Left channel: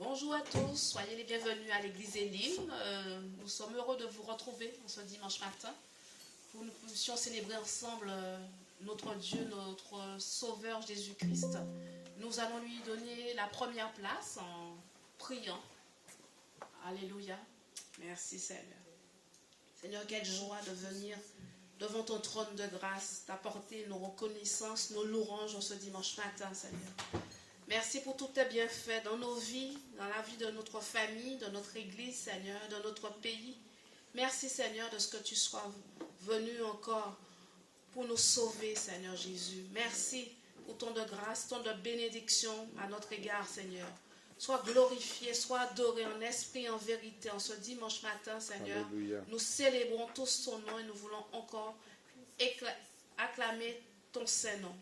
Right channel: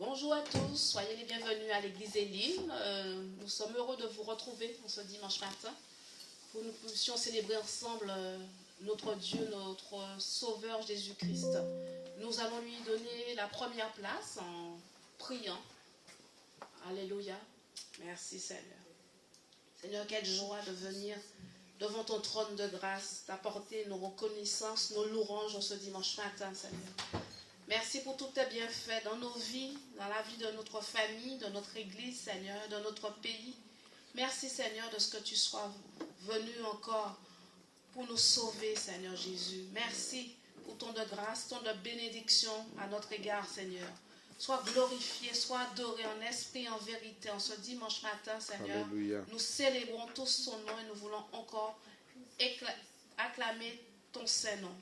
Bonjour à tous, soyez les bienvenus à l'église Elim. Nous sommes heureux de vous retrouver ce dimanche matin pour que nous puissions célébrer ensemble notre Dieu, notre Sauveur Jésus-Christ. Nous allons lui donner la première place en priant. Alléluia. Merci Seigneur. Seigneur, quelle joie de venir devant ton trône de grâce, d'apporter nos reconnaissances, nos louanges en ce dimanche matin, Seigneur. Merci pour tous tes bienfaits dans nos vies, dans la vie de notre famille, de notre église, Seigneur, de notre pays. Merci, Seigneur, de ce que tu sois venu encore pour nous sauver, Seigneur Jésus. Merci pour ton de grâce, ton de bénédiction à notre égard, Seigneur. Sois glorifié, sois adoré en esprit et en vérité en ce dimanche matin, Seigneur. Alléluia. Nous célébrons tous ton nom et nous voulons encore acclamer ton Saint-Nom,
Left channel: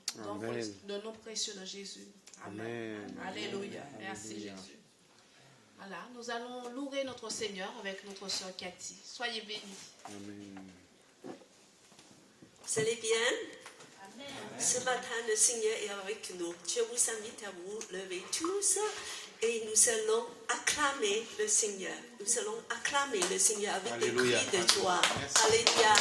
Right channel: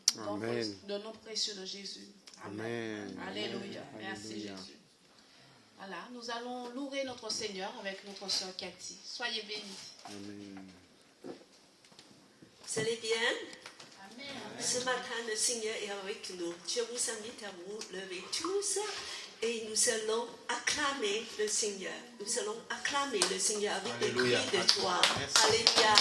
le nom précieux de Jésus. Amen. Alléluia. Merci Alléluia. Jésus. Voilà, nous allons louer notre Seigneur avec notre sœur Cathy. Soyez bénis. Amen. Vous allez bien? Amen. Ce matin, le Seigneur est avec nous. Je vous invite à vous lever tous et nous allons acclamer le Seigneur. Nous allons acclamer le Seigneur avec Alléluia. des cris de joie. Merci. Alléluia.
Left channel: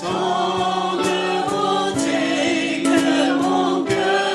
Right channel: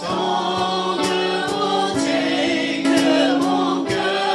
Tant de beauté que mon cœur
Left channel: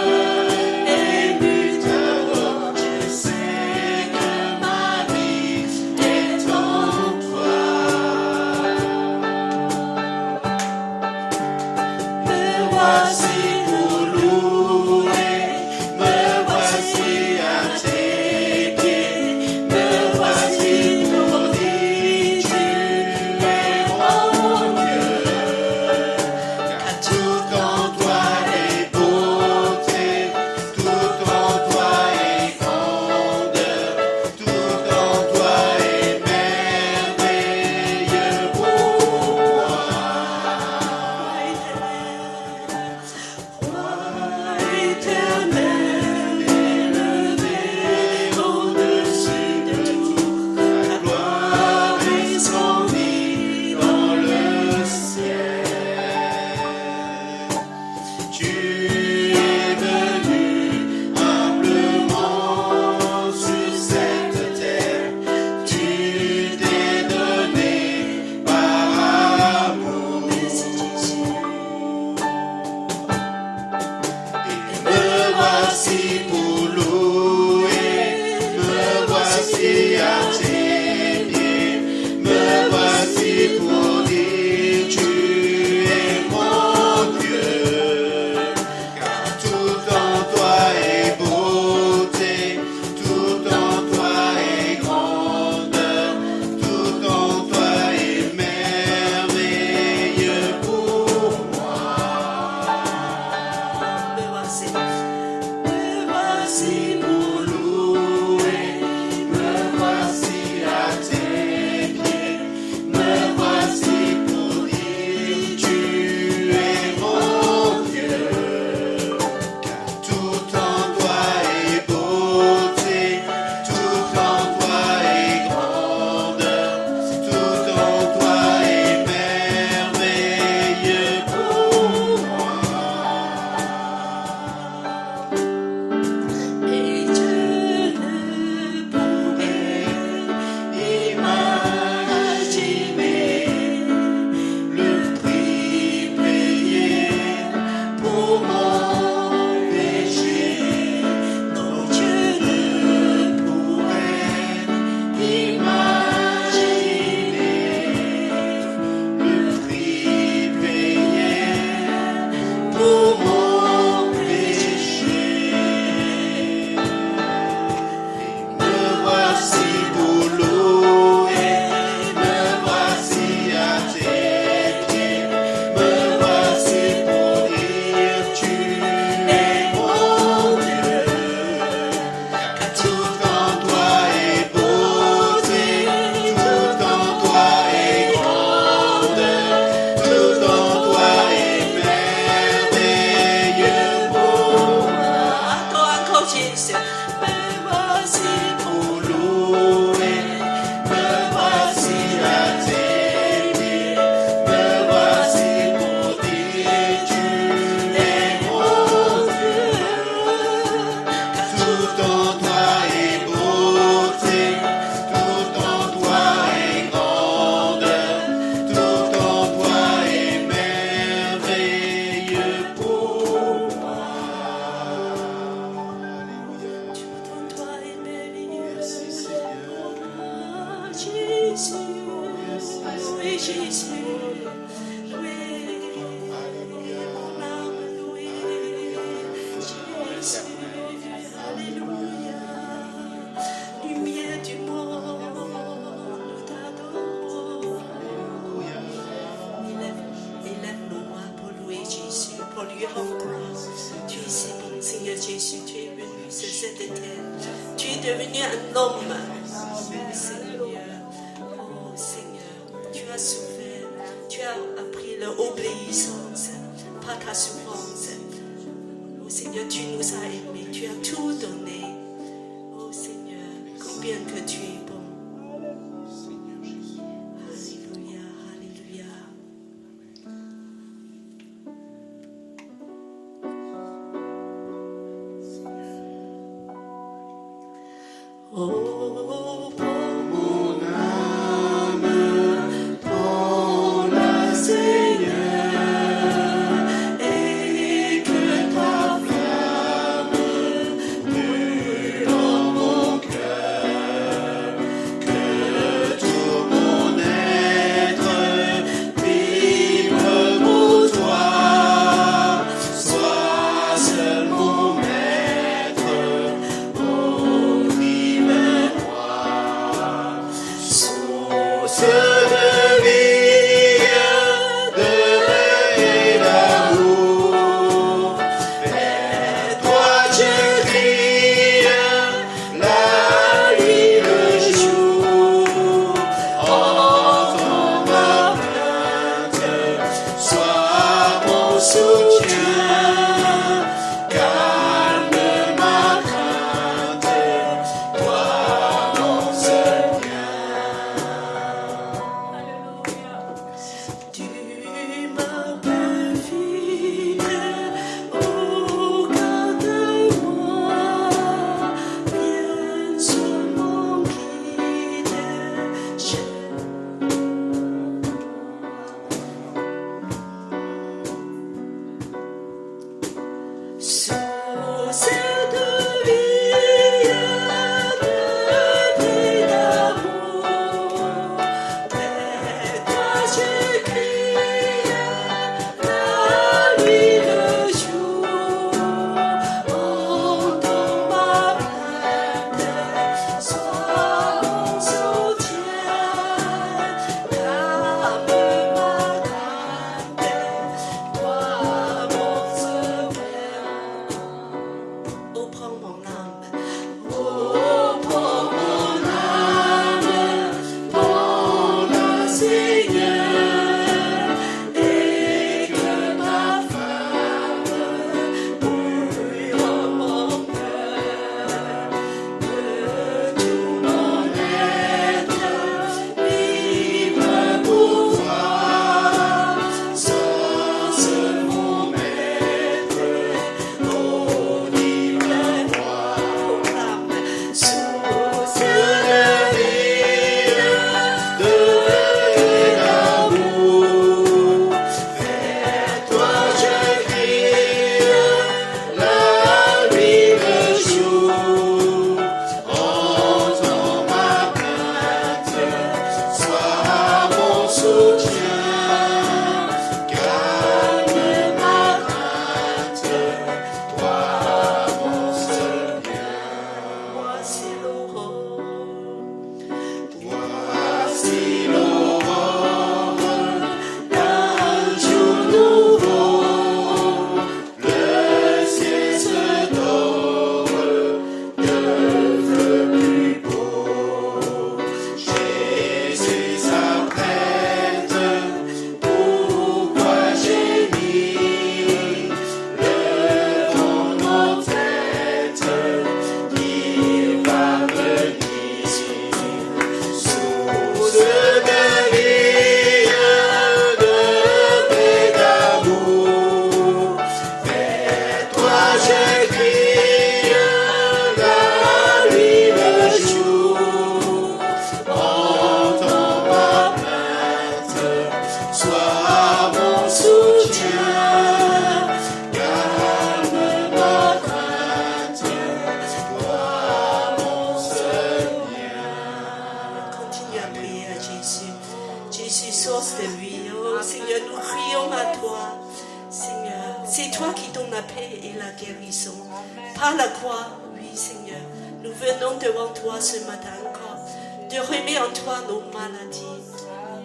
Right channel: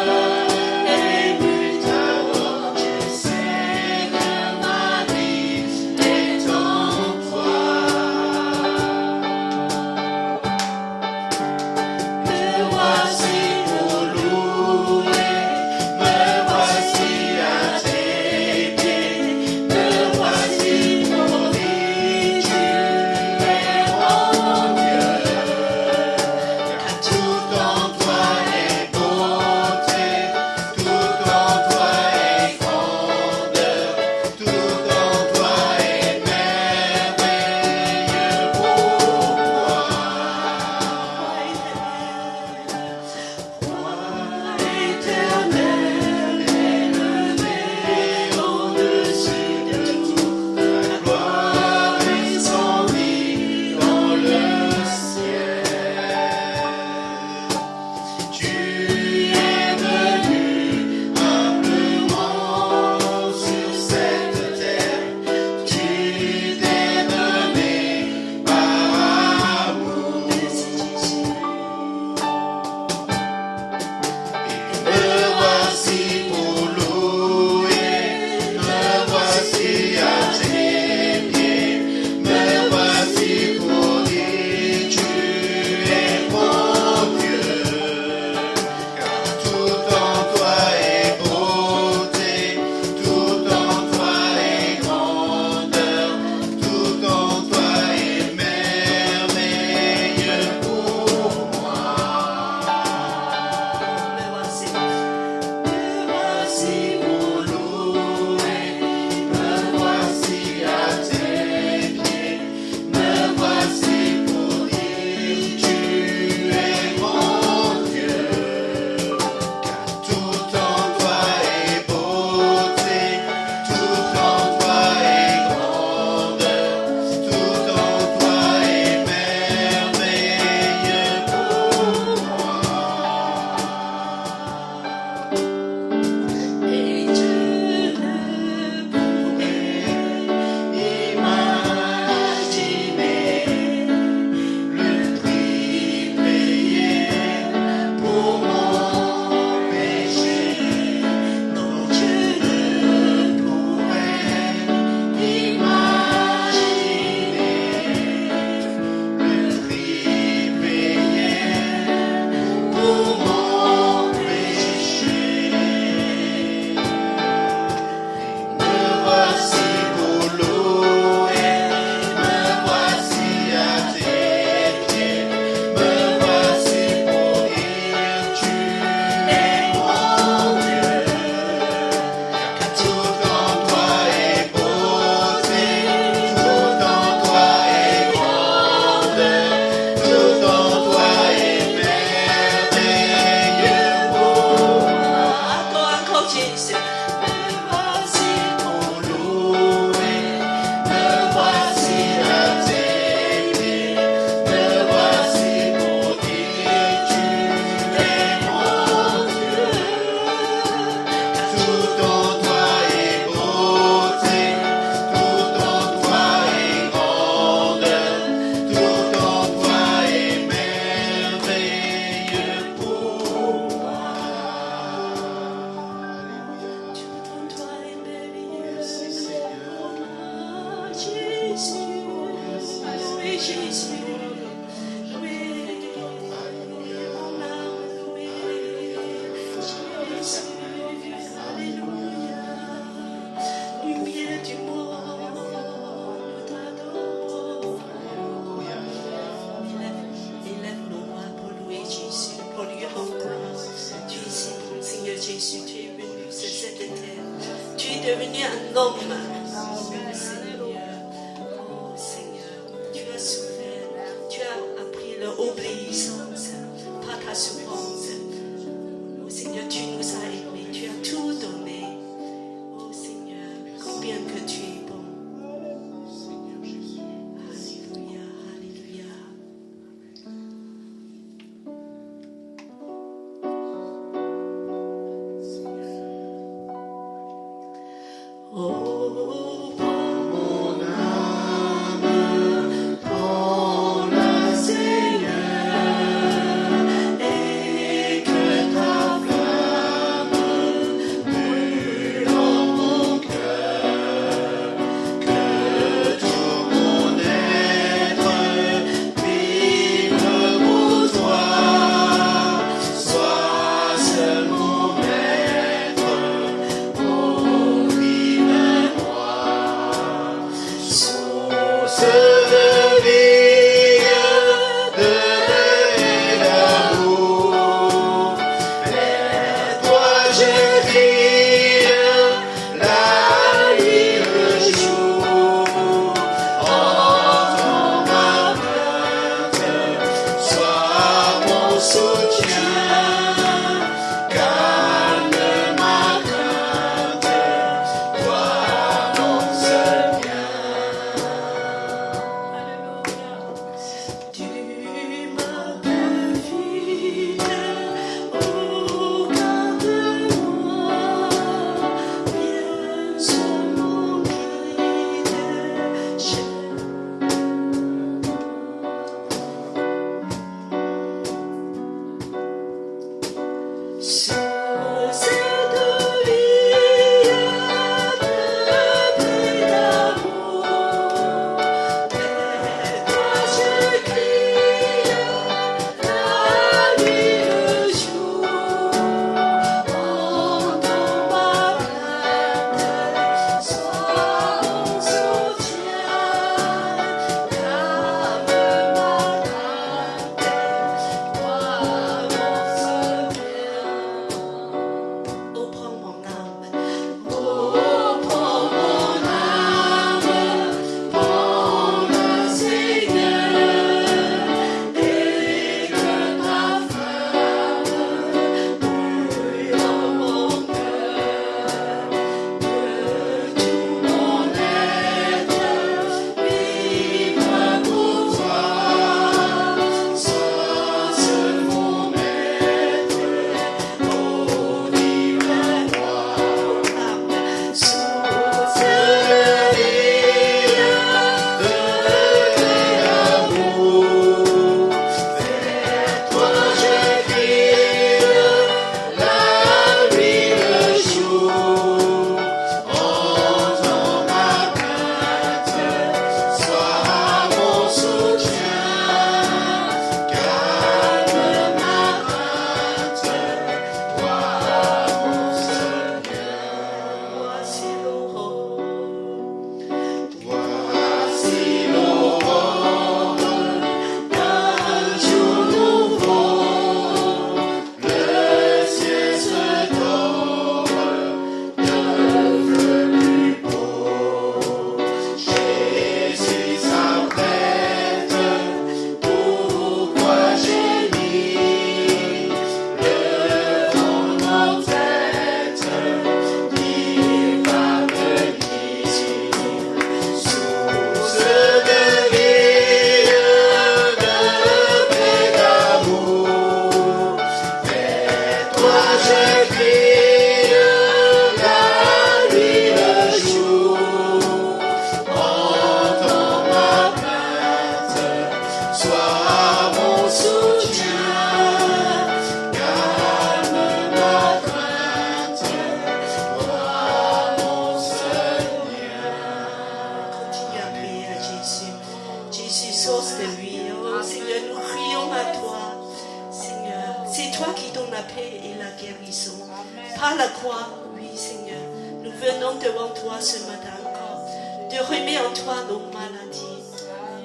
par la croix, oui Seigneur, nous venons devant toi ce matin encore, de remettre en toi nos maladies.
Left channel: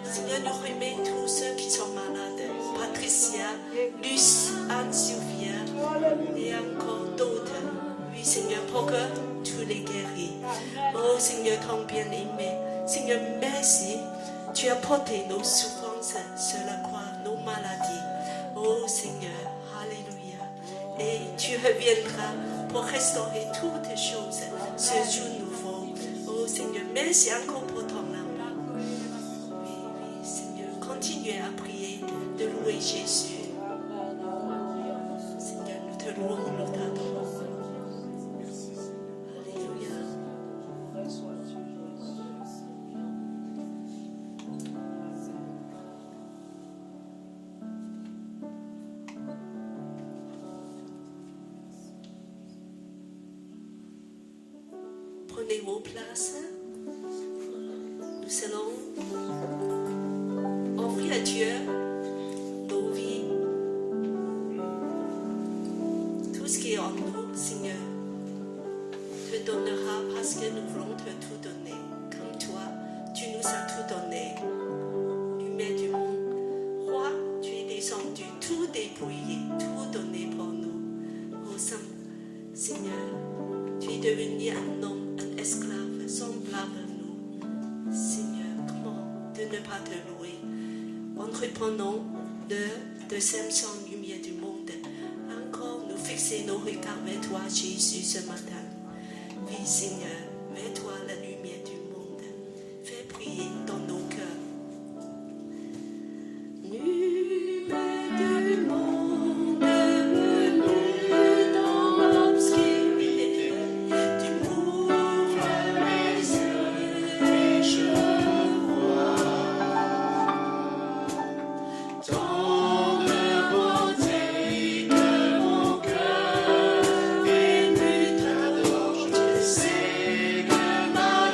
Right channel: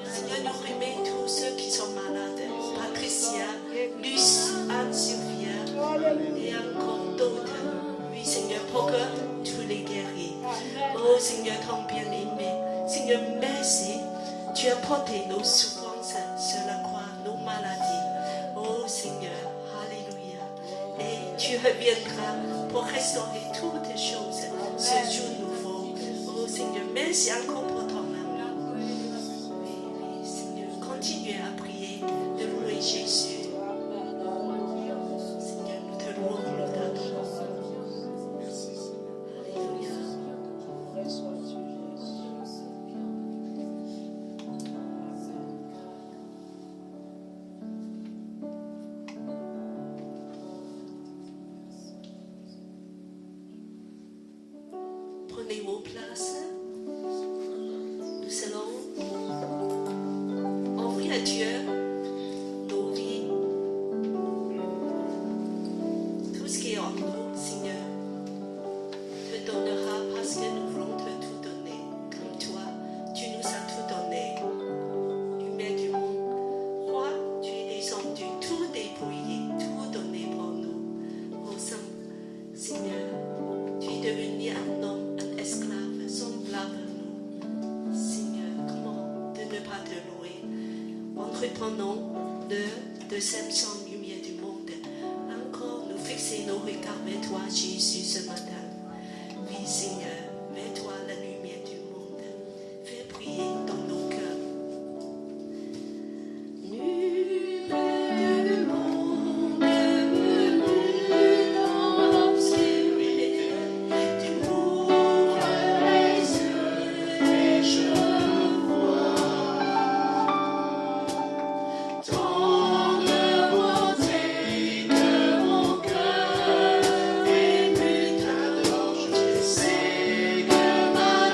Seigneur, nous remettons tous ceux qui sont malades, Patricia, Luce, Anne-Sylvia et encore d'autres. Oui Seigneur, pour que tu les guéris. Oh Seigneur, ton bien-aimé, Seigneur, merci, tu as porté nos souffrances sur la croix, nos maladies. Oh Seigneur, alléluia. Et tu reviendras pour restaurer toutes choses, ce jour nouveau. Oh Seigneur, merci encore pour ton amour. Oui, oui, Seigneur, continuez à prier, de louer Jésus. Seigneur, nous te louons, nous t'adorons. Alléluia. Prenez vos places. Nous allons offrir à Dieu nos vies. Tout ce qui est en nous, Seigneur, te donnera parce que nous voulons te tout donner. Comme toi, tu nous as tout donné. Lumière du monde. Roi, tu es descendu, tout dépouillé, tout donné pour nous. Au Saint, Seigneur, tu es devenu un homme, un esclave, semblable à nous. Seigneur, comment de ne pas te louer? Entreprenons l'heure de Samson, lumière du monde. Encore nous fixer nos regards vers toi, Jésus, ce matin. Oui, Seigneur, mets-toi la lumière du monde. Fais prier dans nos cœurs. Lumière du monde, venue dans l'obscurité, tu m'ouvres les yeux et je vois tant de beauté que mon cœur est ému d'adore. Je sais que ma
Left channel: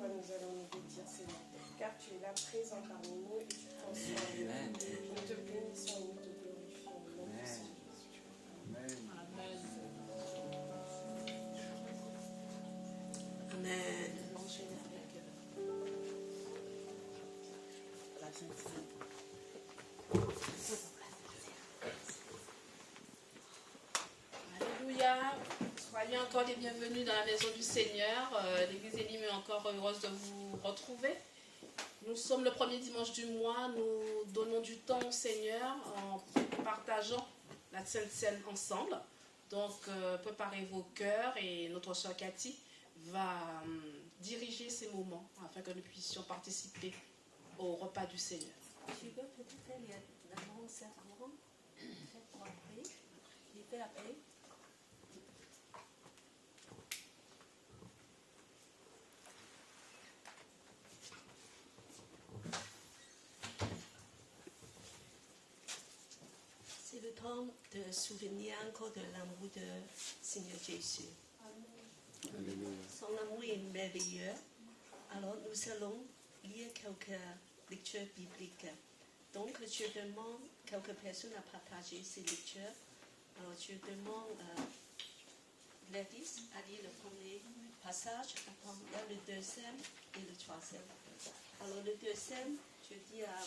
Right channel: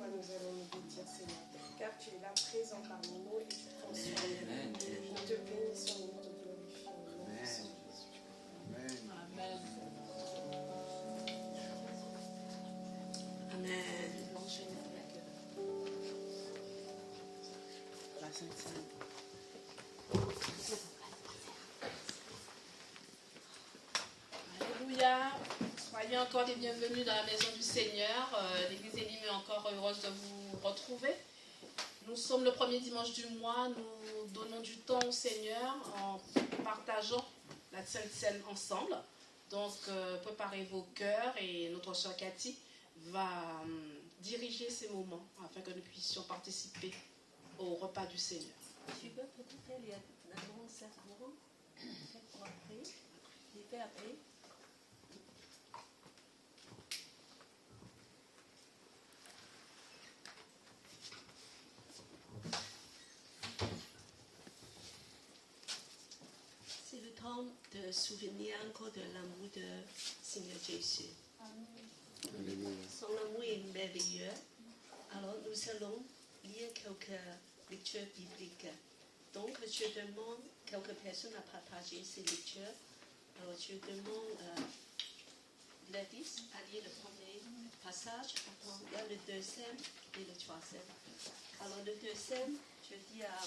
toi nous allons nous vêtir, Seigneur, car tu es là présent parmi nous et tu prends soin de nous. Nous te bénissons et nous te glorifions au nom de Jésus. Amen. Amen. Alléluia. Soyez encore les bienvenus dans la maison du Seigneur. L'Église Elim est encore heureuse de vous retrouver. Nous sommes le premier dimanche du mois. Nous donnons du temps au Seigneur en partageant la Sainte Seine ensemble. Donc, préparez vos cœurs et notre soeur Cathy va diriger ces moments afin que nous puissions participer au repas du Seigneur. Tu veux peut-être faire l'annonce avant, peut-être après, les faire après. C'est le temps de souvenir encore de l'amour de Seigneur Jésus. Alléluia. Son amour est merveilleux. Alors nous allons lire quelques lectures bibliques. Donc je demande quelques personnes à partager ces lectures. Alors je demande Gladys à lire le premier passage. Il y a le deuxième et le troisième. Alors le deuxième, je dis à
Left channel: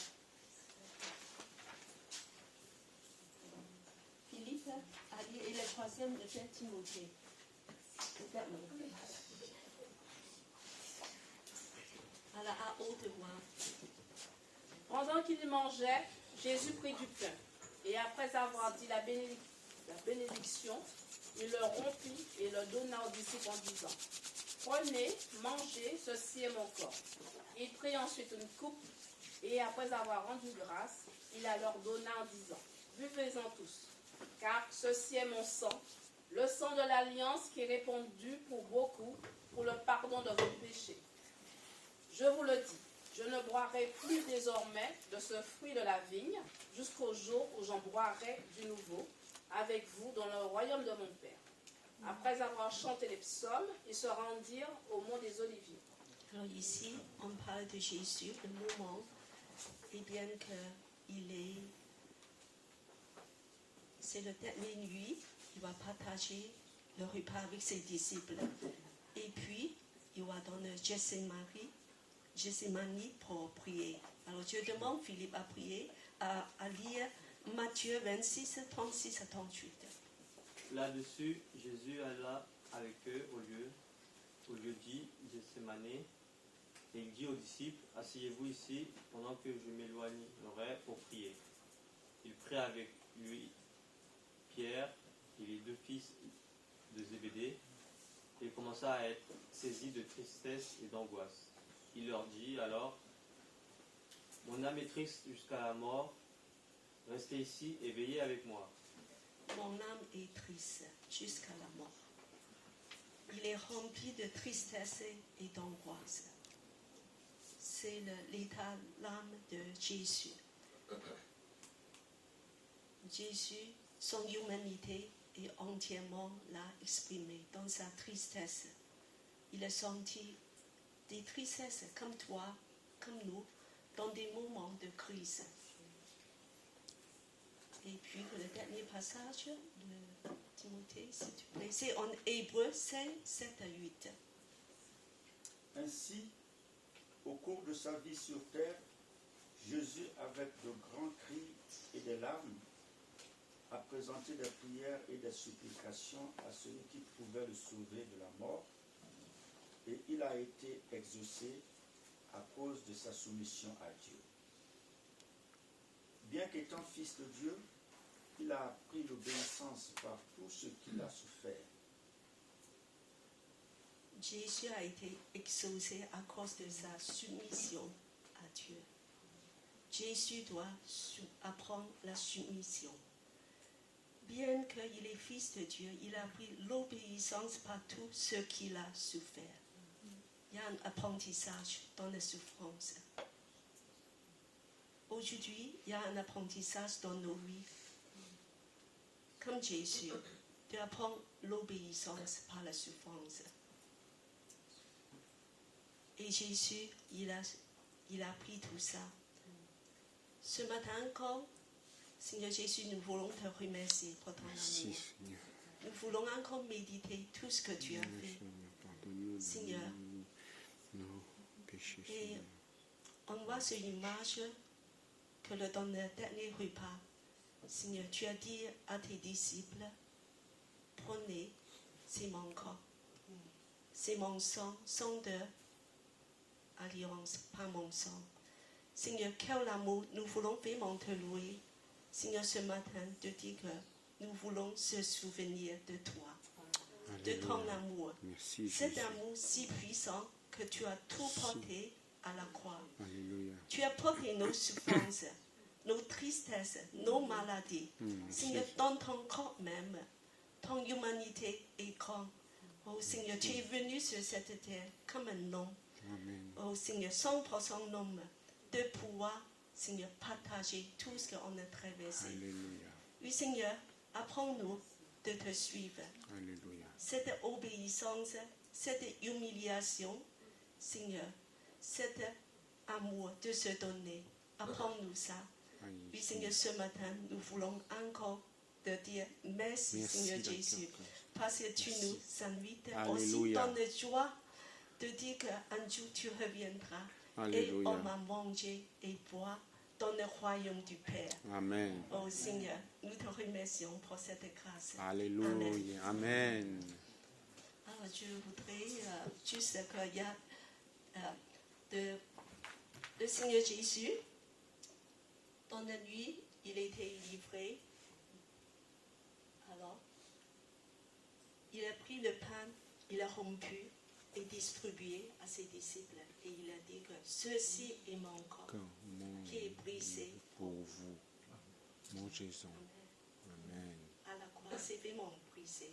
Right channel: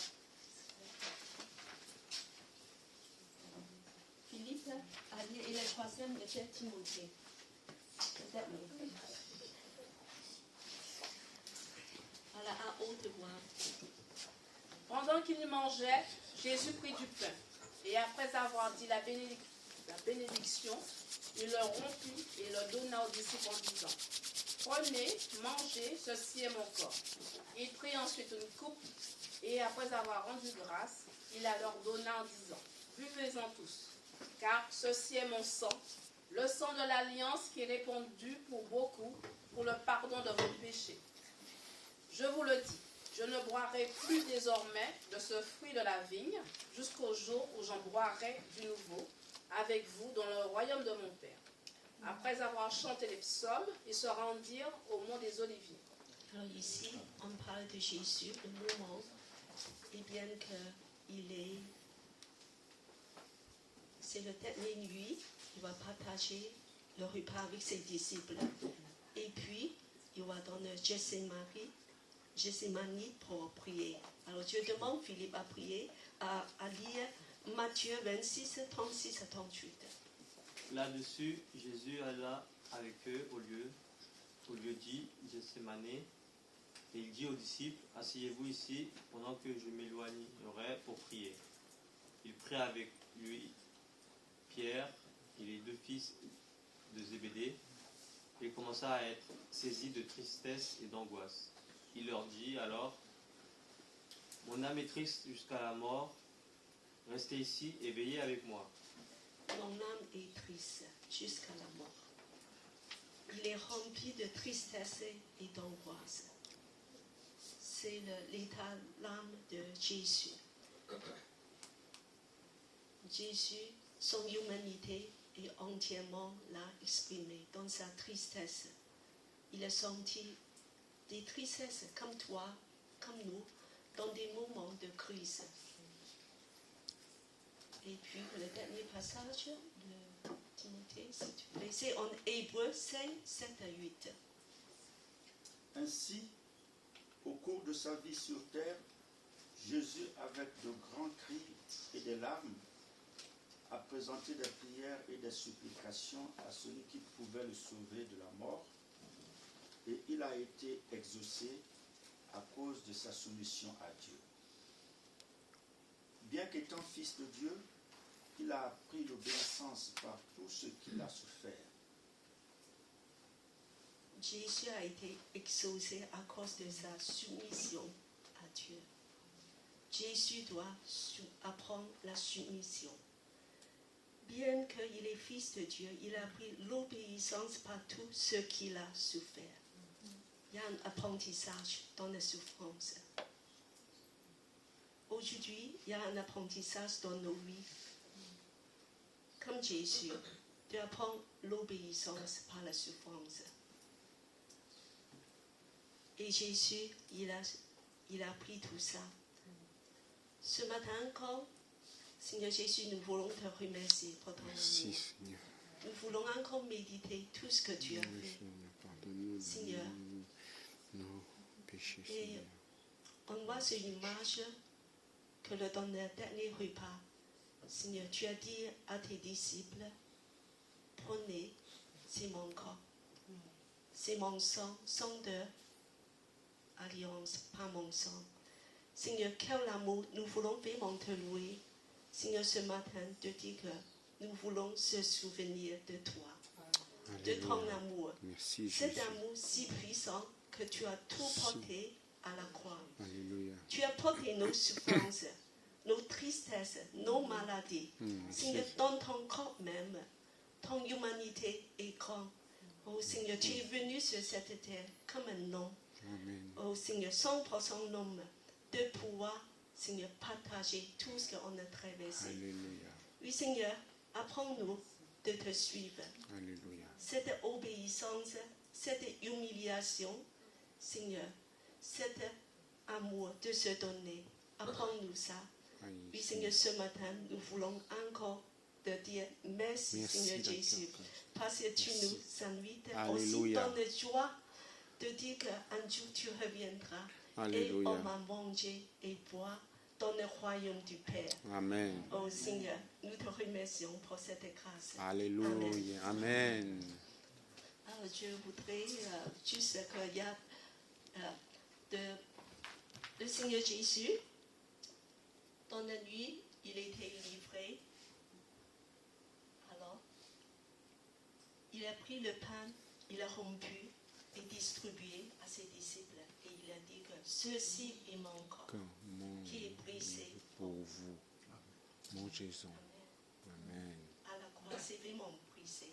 Philippe à lire, et le troisième, le père Timothée. Peut-être oui. Voilà, à haute voix. Pendant qu'il mangeait, Jésus prit du pain, et après avoir dit la bénédiction, il le rompit et le donna aux disciples en disant, « Prenez, mangez, ceci est mon corps. » Il prit ensuite une coupe, et après avoir rendu grâce, il la leur donna en disant, « Buvez-en tous, car ceci est mon sang, le sang de l'alliance qui est répandu pour beaucoup, pour le pardon de vos péchés. Je vous le dis, je ne boirai plus désormais de ce fruit de la vigne, jusqu'au jour où j'en boirai du nouveau, avec vous dans le royaume de mon Père. » Après avoir chanté les psaumes, ils se rendirent au mont des Oliviers. Alors ici, on parle de Jésus, le moment, et bien c'est le dernier nuit, il va partager le repas avec ses disciples. Et puis, il va dans le Gethsémani pour prier. Alors je demande Philippe à prier, à lire Matthieu 26, 36 à 38. Là-dessus, Jésus alla avec eux au lieu dit Gethsémani, et il dit aux disciples, « Asseyez-vous ici pendant que je m'éloignerai pour prier. » Il prit avec lui Pierre et les deux fils de Zébédée, et commença à être saisi de tristesse et d'angoisse. Il leur dit alors, « Mon âme est triste jusqu'à la mort, restez ici et veillez avec moi. » Mon âme est triste jusqu'à la mort. Il est rempli de tristesse et d'angoisse. C'est l'état d'âme de Jésus. Jésus, son humanité est entièrement là exprimée dans sa tristesse. Il a senti des tristesses comme toi, comme nous, dans des moments de crise. Et puis le dernier passage de Timothée, s'il te plaît, c'est en Hébreu 5, 7 à 8. Ainsi, au cours de sa vie sur terre, Jésus, avec de grands cris et des larmes, a présenté des prières et des supplications à celui qui pouvait le sauver de la mort, et il a été exaucé à cause de sa soumission à Dieu. Bien qu'étant fils de Dieu, il a appris l'obéissance par tout ce qu'il a souffert. Jésus a été exaucé à cause de sa soumission à Dieu. Jésus doit apprendre la soumission. Bien qu'il est fils de Dieu, il a appris l'obéissance par tout ce qu'il a souffert. Il y a un apprentissage dans la souffrance. Aujourd'hui, il y a un apprentissage dans nos vies. Comme Jésus, de apprendre l'obéissance par la souffrance. Et Jésus, il a pris tout ça. Ce matin encore, Seigneur Jésus, nous voulons te remercier pour ton Merci, amour. Seigneur. Nous voulons encore méditer tout ce que tu as Oui, fait. Seigneur, pardonne-nous de Seigneur. nos péchés, Et Seigneur. on voit sur l'image que dans le dernier repas, Seigneur, tu as dit à tes disciples, prenez, c'est mon corps, c'est mon sang, sang de alliance, pas mon sang. Seigneur, quel amour, nous voulons vraiment te louer. Seigneur, ce matin, de dire que nous voulons se souvenir de toi, de ton Alléluia. amour. Merci, Cet Jésus. amour si puissant que tu as tout porté à la croix. Alléluia. Tu as porté nos souffrances, nos tristesses, nos maladies. Seigneur, dans ton corps même, ton humanité est grande. Oh Seigneur, tu es venu sur cette terre comme un homme. Amen. Oh Seigneur, 100% homme, de pouvoir, Seigneur, partager tout ce qu'on a traversé. Alléluia. Oui Seigneur, apprends-nous de te suivre. Alléluia. Cette obéissance, cette humiliation, Seigneur, cet amour de se donner, apprends-nous ça. Aïe, Oui, Seigneur, ce matin, nous voulons encore te dire merci, Merci, Seigneur d'accord. Jésus, parce que tu Merci. nous invites aussi Alléluia. dans la joie de dire qu'un jour tu reviendras et Alléluia. on va manger et boire dans le royaume du Père. Amen. Oh Seigneur, nous te remercions pour cette grâce. Alléluia. Amen. Alors, je voudrais juste qu'il y a le Seigneur Jésus, dans la nuit, il était livré. Alors, il a pris le pain, il a rompu et distribué à ses disciples. Et il a dit que ceci est mon corps Que mon qui est brisé pour vous. Mangez-en. Amen. à la croix. C'est vraiment brisé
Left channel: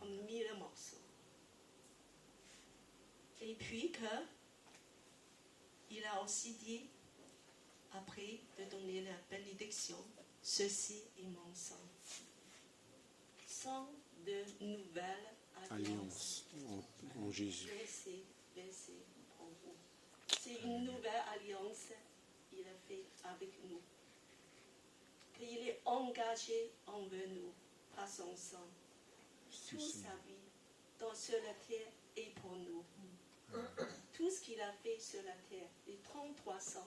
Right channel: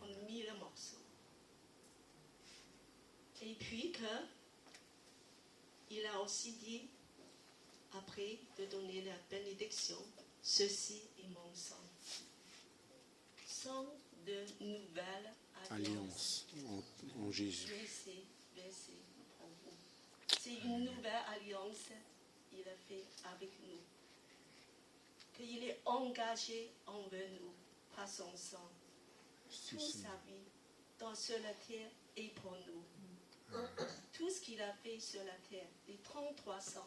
en mille morceaux. Et puis il a aussi dit, après de donner la bénédiction, ceci est mon sang. Sang de nouvelle alliance. Alliance en Jésus. Versé pour vous. C'est une nouvelle alliance qu'il a fait avec nous. Qu'il est engagé envers nous par son sang. Toute sa vie sur la terre est pour nous. Tout ce qu'il a fait sur la terre, les 33 ans,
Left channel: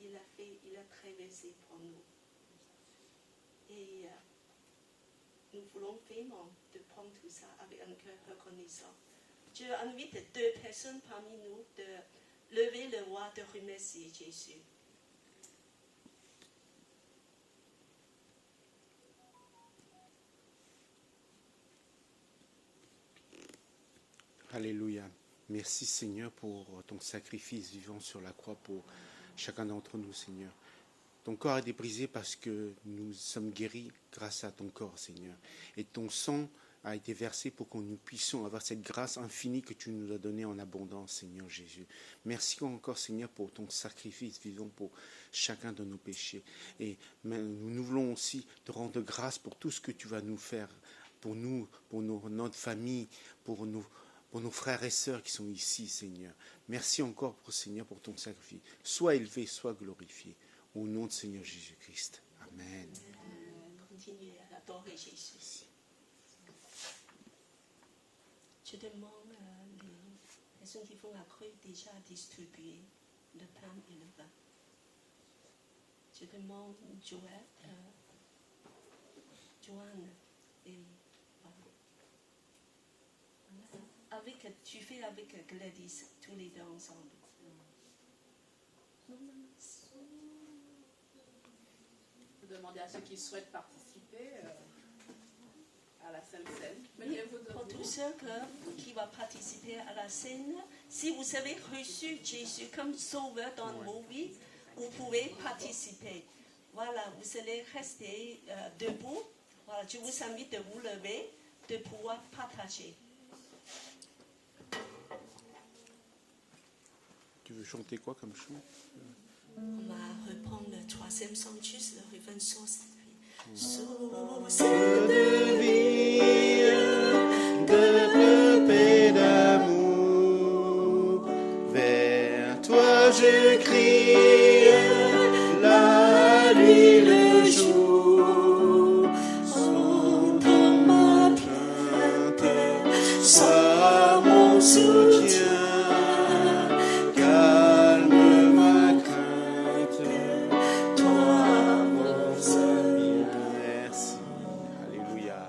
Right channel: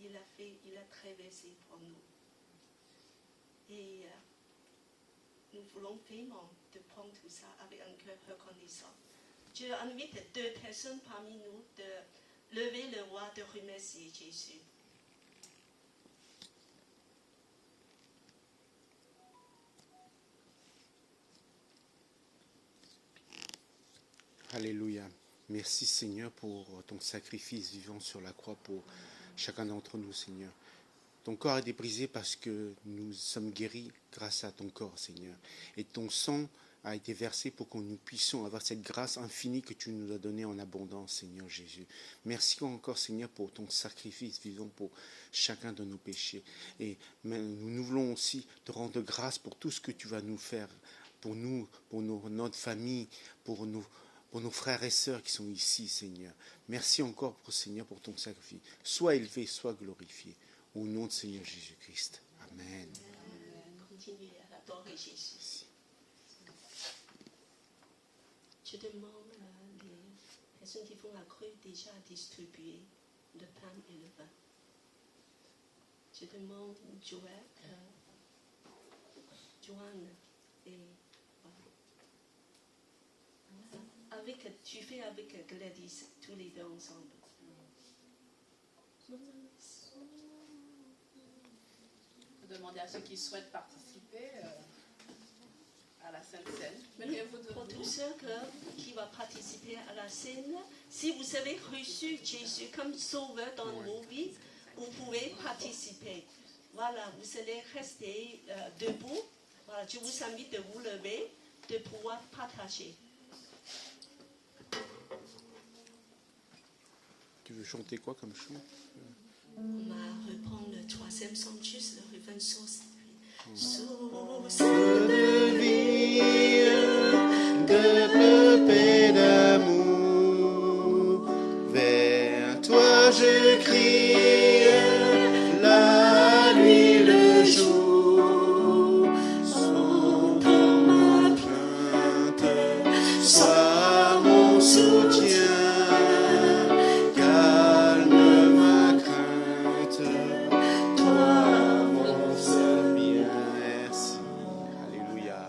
il a traversé pour nous. Et nous voulons vraiment de prendre tout ça avec un cœur reconnaissant. Je invite 2 personnes parmi nous de lever le voix de remercier Jésus. Alléluia. Merci Seigneur pour ton sacrifice vivant sur la croix pour chacun d'entre nous, Seigneur. Ton corps a été brisé parce que nous sommes guéris grâce à ton corps, Seigneur. Et ton sang a été versé pour que nous puissions avoir cette grâce infinie que tu nous as donnée en abondance, Seigneur Jésus. Merci encore, Seigneur, pour ton sacrifice vivant pour chacun de nos péchés. Et nous voulons aussi te rendre grâce pour tout ce que tu vas nous faire, pour nous, pour notre famille, pour nos frères et sœurs qui sont ici, Seigneur. Merci encore, Seigneur, pour ton sacrifice. Sois élevé, sois glorifié. Au nom de Seigneur Jésus-Christ. Amen. Continuez à adorer Jésus. Je demande les personnes qui font la crue déjà à distribuer le pain et le vin. Je demande Joanne et voilà. Tu fais avec Gladys, tous les deux ensemble. Vous demandez à ceux qui souhaitent participer à la Sainte Seine. Mettez-vous Pour debout. tous ceux qui vont participer à la scène, si vous avez reçu Jésus comme sauveur dans vos vies, vous pouvez participer. Voilà, vous allez rester debout. Voilà, je vous invite de vous lever, de pouvoir partager. Tu veux chanter quoi comme chant? On va reprendre le 3e chant, juste le refrain source. Source de vie, de paix, d'amour, j'écris la nuit, le jour, sans ma crainte, sois mon soutien, calme ma crainte, toi mon seul bien. Merci, alléluia.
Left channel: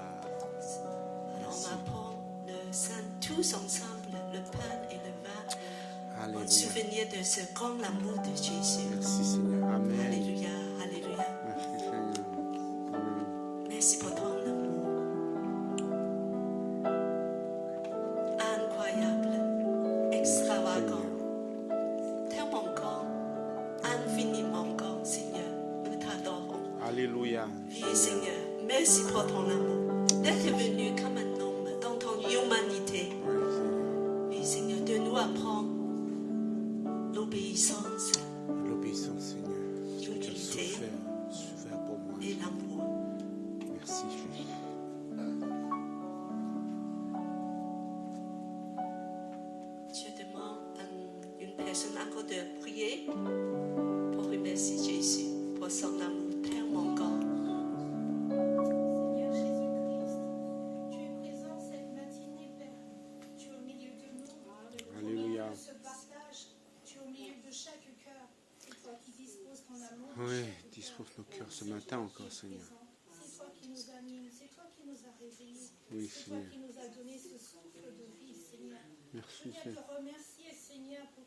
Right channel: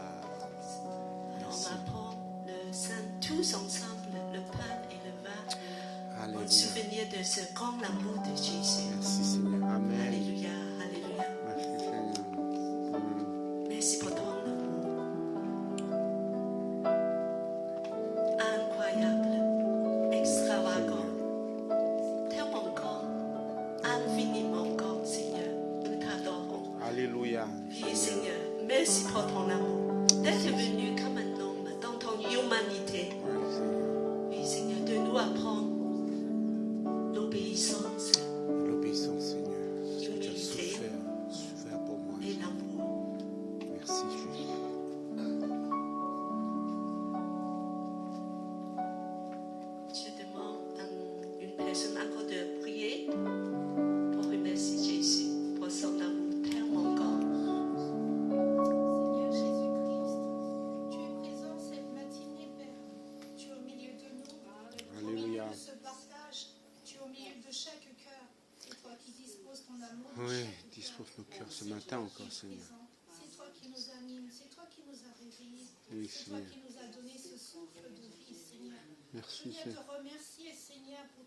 On va prendre le Saint tous ensemble, le pain et le vin, en Alléluia. souvenir de ce grand amour de Jésus. Merci Seigneur. Amen. Alléluia, alléluia. Merci Seigneur. Amen. Merci pour ton amour. Incroyable, extravagant, tellement grand, infiniment grand, Seigneur. Nous t'adorons. Alléluia. Oui, Seigneur, merci pour ton amour. D'être venu comme un homme dans ton humanité. Ouais, Seigneur. Oui, Seigneur, de nous apprendre l'obéissance L'obéissance, Seigneur. Tu as L'humilité. souffert pour moi. et l'amour. Merci, Jésus. Je demande à une personne encore de prier pour remercier Jésus pour son amour tellement grand. Seigneur Jésus-Christ, tu es présent cette matinée, Père. Tu es au milieu de nous. Alléluia. Au milieu de ce partage, tu es au milieu de chaque cœur. C'est toi qui disposes ton amour. Oui, dispose nos cœurs ce matin encore, Seigneur. C'est toi qui nous anime, c'est toi qui nous a réveillés. Oui, C'est toi Seigneur. qui nous a donné ce souffle de vie, Seigneur. Merci, Je viens Seigneur. te remercier, Seigneur, pour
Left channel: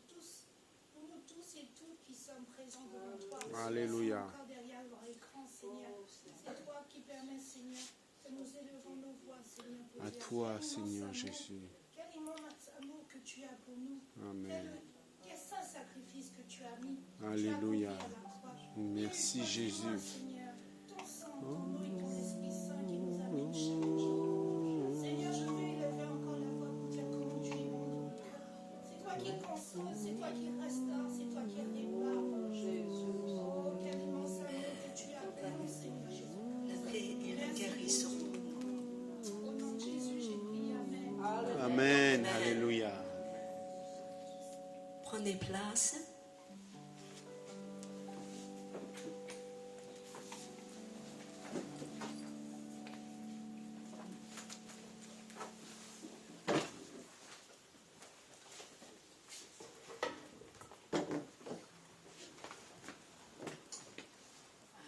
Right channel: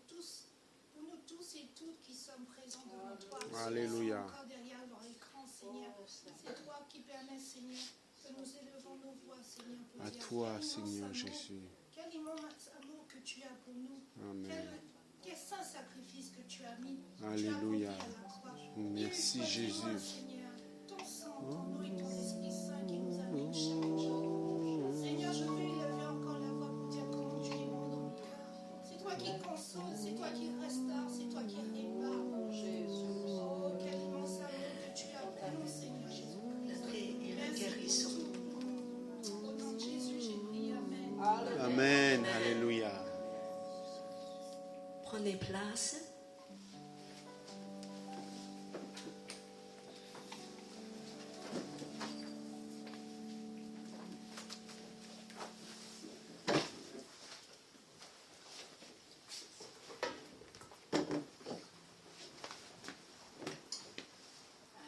nous tous et toutes qui sommes présents devant toi. Alléluia. Encore derrière leur écran, Seigneur. C'est toi qui permets, Seigneur, que nous élevons nos voix, Seigneur. pour À dire toi, quel Seigneur immense amour, Jésus. Quel immense amour que tu as pour nous. Amen. Quel saint sacrifice que tu as mis. Alléluia. Tu as accompli à la croix. Merci, Jésus. Seigneur, ton sang, ton eau et ton Esprit Saint qui nous amène chaque jour. Seigneur, je veux élever encore la voix pour dire comment tu es bon dans mon cœur. C'est toi qui consoles, c'est toi qui restaure, c'est toi qui répare, mon Jésus. Oh, quel immense amour que tu as pour nous, Seigneur Jésus. La paix et la guérison. Au nom de Jésus, j'ai prié. Amen. Amen. Alléluia. Prenez place.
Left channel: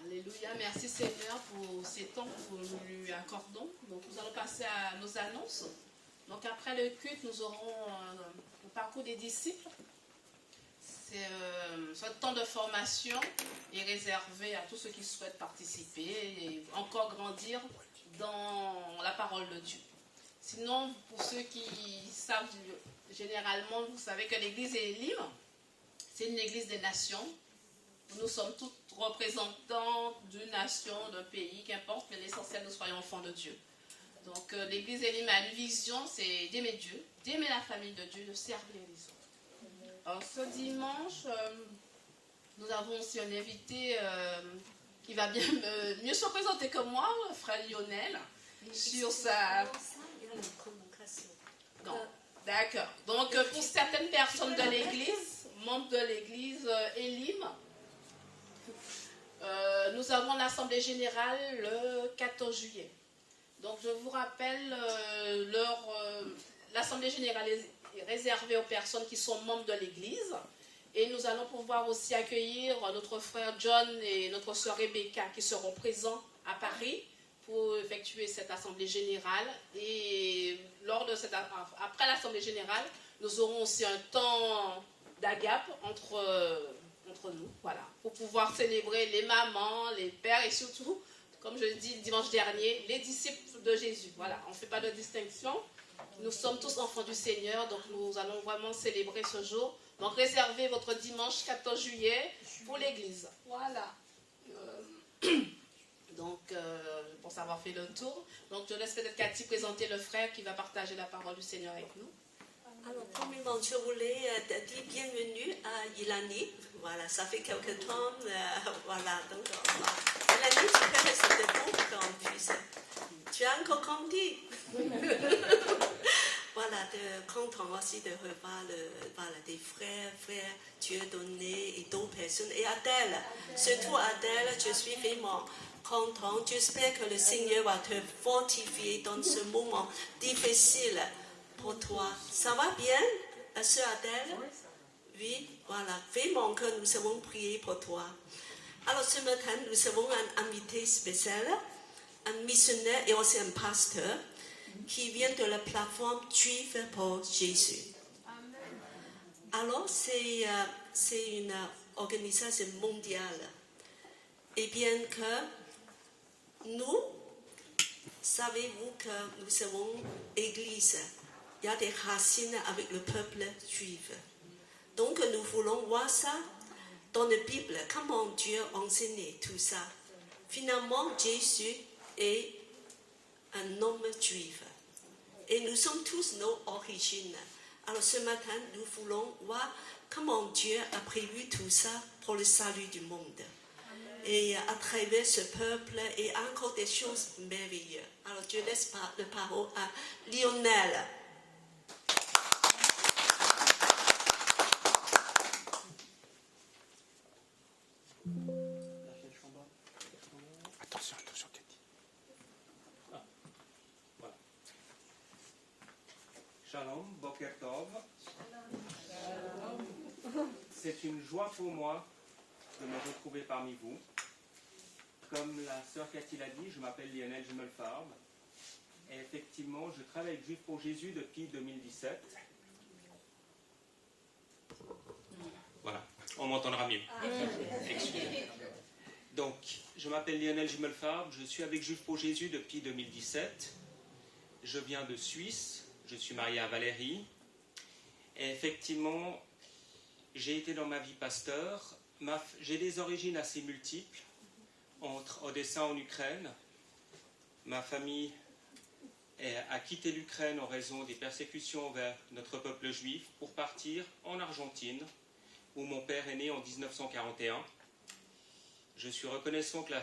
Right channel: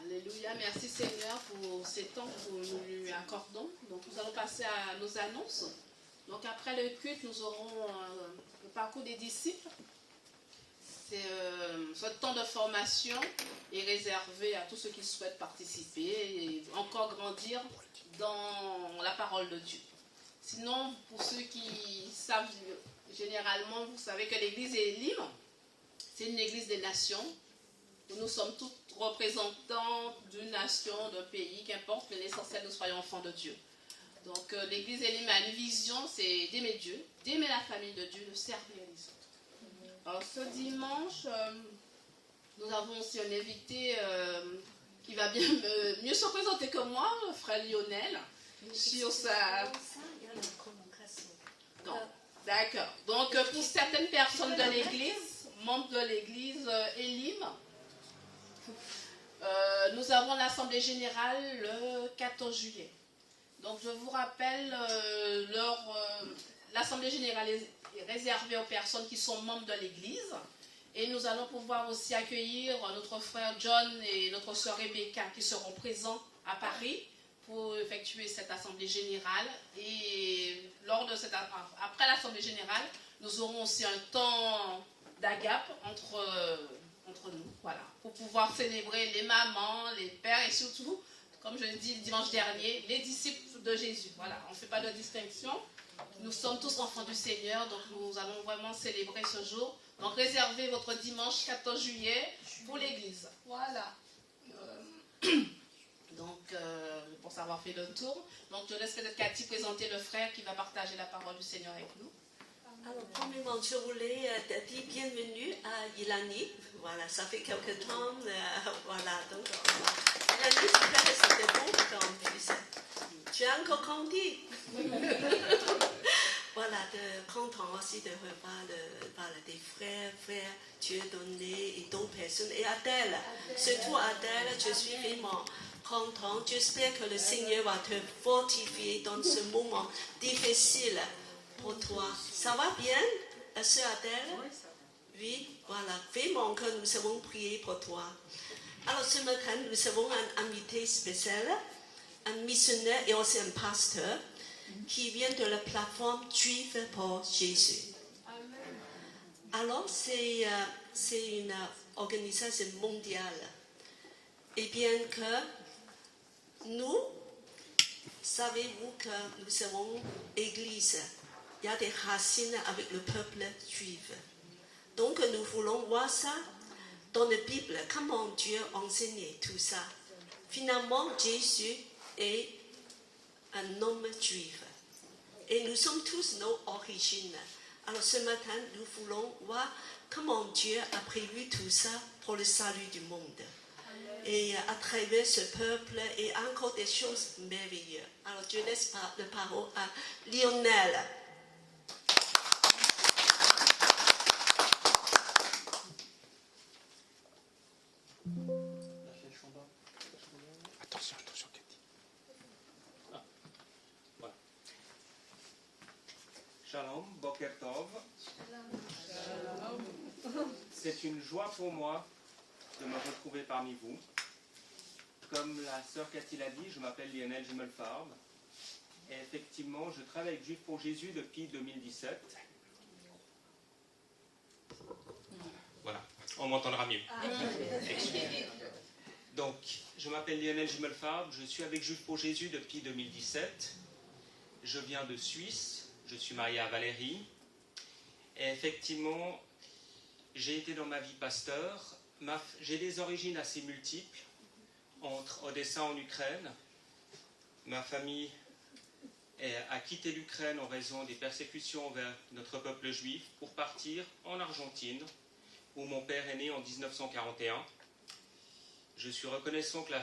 Alléluia, merci Seigneur pour ces temps que nous lui accordons. Donc nous allons passer à nos annonces. Donc après le culte, nous aurons le parcours des disciples. Ce temps de formation est réservé à tous ceux qui souhaitent participer et encore grandir dans la parole de Dieu. Sinon, pour ceux qui savent, généralement, vous savez que l'église Elim, c'est une église des nations. Nous sommes tous représentants d'une nation, d'un pays, qu'importe, mais l'essentiel, nous soyons enfants de Dieu. Donc l'église Elim a une vision, c'est d'aimer Dieu, d'aimer la famille de Dieu, de servir les autres. Alors ce dimanche, nous avons aussi un invité qui va bien mieux se présenter que moi, le frère Lionel, sur sa... Non. D'accord. Donc pour certaines personnes de l'église, membres de l'église Elim, nous avons l'assemblée générale le 14 juillet. Donc je vous rappelle, l'assemblée générale est réservée aux personnes qui sont membres de l'église. Et nous allons pouvoir aussi accueillir notre frère John et notre soeur Rebecca qui seront présents à Paris pour effectuer cette assemblée générale. Et après l'assemblée générale, nous aurons aussi un temps d'agape entre nous, voilà, pour pouvoir célébrer les mamans, les pères et surtout, comme je l'ai dit le dimanche dernier, les disciples de Jésus. Voilà, on ne fait pas de distinction. Nous sommes tous enfants du Seigneur, donc nous allons vraiment célébrer ce jour. Donc réservez votre dimanche 14 juillet pour l'église. Voilà. Donc, pour avoir fait le tour, donc je laisse peut-être Cathy présenter le frère qui va partager la parole du Seigneur avec nous. Alors, premièrement, je voulais dire bienvenue à Ilani. Voilà, ça fait quelque temps. Voilà, donc, Ilani, tu peux rester debout quand tu as encore grandi. voilà, de content aussi de revoir des frères, Dieu donné et d'autres personnes. Et Adèle, surtout Adèle, je suis vraiment content. J'espère que le Seigneur va te fortifier dans ce moment difficile pour toi. Ça va bien, la sœur Adèle? Oui, voilà, vraiment que nous avons prié pour toi. Alors ce matin, nous avons un invité spécial, un missionnaire et aussi un pasteur qui vient de la plateforme Juive pour Jésus. Alors c'est une organisation mondiale. Et bien que nous, savez-vous que nous avons Église, il y a des racines avec le peuple juif. Donc nous voulons voir ça dans la Bible, comment Dieu enseignait tout ça. Finalement, Jésus est un homme juif. Et nous sommes tous nos origines. Alors ce matin, nous voulons voir comment Dieu a prévu tout ça pour le salut du monde. Et à travers ce peuple et encore des choses merveilleuses. Alors je laisse la parole à Lionel. Attention, Cathy. Voilà. Shalom, Boker Tov. C'est une joie pour moi de me retrouver parmi vous. Comme la sœur Cathy l'a dit, je m'appelle Lionel Gimelfarb. Et effectivement, je travaille avec Juifs pour Jésus depuis 2017. Voilà, on m'entendra mieux. Donc, je m'appelle Lionel Gimelfarb, je suis avec Juifs pour Jésus depuis 2017. Je viens de Suisse, je suis marié à Valérie. Et effectivement, j'ai été dans ma vie pasteur. J'ai des origines assez multiples, entre Odessa en Ukraine. Ma famille a quitté l'Ukraine en raison des persécutions vers notre peuple juif pour partir en Argentine, où mon père est né en 1941. Je suis reconnaissant que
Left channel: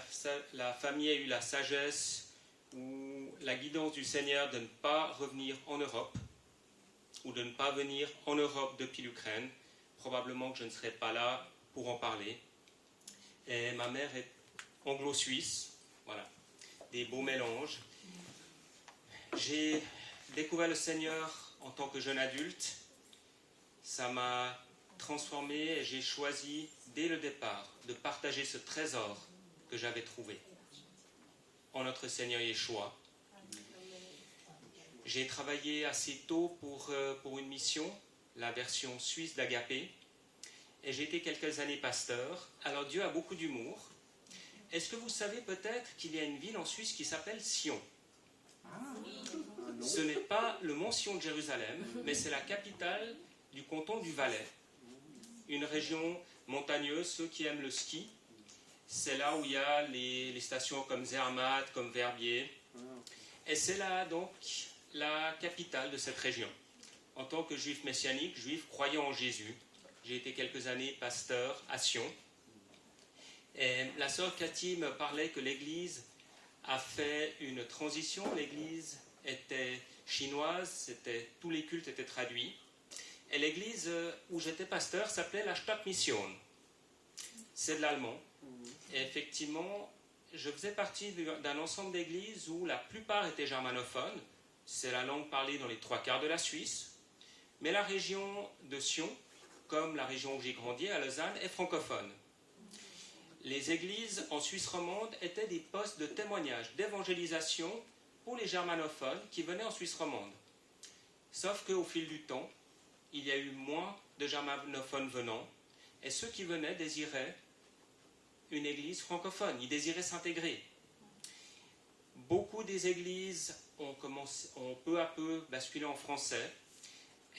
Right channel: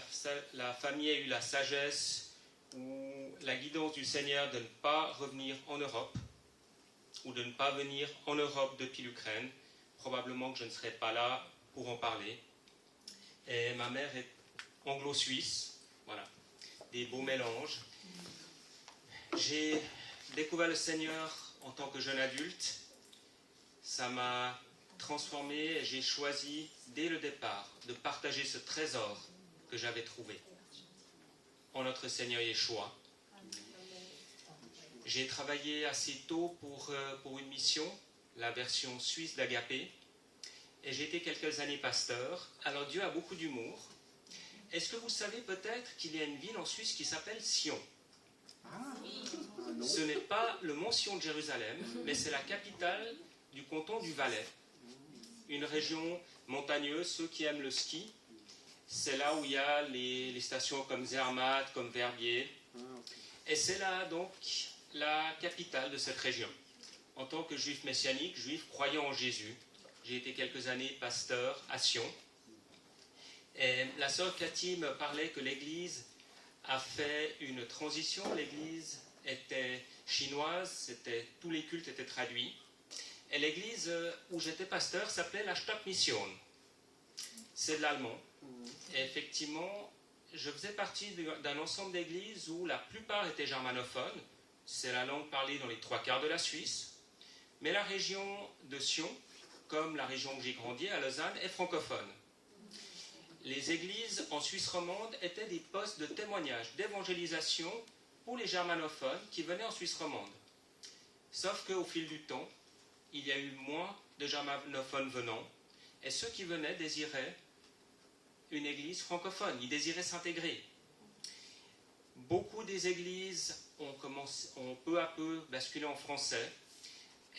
la famille a eu la sagesse ou la guidance du Seigneur de ne pas revenir en Europe ou de ne pas venir en Europe depuis l'Ukraine. Probablement que je ne serai pas là pour en parler. Et ma mère est anglo-suisse, voilà, des beaux mélanges. J'ai découvert le Seigneur en tant que jeune adulte. Ça m'a transformé et j'ai choisi dès le départ de partager ce trésor que j'avais trouvé en notre Seigneur Yeshua. J'ai travaillé assez tôt pour une mission, la version suisse d'Agapé, et j'ai été quelques années pasteur. Alors Dieu a beaucoup d'humour. Est-ce que vous savez peut-être qu'il y a une ville en Suisse qui s'appelle Sion? Ce n'est pas le mont Sion de Jérusalem, mais c'est la capitale du canton du Valais, une région montagneuse. Ceux qui aiment le ski, c'est là où il y a les stations comme Zermatt, comme Verbier. Et c'est là donc la capitale de cette région. En tant que juif messianique, juif croyant en Jésus, j'ai été quelques années pasteur à Sion. Et la sœur Cathy me parlait que l'Église a fait une transition. L'Église était chinoise, tous les cultes étaient traduits. Et l'église où j'étais pasteur s'appelait la Stadtmission. C'est de l'allemand. Et effectivement, je faisais partie d'un ensemble d'églises où la plupart étaient germanophones. C'est la langue parlée dans les 3/4 de la Suisse. Mais la région de Sion, comme la région où j'ai grandi, à Lausanne, est francophone. Les églises en Suisse romande étaient des postes de témoignage, d'évangélisation pour les germanophones qui venaient en Suisse romande. Sauf qu'au fil du temps, il y a eu moins de germanophones venant, et ceux qui venaient désiraient une église francophone, ils désiraient s'intégrer. Beaucoup des églises ont peu à peu basculé en français,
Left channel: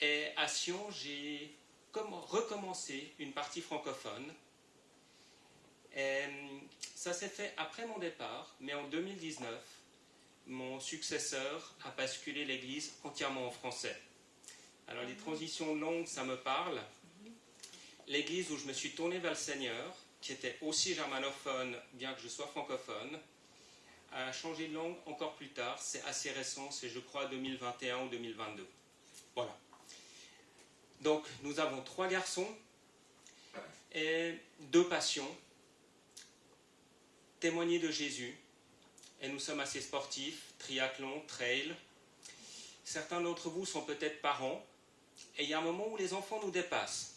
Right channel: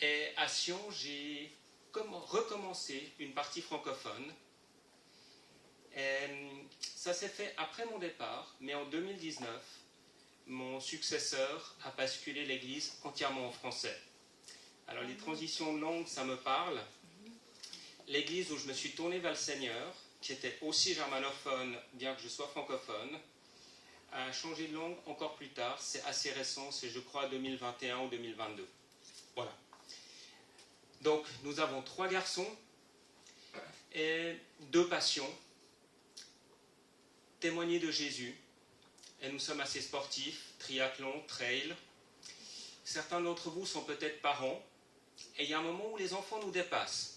et à Sion, j'ai recommencé une partie francophone. Et ça s'est fait après mon départ, mais en 2019, mon successeur a basculé l'église entièrement en français. Alors les transitions longues, ça me parle. L'église où je me suis tourné vers le Seigneur, qui était aussi germanophone, bien que je sois francophone, a changé de langue encore plus tard. C'est assez récent, c'est je crois 2021 ou 2022. Voilà. Donc, nous avons 3 garçons et 2 passions. Témoigner de Jésus. Et nous sommes assez sportifs, triathlon, trail. Certains d'entre vous sont peut-être parents. Et il y a un moment où les enfants nous dépassent.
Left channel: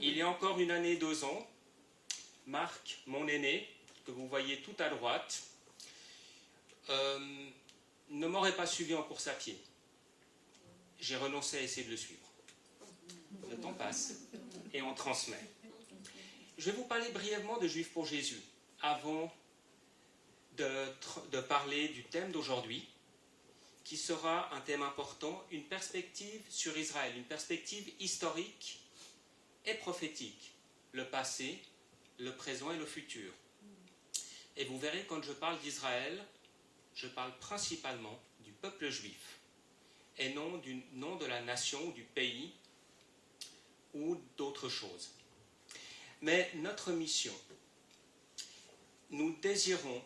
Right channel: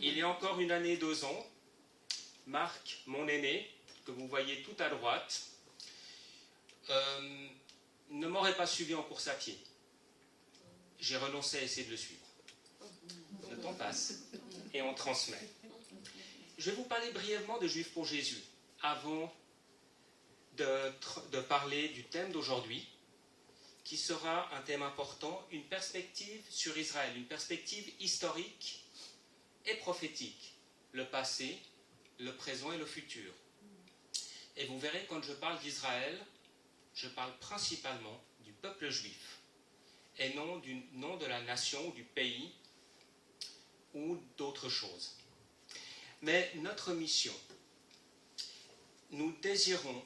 Il y a encore 1 année, 2 ans, Marc, mon aîné, que vous voyez tout à droite, ne m'aurait pas suivi en course à pied. J'ai renoncé à essayer de le suivre. Le temps passe et on transmet. Je vais vous parler brièvement de Juifs pour Jésus, avant de parler du thème d'aujourd'hui, qui sera un thème important, une perspective sur Israël, une perspective historique et prophétique, le passé, le présent et le futur. Et vous verrez, quand je parle d'Israël, je parle principalement du peuple juif, et non de la nation ou du pays ou d'autres choses. Mais notre mission, nous désirons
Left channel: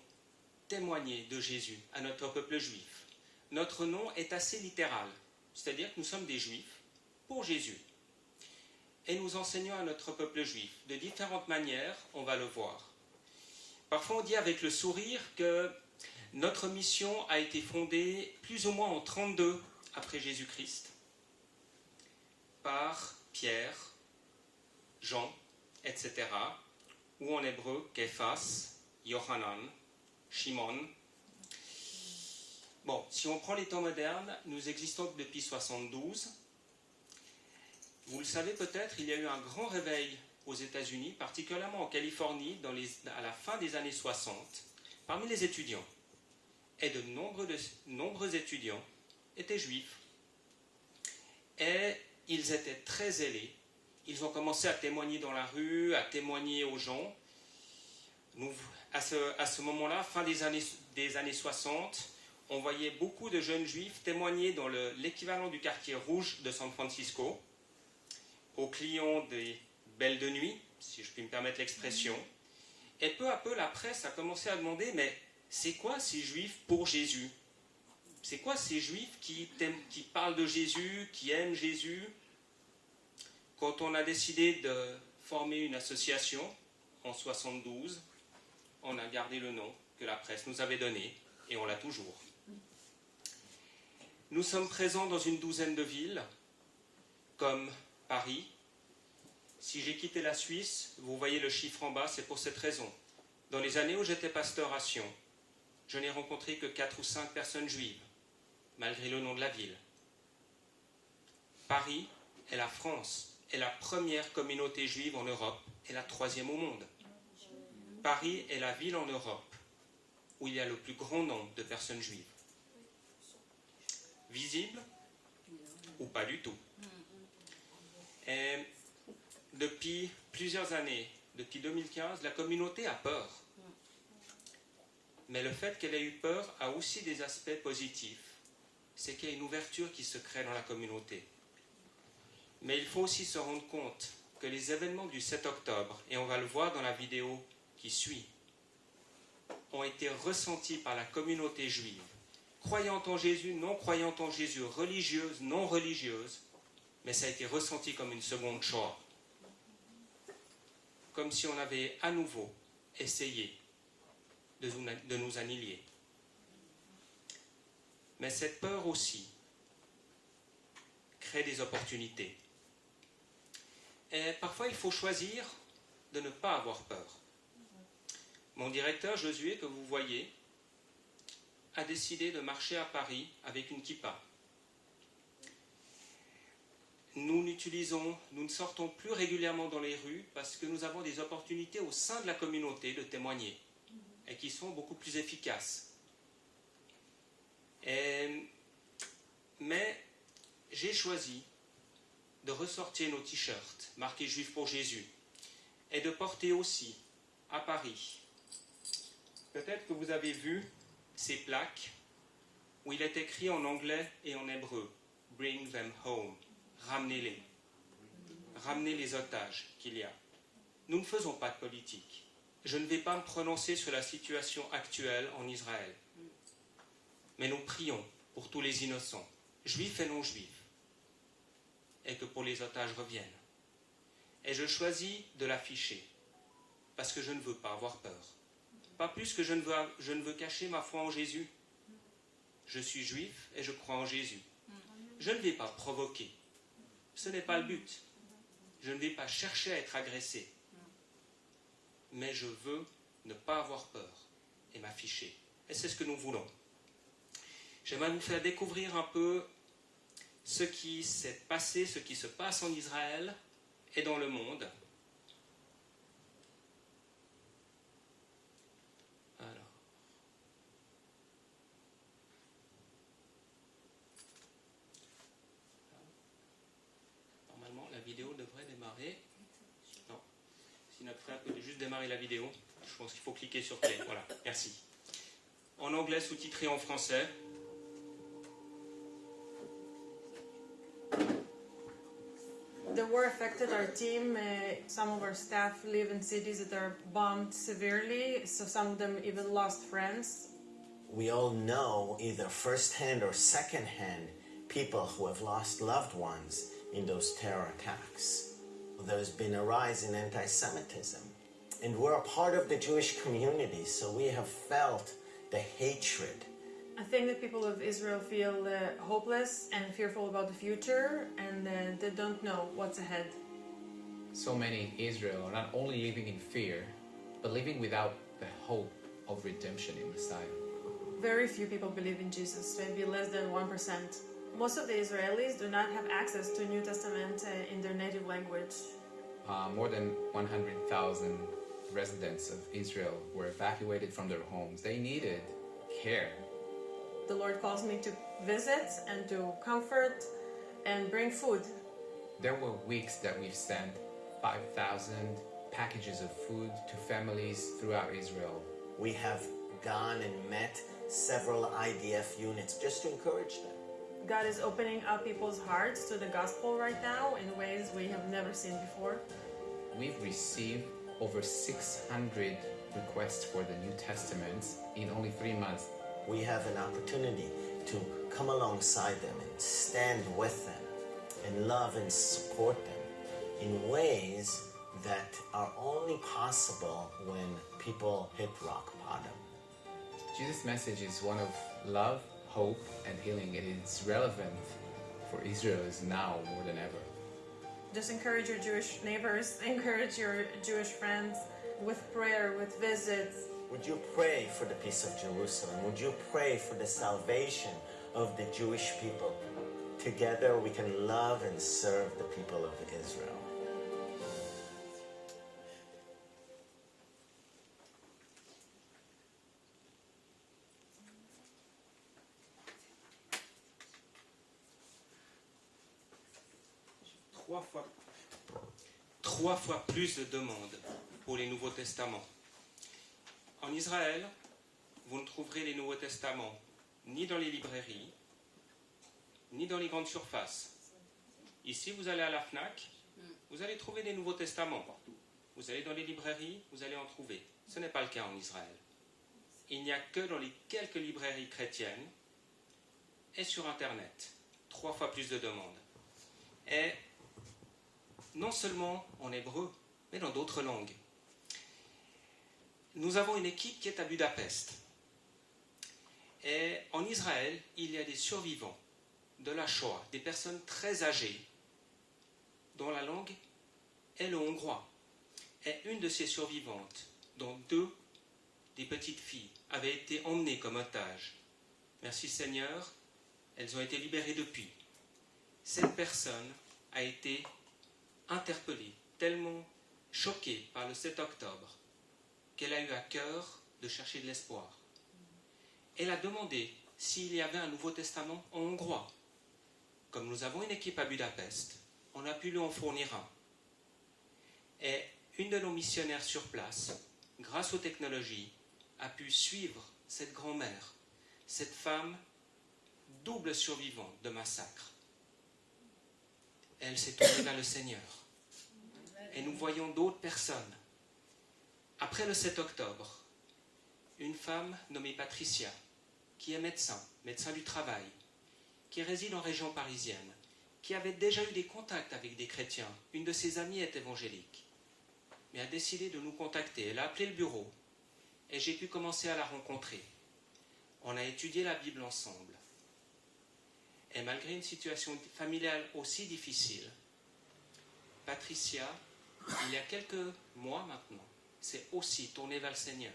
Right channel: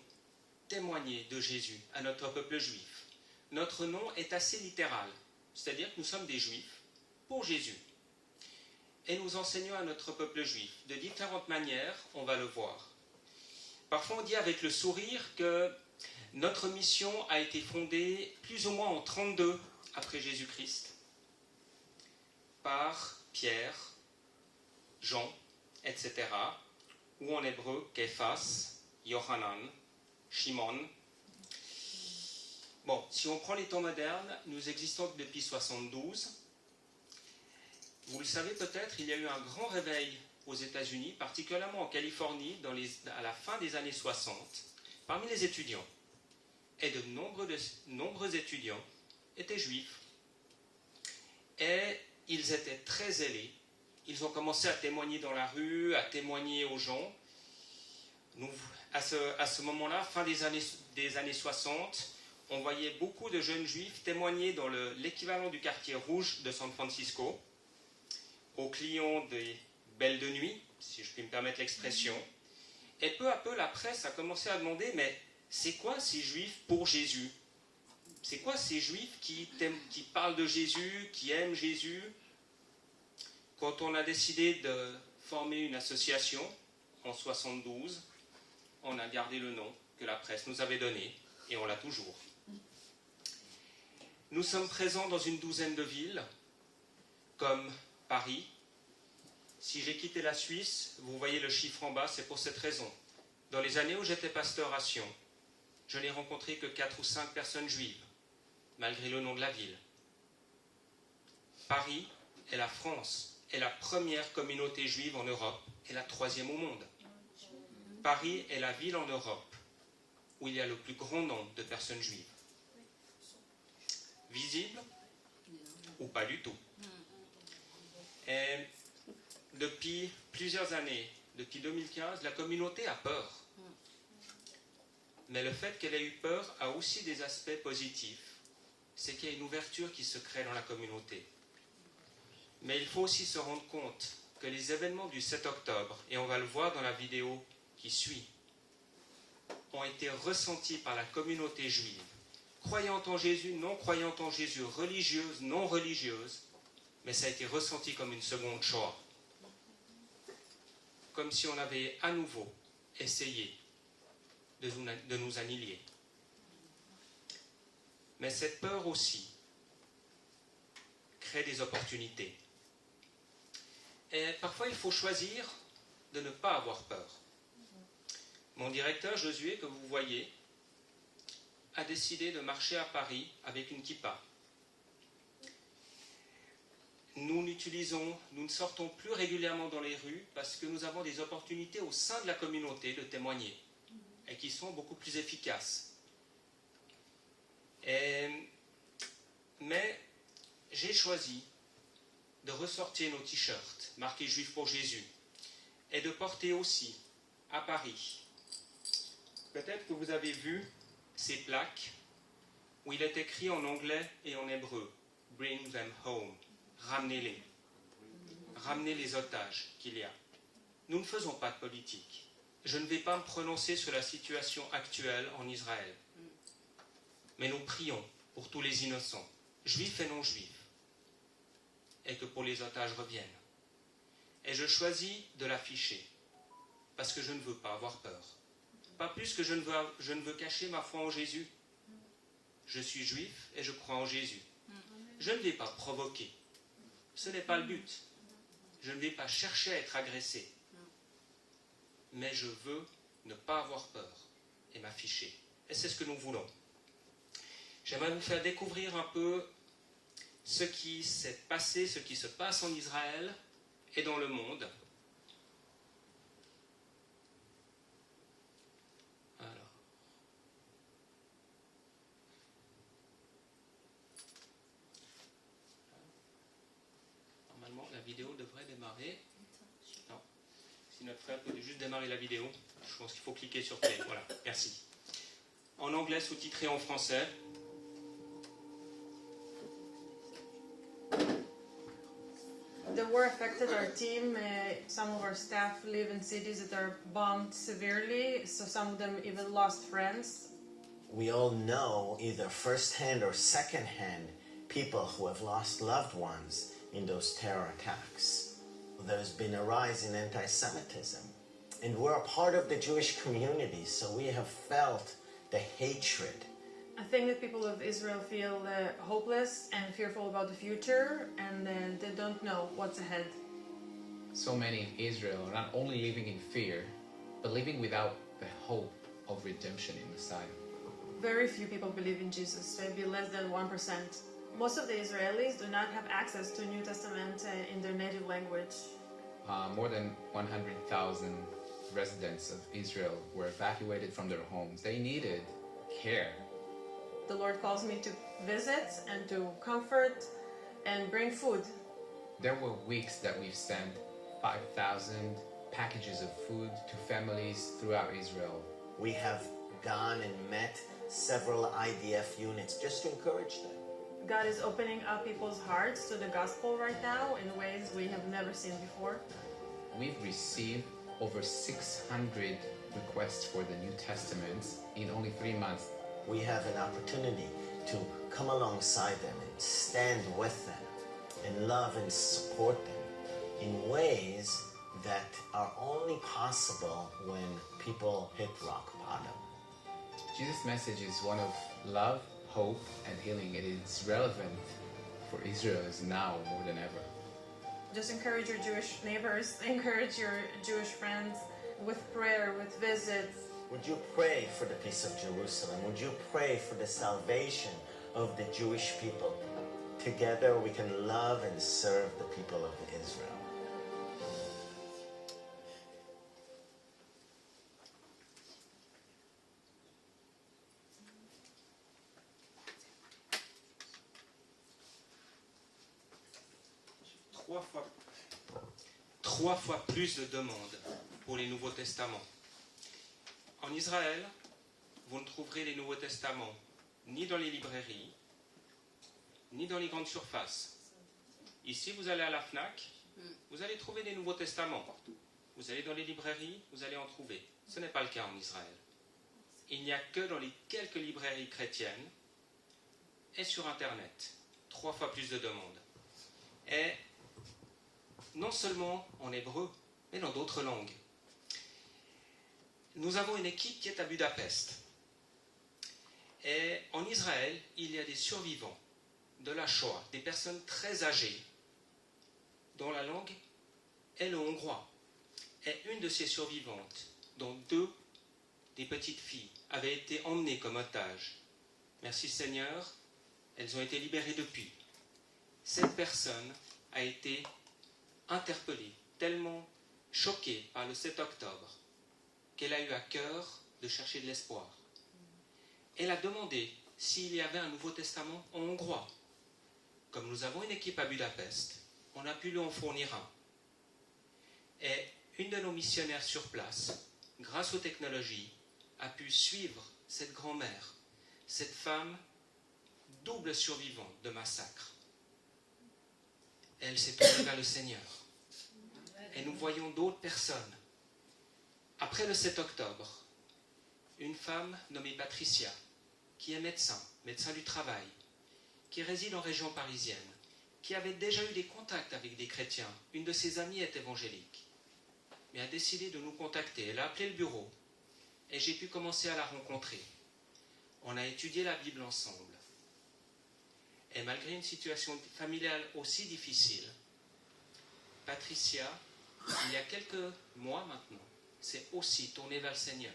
témoigner de Jésus à notre peuple juif. Notre nom est assez littéral, c'est-à-dire que nous sommes des juifs pour Jésus. Et nous enseignons à notre peuple juif de différentes manières, on va le voir. Parfois on dit avec le sourire que notre mission a été fondée plus ou moins en 32 après Jésus-Christ par Pierre, Jean, etc. ou en hébreu Képhas, Yohanan, Shimon. Bon, si on prend les temps modernes, nous existons depuis 72. Vous le savez peut-être, il y a eu un grand réveil aux États-Unis, particulièrement en Californie, à la fin des années 60, parmi les étudiants. Et de nombreux étudiants étaient juifs. Et ils étaient très zélés. Ils ont commencé à témoigner dans la rue, à témoigner aux gens. À ce moment-là, fin des années 60, on voyait beaucoup de jeunes juifs témoigner dans l'équivalent du quartier rouge de San Francisco, aux clients des belles de nuit, si je puis me permettre l'expression. Et peu à peu, la presse a commencé à demander, mais c'est quoi ces juifs pour Jésus? C'est quoi ces juifs qui parlent de Jésus, qui aiment Jésus? Quand on a décidé de former une association en 72, on a gardé le nom que la presse nous avait donné et on l'a toujours. Nous sommes présents dans une 12aine de villes, comme Paris. Si j'ai quitté la Suisse, vous voyez le chiffre en bas, c'est pour cette raison. Dans les années où j'étais pasteur à Sion, je n'ai rencontré que 4 ou 5 personnes juives, malgré le nom de la ville. Paris est la France, est la première communauté juive en Europe et la 3e au monde. Paris est la ville en Europe où il y a le plus grand nombre de personnes juives. Visible ou pas du tout. Et depuis plusieurs années, depuis 2015, la communauté a peur. Mais le fait qu'elle ait eu peur a aussi des aspects positifs. C'est qu'il y a une ouverture qui se crée dans la communauté. Mais il faut aussi se rendre compte que les événements du 7 octobre, et on va le voir dans la vidéo qui suit, ont été ressentis par la communauté juive, croyant en Jésus, non croyant en Jésus, religieuse, non religieuse, mais ça a été ressenti comme une seconde Shoah. Comme si on avait à nouveau essayé de nous annihiler. Mais cette peur aussi crée des opportunités. Et parfois, il faut choisir de ne pas avoir peur. Mon directeur, Josué, que vous voyez, a décidé de marcher à Paris avec une kippa. Nous ne sortons plus régulièrement dans les rues parce que nous avons des opportunités au sein de la communauté de témoigner et qui sont beaucoup plus efficaces. Mais j'ai choisi de ressortir nos t-shirts marqués Juifs pour Jésus et de porter aussi à Paris. Peut-être que vous avez vu ces plaques où il est écrit en anglais et en hébreu « Bring them home ». Ramenez-les. Ramenez les otages qu'il y a. Nous ne faisons pas de politique. Je ne vais pas me prononcer sur la situation actuelle en Israël. Mais nous prions pour tous les innocents, juifs et non juifs, et que pour les otages reviennent. Et je choisis de l'afficher, parce que je ne veux pas avoir peur. Pas plus que je ne veux cacher ma foi en Jésus. Je suis juif et je crois en Jésus. Je ne vais pas provoquer. Ce n'est pas le but. Je ne vais pas chercher à être agressé. Mais je veux ne pas avoir peur et m'afficher. Et c'est ce que nous voulons. J'aimerais vous faire découvrir un peu ce qui s'est passé, ce qui se passe en Israël et dans le monde. Alors. Normalement, la vidéo devrait démarrer. Non. Si notre frère peut juste démarrer la vidéo, je pense qu'il faut cliquer sur play. Voilà, merci. En anglais, sous-titré en français. The war affected our team. Some of our staff live in cities that are bombed severely, so some of them even lost friends. We all know, either first-hand or second-hand, people who have lost loved ones in those terror attacks. There's been a rise in anti-Semitism. And we're a part of the Jewish community, so we have felt the hatred. I think that people of Israel feel hopeless and fearful about the future, and they don't know what's ahead. So many in Israel are not only living in fear, but living without the hope of redemption in Messiah. Very few people believe in Jesus, maybe less than 1%. Most of the Israelis do not have access to New Testament in their native language. More than 100,000 residents of Israel were evacuated from their homes. They needed care. The Lord calls me to visit and to comfort and bring food. There were weeks that we've sent 5,000 packages of food to families throughout Israel. We have gone and met several IDF units just to encourage them. God is opening up people's hearts to the gospel right now in ways we have never seen before. We've received over 600 requests for the New Testament in only 3 months. We have an opportunity to come alongside them and stand with them and love and support them in ways that are only possible when people hit rock bottom. Jesus' message is one of love, hope, and healing. It is relevant for Israel now more than ever. Just encourage your Jewish neighbors, encourage your Jewish friends with prayer, with visits. Would you pray for the peace of Jerusalem? Would you pray for the salvation of the Jewish people? Together we can love and serve the people of Israel. Trois fois plus de demandes pour les Nouveaux Testaments. En Israël, vous ne trouverez les Nouveaux Testaments ni dans les librairies, ni dans les grandes surfaces. Ici, vous allez à la FNAC, vous allez trouver des Nouveaux Testaments. Vous allez dans les librairies, vous allez en trouver. Ce n'est pas le cas en Israël. Il n'y a que dans les quelques librairies chrétiennes et sur Internet. 3 fois plus de demandes. Et non seulement en hébreu, mais dans d'autres langues. Nous avons une équipe qui est à Budapest. Et en Israël, il y a des survivants de la Shoah, des personnes très âgées, dont la langue est le hongrois. Et une de ces survivantes, dont 2 des petites filles, avaient été emmenées comme otages. Merci Seigneur, elles ont été libérées depuis. Cette personne a été interpellée, tellement choquée par le 7 octobre, qu'elle a eu à cœur de chercher de l'espoir. Elle a demandé s'il y avait un Nouveau Testament en hongrois. Comme nous avons une équipe à Budapest, on a pu lui en fournir un. Et une de nos missionnaires sur place, grâce aux technologies, a pu suivre cette grand-mère, cette femme double survivante de massacre. Elle s'est tournée vers le Seigneur. Et nous voyons d'autres personnes. Après le 7 octobre, une femme nommée Patricia, qui est médecin du travail, qui réside en région parisienne, qui avait déjà eu des contacts avec des chrétiens. Une de ses amies est évangélique, mais a décidé de nous contacter. Elle a appelé le bureau et j'ai pu commencer à la rencontrer. On a étudié la Bible ensemble. Et malgré une situation familiale aussi difficile, Patricia, il y a quelques mois maintenant, s'est aussi tournée vers le Seigneur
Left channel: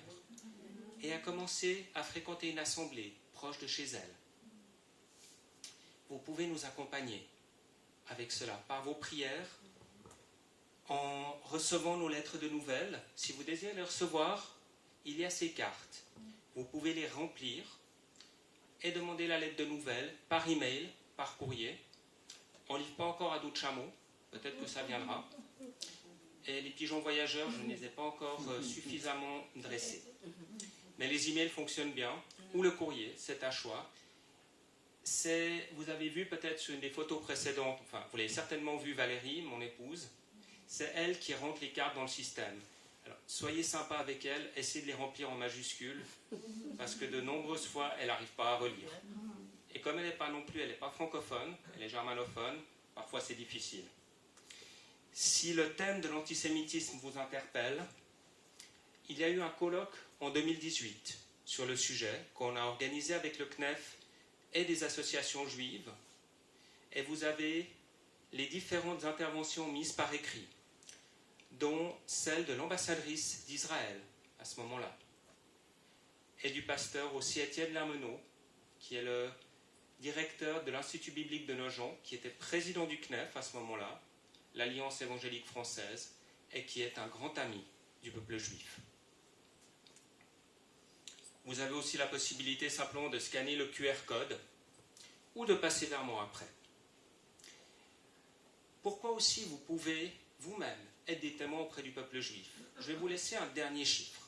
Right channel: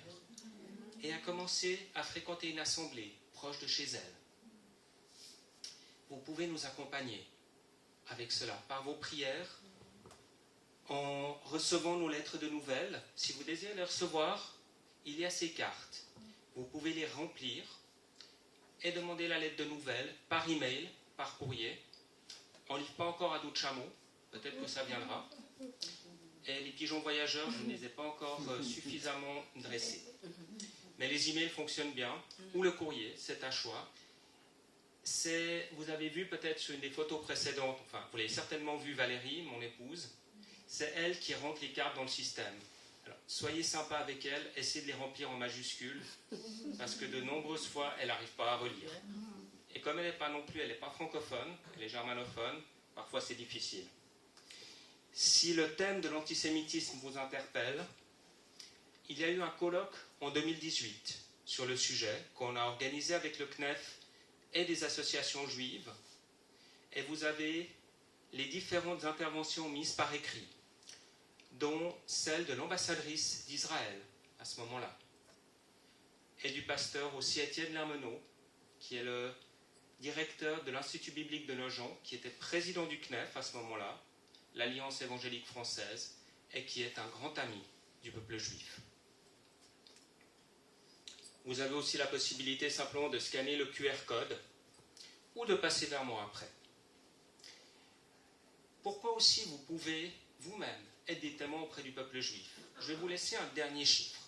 et a commencé à fréquenter une assemblée proche de chez elle. Vous pouvez nous accompagner avec cela, par vos prières, en recevant nos lettres de nouvelles. Si vous désirez les recevoir, il y a ces cartes. Vous pouvez les remplir et demander la lettre de nouvelles par email, par courrier. On ne livre pas encore à d'autres chameaux, peut-être que ça viendra. Et les pigeons voyageurs, je ne les ai pas encore suffisamment dressés. Mais les emails fonctionnent bien, ou le courrier, c'est à choix. Vous avez vu peut-être sur une des photos précédentes, enfin vous l'avez certainement vu Valérie, mon épouse, c'est elle qui rentre les cartes dans le système. Alors, soyez sympa avec elle, essayez de les remplir en majuscules, parce que de nombreuses fois, elle n'arrive pas à relire. Et comme elle n'est pas non plus, elle n'est pas francophone, elle est germanophone, parfois c'est difficile. Si le thème de l'antisémitisme vous interpelle, il y a eu un colloque en 2018 sur le sujet qu'on a organisé avec le CNEF et des associations juives, et vous avez les différentes interventions mises par écrit, dont celle de l'ambassadrice d'Israël à ce moment-là, et du pasteur aussi Étienne Lermenot, qui est le directeur de l'Institut biblique de Nogent, qui était président du CNEF à ce moment-là, l'Alliance évangélique française, et qui est un grand ami du peuple juif. Vous avez aussi la possibilité simplement de scanner le QR code ou de passer vers moi après. Pourquoi aussi vous pouvez vous-même être des témoins auprès du peuple juif? Je vais vous laisser un dernier chiffre.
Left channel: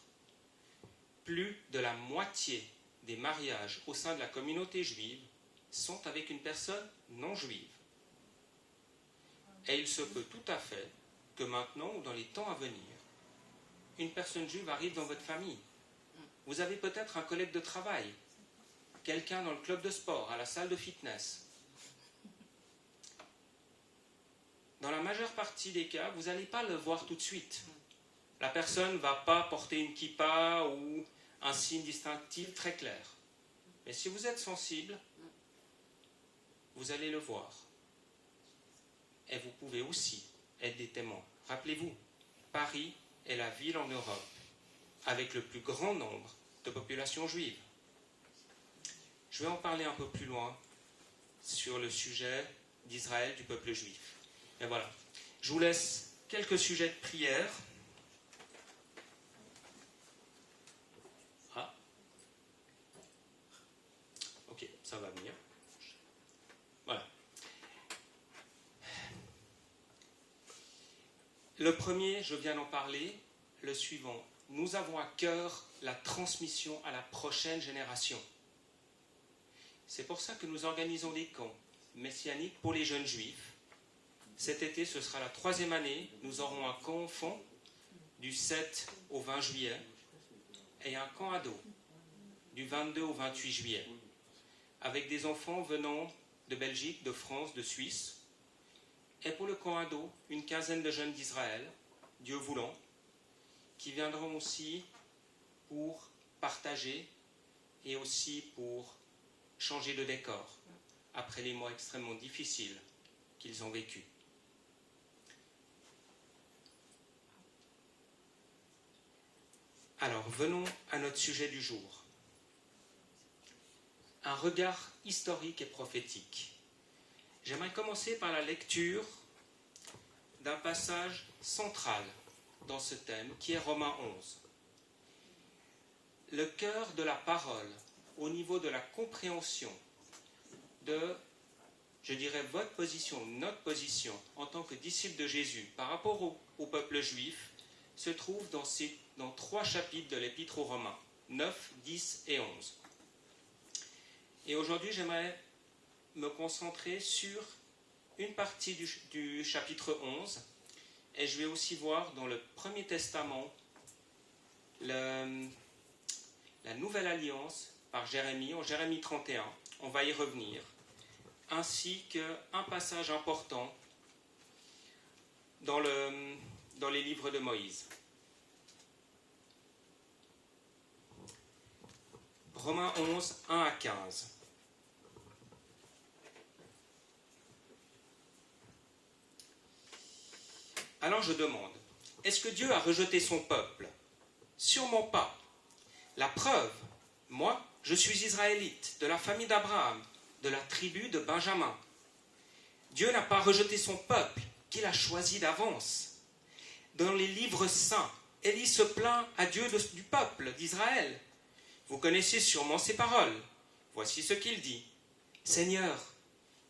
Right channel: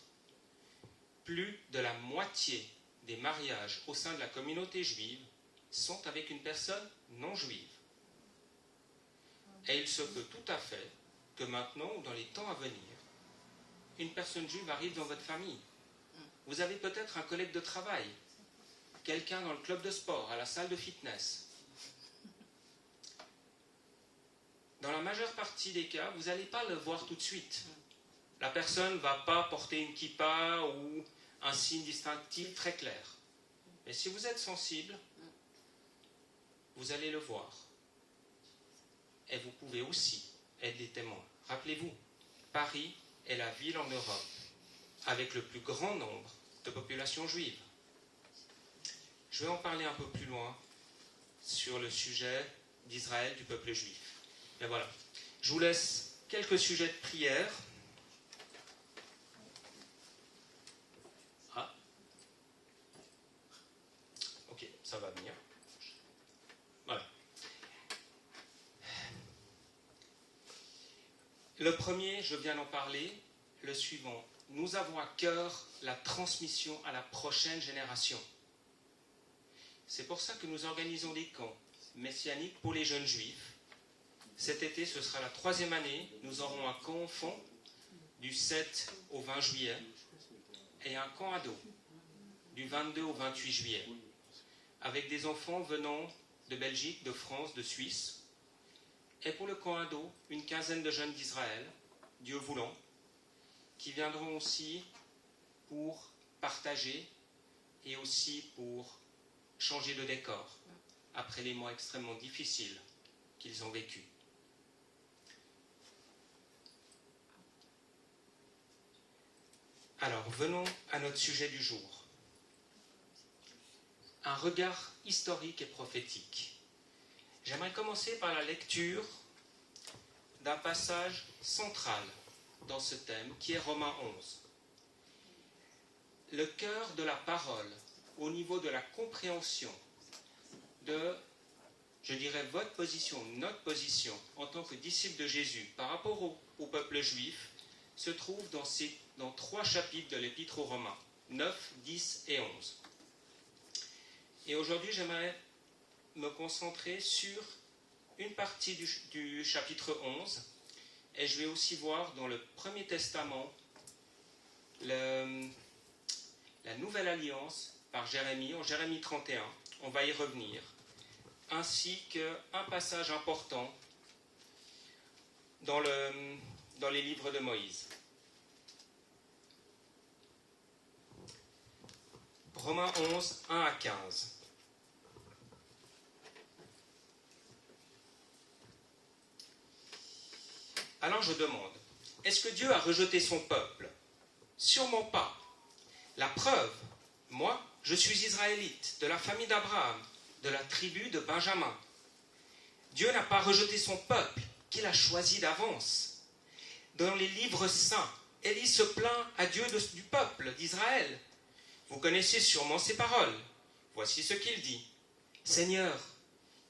Plus de la moitié des mariages au sein de la communauté juive sont avec une personne non juive. Et il se peut tout à fait que maintenant ou dans les temps à venir, une personne juive arrive dans votre famille. Vous avez peut-être un collègue de travail, quelqu'un dans le club de sport, à la salle de fitness. Dans la majeure partie des cas, vous n'allez pas le voir tout de suite. La personne ne va pas porter une kippa ou un signe distinctif très clair. Mais si vous êtes sensible, vous allez le voir. Et vous pouvez aussi être des témoins. Rappelez-vous, Paris est la ville en Europe avec le plus grand nombre de populations juives. Je vais en parler un peu plus loin sur le sujet d'Israël, du peuple juif. Et voilà, je vous laisse quelques sujets de prière. Ah, ok, ça va venir. Voilà. Le premier, je viens d'en parler, le suivant. Nous avons à cœur la transmission à la prochaine génération. C'est pour ça que nous organisons des camps messianiques pour les jeunes juifs. Cet été, ce sera la 3e année. Nous aurons un camp enfant du 7 au 20 juillet et un camp ado du 22 au 28 juillet, avec des enfants venant de Belgique, de France, de Suisse. Et pour le camp ado, une quinzaine de jeunes d'Israël, Dieu voulant, qui viendront aussi pour partager et aussi pour changer de décor après les mois extrêmement difficiles qu'ils ont vécus. Alors, venons à notre sujet du jour. Un regard historique et prophétique. J'aimerais commencer par la lecture d'un passage central dans ce thème, qui est Romains 11. Le cœur de la parole, au niveau de la compréhension de, je dirais, votre position, notre position, en tant que disciples de Jésus, par rapport au peuple juif, se trouve dans 3 chapitres de l'Épître aux Romains, 9, 10 et 11. Et aujourd'hui, j'aimerais me concentrer sur une partie du chapitre 11, et je vais aussi voir dans le Premier Testament la Nouvelle Alliance par Jérémie, en Jérémie 31, on va y revenir, ainsi qu'un passage important dans les livres de Moïse. Romains 11, 1 à 15. Alors je demande, est-ce que Dieu a rejeté son peuple? Sûrement pas. La preuve, moi, je suis israélite, de la famille d'Abraham, de la tribu de Benjamin. Dieu n'a pas rejeté son peuple, qu'il a choisi d'avance. Dans les livres saints, Élie se plaint à Dieu du peuple d'Israël. Vous connaissez sûrement ces paroles. Voici ce qu'il dit. « Seigneur,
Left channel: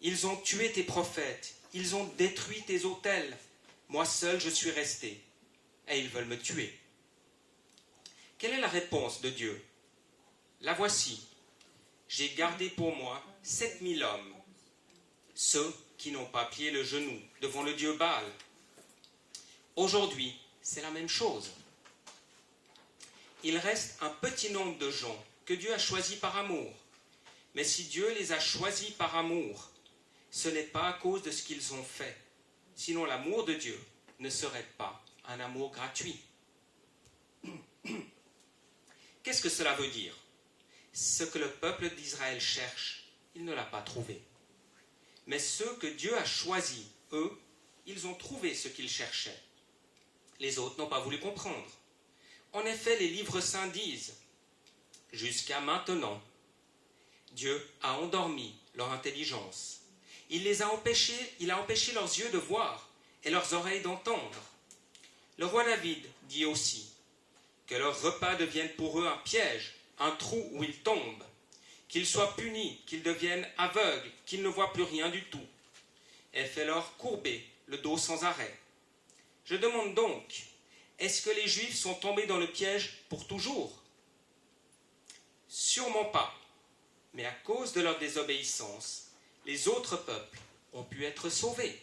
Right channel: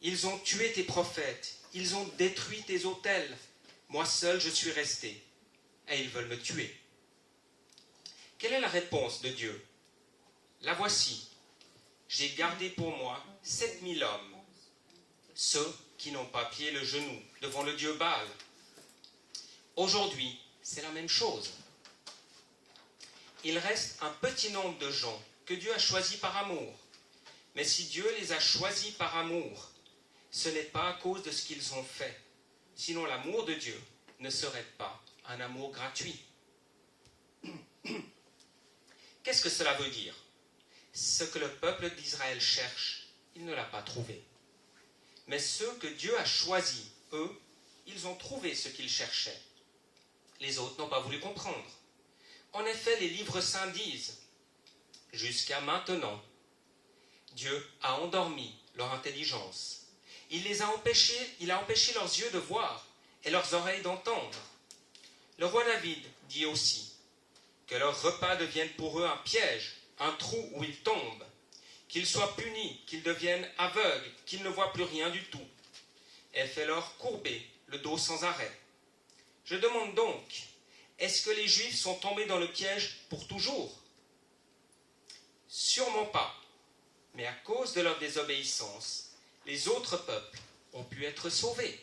ils ont tué tes prophètes, ils ont détruit tes autels. Moi seul je suis resté, et ils veulent me tuer. » Quelle est la réponse de Dieu? La voici. J'ai gardé pour moi 7000 hommes, ceux qui n'ont pas plié le genou devant le dieu Baal. Aujourd'hui, c'est la même chose. Il reste un petit nombre de gens que Dieu a choisis par amour. Mais si Dieu les a choisis par amour, ce n'est pas à cause de ce qu'ils ont fait. Sinon l'amour de Dieu ne serait pas un amour gratuit. Qu'est-ce que cela veut dire? Ce que le peuple d'Israël cherche, il ne l'a pas trouvé. Mais ceux que Dieu a choisis, eux, ils ont trouvé ce qu'ils cherchaient. Les autres n'ont pas voulu comprendre. En effet, les livres saints disent, jusqu'à maintenant, Dieu a endormi leur intelligence. Il a empêché leurs yeux de voir et leurs oreilles d'entendre. Le roi David dit aussi que leur repas devienne pour eux un piège, un trou où ils tombent, qu'ils soient punis, qu'ils deviennent aveugles, qu'ils ne voient plus rien du tout, et fait-leur courber le dos sans arrêt. Je demande donc, est-ce que les Juifs sont tombés dans le piège pour toujours? Sûrement pas, mais à cause de leur désobéissance, les autres peuples ont pu être sauvés.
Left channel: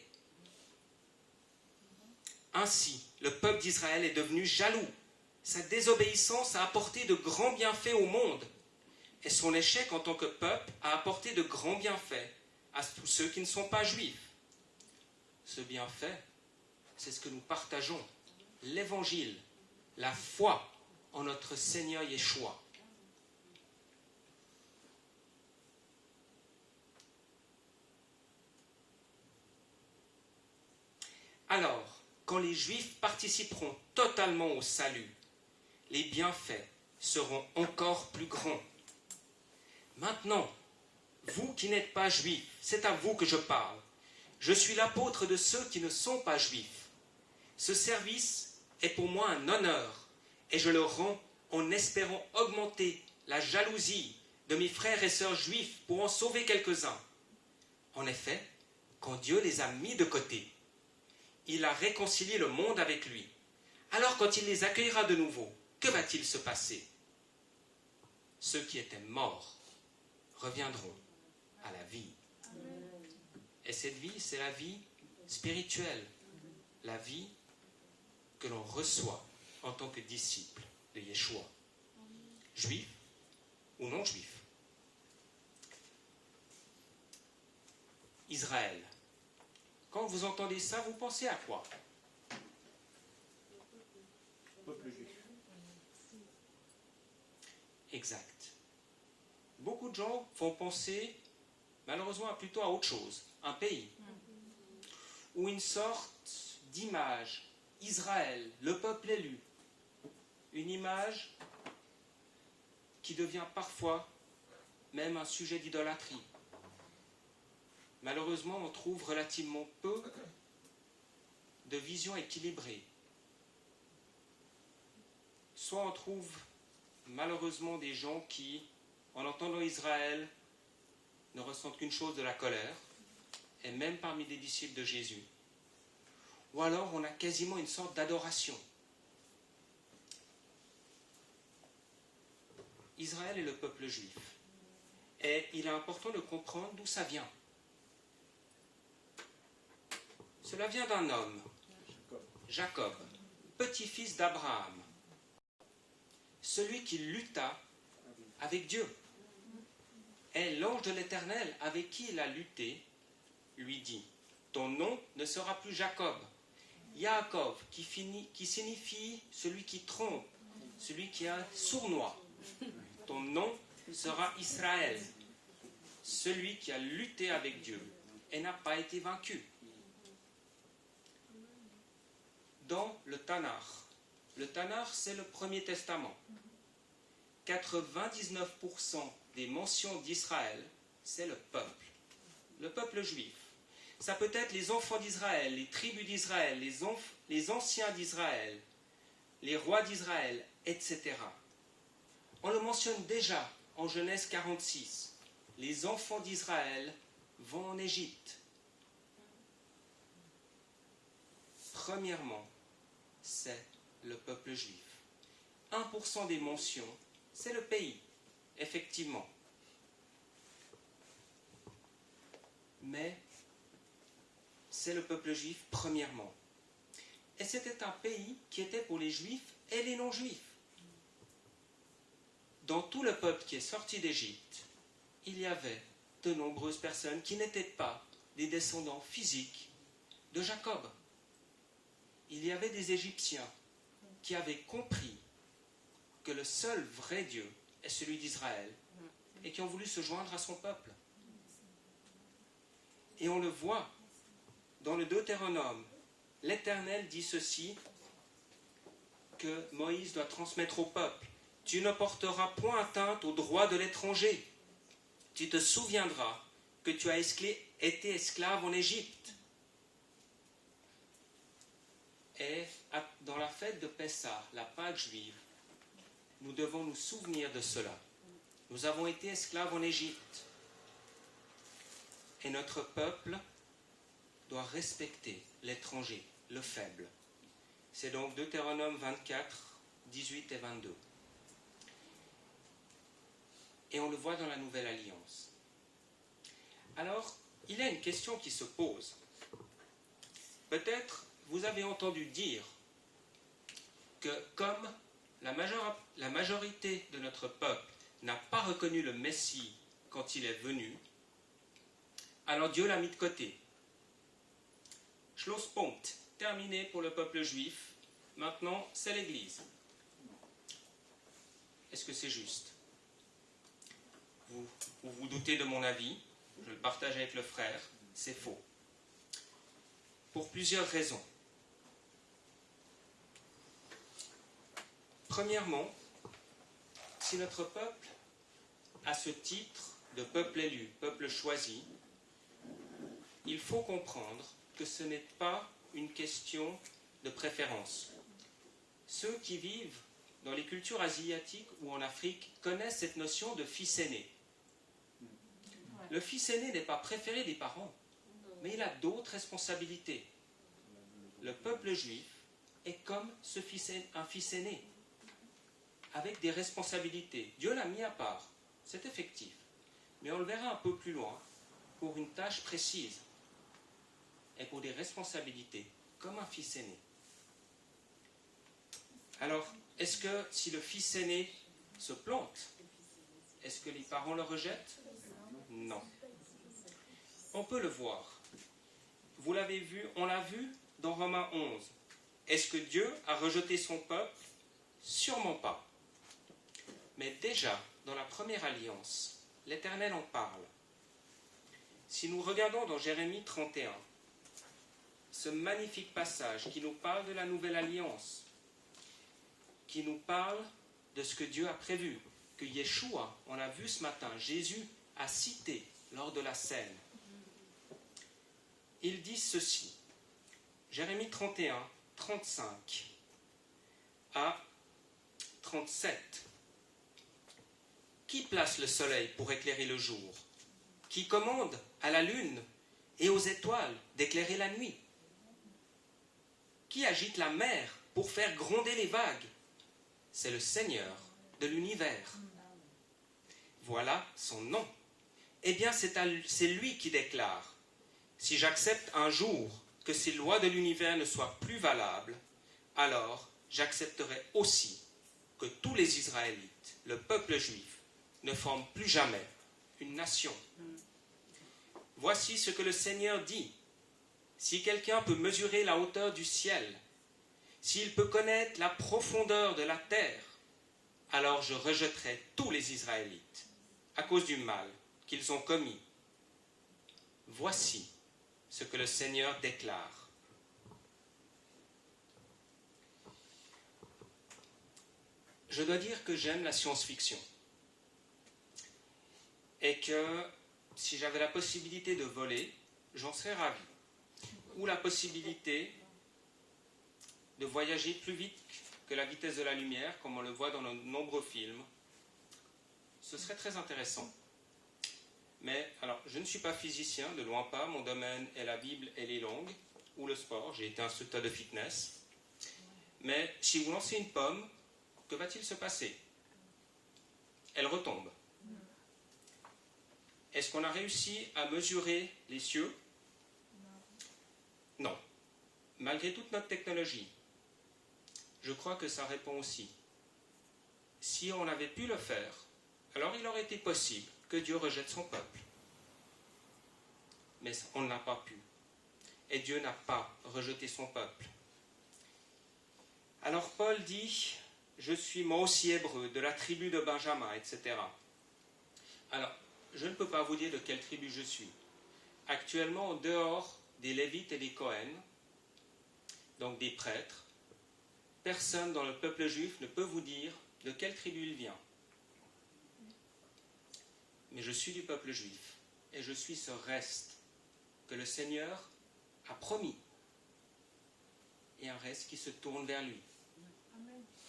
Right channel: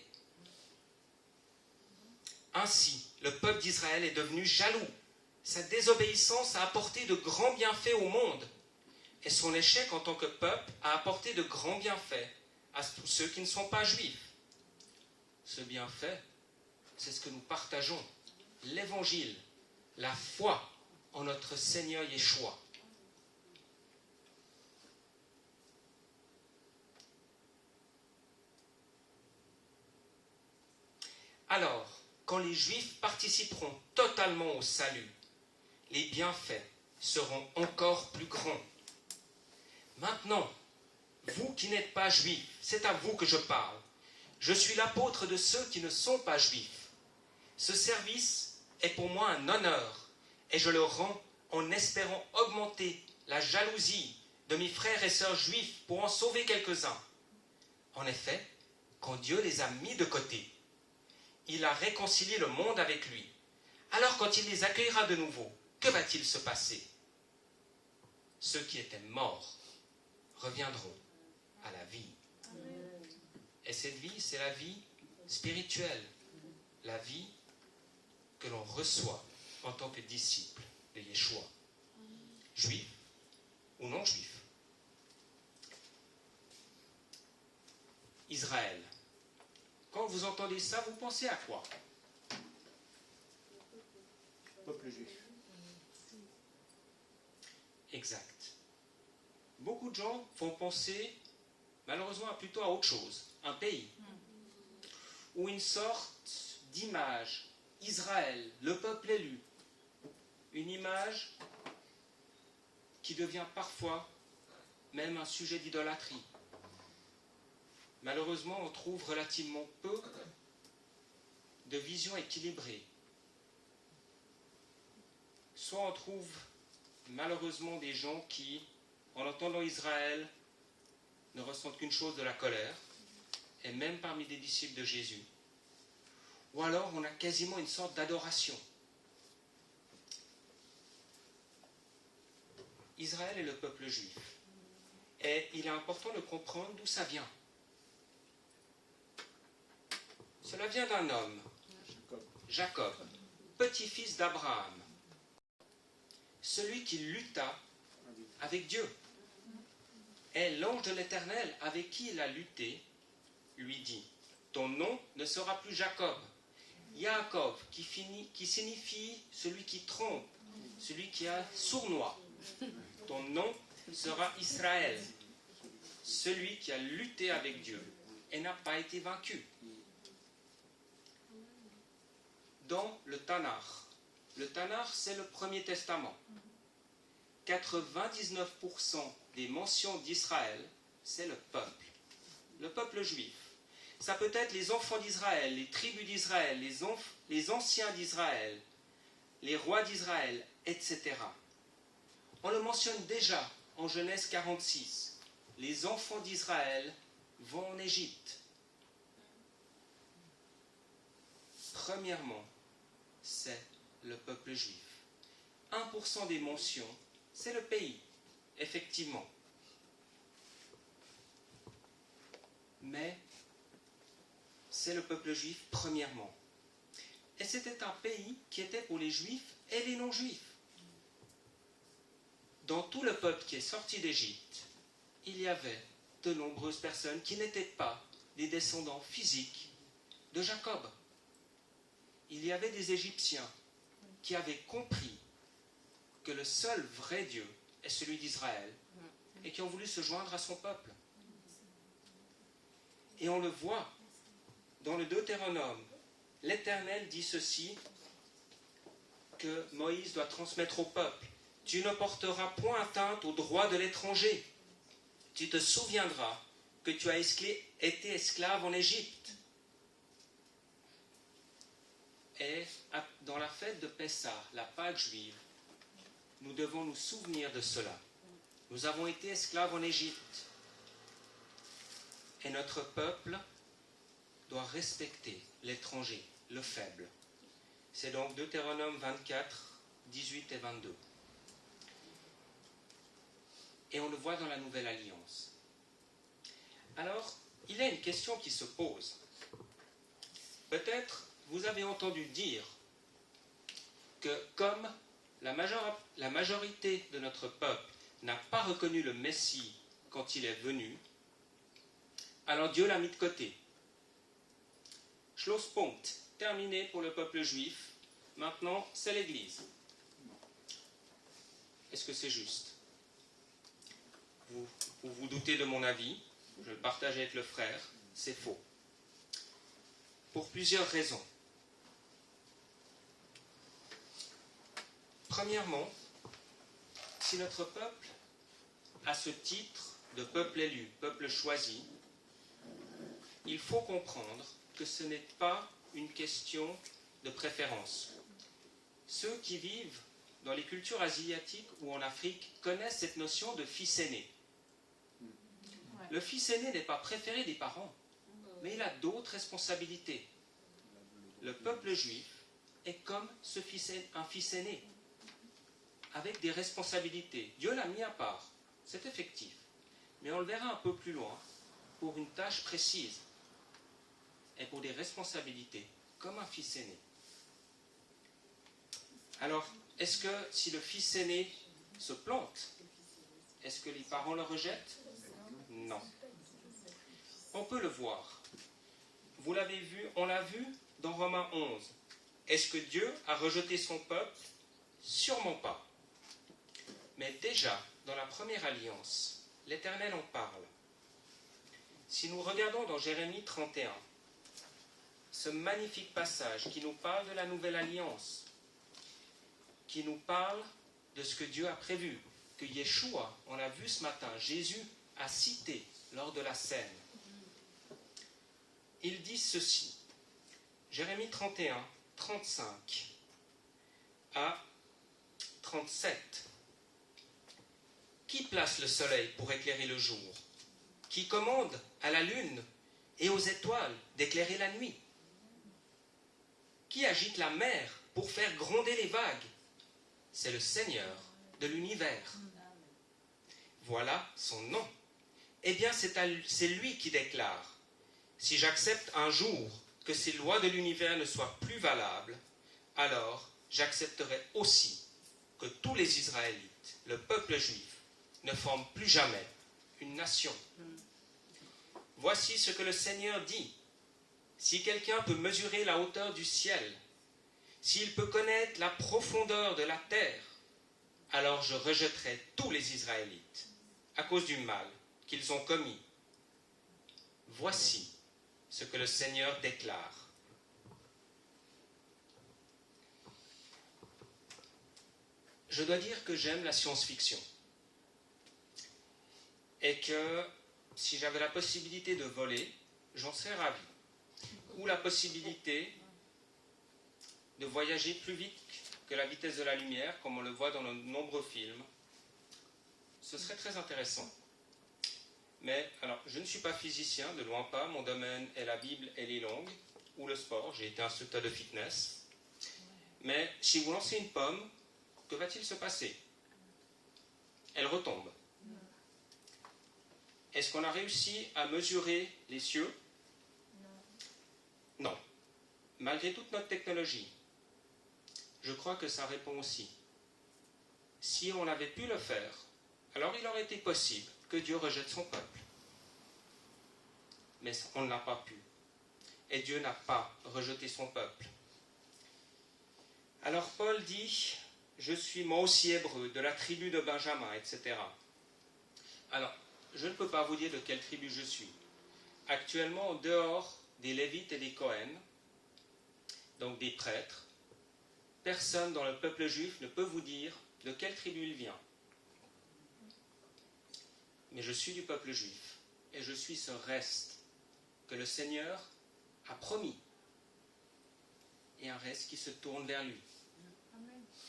Ainsi, le peuple d'Israël est devenu jaloux. Sa désobéissance a apporté de grands bienfaits au monde, et son échec en tant que peuple a apporté de grands bienfaits à tous ceux qui ne sont pas juifs. Ce bienfait, c'est ce que nous partageons, l'évangile, la foi en notre Seigneur Yeshua. Alors, quand les Juifs participeront totalement au salut, les bienfaits seront encore plus grands. Maintenant, vous qui n'êtes pas Juifs, c'est à vous que je parle. Je suis l'apôtre de ceux qui ne sont pas Juifs. Ce service est pour moi un honneur, et je le rends en espérant augmenter la jalousie de mes frères et sœurs juifs pour en sauver quelques-uns. En effet, quand Dieu les a mis de côté, il a réconcilié le monde avec lui. Alors quand il les accueillera de nouveau, que va-t-il se passer? Ceux qui étaient morts reviendront à la vie. Et cette vie, c'est la vie spirituelle, la vie que l'on reçoit en tant que disciple de Yeshua, juif ou non juif. Israël. Quand vous entendez ça, vous pensez à quoi? Peuple juif. Exact. Beaucoup de gens vont penser, malheureusement, plutôt à autre chose, un pays, ou une sorte d'image, Israël, le peuple élu, une image qui devient parfois même un sujet d'idolâtrie. Malheureusement, on trouve relativement peu de visions équilibrées. Soit on trouve malheureusement des gens qui, en entendant Israël, ne ressentent qu'une chose, de la colère, et même parmi des disciples de Jésus. Ou alors on a quasiment une sorte d'adoration. Israël est le peuple juif. Et il est important de comprendre d'où ça vient. Cela vient d'un homme, Jacob, petit-fils d'Abraham, celui qui lutta avec Dieu. Et l'ange de l'Éternel avec qui il a lutté lui dit, ton nom ne sera plus Jacob. Yaakov, qui signifie celui qui trompe, celui qui a sournois. Ton nom sera Israël, celui qui a lutté avec Dieu et n'a pas été vaincu. Dans le Tanakh c'est le Premier Testament. 99% des mentions d'Israël, c'est le peuple juif. Ça peut être les enfants d'Israël, les tribus d'Israël, les anciens d'Israël, les rois d'Israël, etc. On le mentionne déjà en Genèse 46. Les enfants d'Israël vont en Égypte. Premièrement, c'est le peuple juif. 1% des mentions, c'est le pays, effectivement. Mais c'est le peuple juif premièrement. Et c'était un pays qui était pour les juifs et les non-juifs. Dans tout le peuple qui est sorti d'Égypte, il y avait de nombreuses personnes qui n'étaient pas des descendants physiques de Jacob. Il y avait des Égyptiens qui avaient compris que le seul vrai Dieu est celui d'Israël et qui ont voulu se joindre à son peuple. Et on le voit dans le Deutéronome. L'Éternel dit ceci, que Moïse doit transmettre au peuple. Tu ne porteras point atteinte aux droits de l'étranger. Tu te souviendras que tu as été esclave en Égypte. Et dans la fête de Pessah, la Pâque juive, nous devons nous souvenir de cela. Nous avons été esclaves en Égypte. Et notre peuple doit respecter l'étranger, le faible. C'est donc Deutéronome 24, 18 et 22. Et on le voit dans la Nouvelle Alliance. Alors, il y a une question qui se pose. Peut-être vous avez entendu dire que comme la majorité de notre peuple n'a pas reconnu le Messie quand il est venu, alors Dieu l'a mis de côté. Schlusspunkt, terminé pour le peuple juif. Maintenant, c'est l'Église. Est-ce que c'est juste? Vous vous doutez de mon avis, je le partage avec le frère, c'est faux. Pour plusieurs raisons. Premièrement, si notre peuple a ce titre de peuple élu, peuple choisi, il faut comprendre que ce n'est pas une question de préférence. Ceux qui vivent dans les cultures asiatiques ou en Afrique connaissent cette notion de fils aîné. Le fils aîné n'est pas préféré des parents, mais il a d'autres responsabilités. Le peuple juif est comme un fils aîné, avec des responsabilités. Dieu l'a mis à part, c'est effectif. Mais on le verra un peu plus loin, pour une tâche précise et pour des responsabilités, comme un fils aîné. Alors, est-ce que si le fils aîné se plante, est-ce que les parents le rejettent? Non. On peut le voir. Vous l'avez vu, on l'a vu dans Romains 11. Est-ce que Dieu a rejeté son peuple? Sûrement pas. Mais déjà, dans la première alliance, l'Éternel en parle. Si nous regardons dans Jérémie 31, ce magnifique passage qui nous parle de la nouvelle alliance, qui nous parle de ce que Dieu a prévu, que Yeshua, on l'a vu ce matin, Jésus a cité lors de la scène. Il dit ceci, Jérémie 31, 35 à 37. Qui place le soleil pour éclairer le jour? Qui commande à la lune et aux étoiles d'éclairer la nuit? Qui agite la mer pour faire gronder les vagues? C'est le Seigneur de l'univers. Voilà son nom. Eh bien, c'est lui qui déclare, si j'accepte un jour que ces lois de l'univers ne soient plus valables, alors j'accepterai aussi que tous les Israélites, le peuple juif, ne forment plus jamais une nation. Voici ce que le Seigneur dit. Si quelqu'un peut mesurer la hauteur du ciel, s'il peut connaître la profondeur de la terre, alors je rejetterai tous les Israélites à cause du mal qu'ils ont commis. Voici ce que le Seigneur déclare. Je dois dire que j'aime la science-fiction et que si j'avais la possibilité de voler, j'en serais ravi. Ou la possibilité de voyager plus vite que la vitesse de la lumière, comme on le voit dans de nombreux films. Ce serait très intéressant. Mais, alors, je ne suis pas physicien, de loin pas. Mon domaine est la Bible et les langues, ou le sport. J'ai été instructeur de fitness. Mais si vous lancez une pomme, que va-t-il se passer? Elle retombe. Est-ce qu'on a réussi à mesurer les cieux? Non. Malgré toute notre technologie, je crois que ça répond aussi. Si on avait pu le faire, alors il aurait été possible que Dieu rejette son peuple. Mais on n'a pas pu. Et Dieu n'a pas rejeté son peuple. Alors Paul dit, je suis moi aussi hébreu, de la tribu de Benjamin, etc. Alors, je ne peux pas vous dire de quelle tribu je suis. Actuellement, en dehors des Lévites et des Cohen, donc des prêtres, personne dans le peuple juif ne peut vous dire de quelle tribu il vient. Mais je suis du peuple juif et je suis ce reste que le Seigneur a promis. Et un reste qui se tourne vers lui.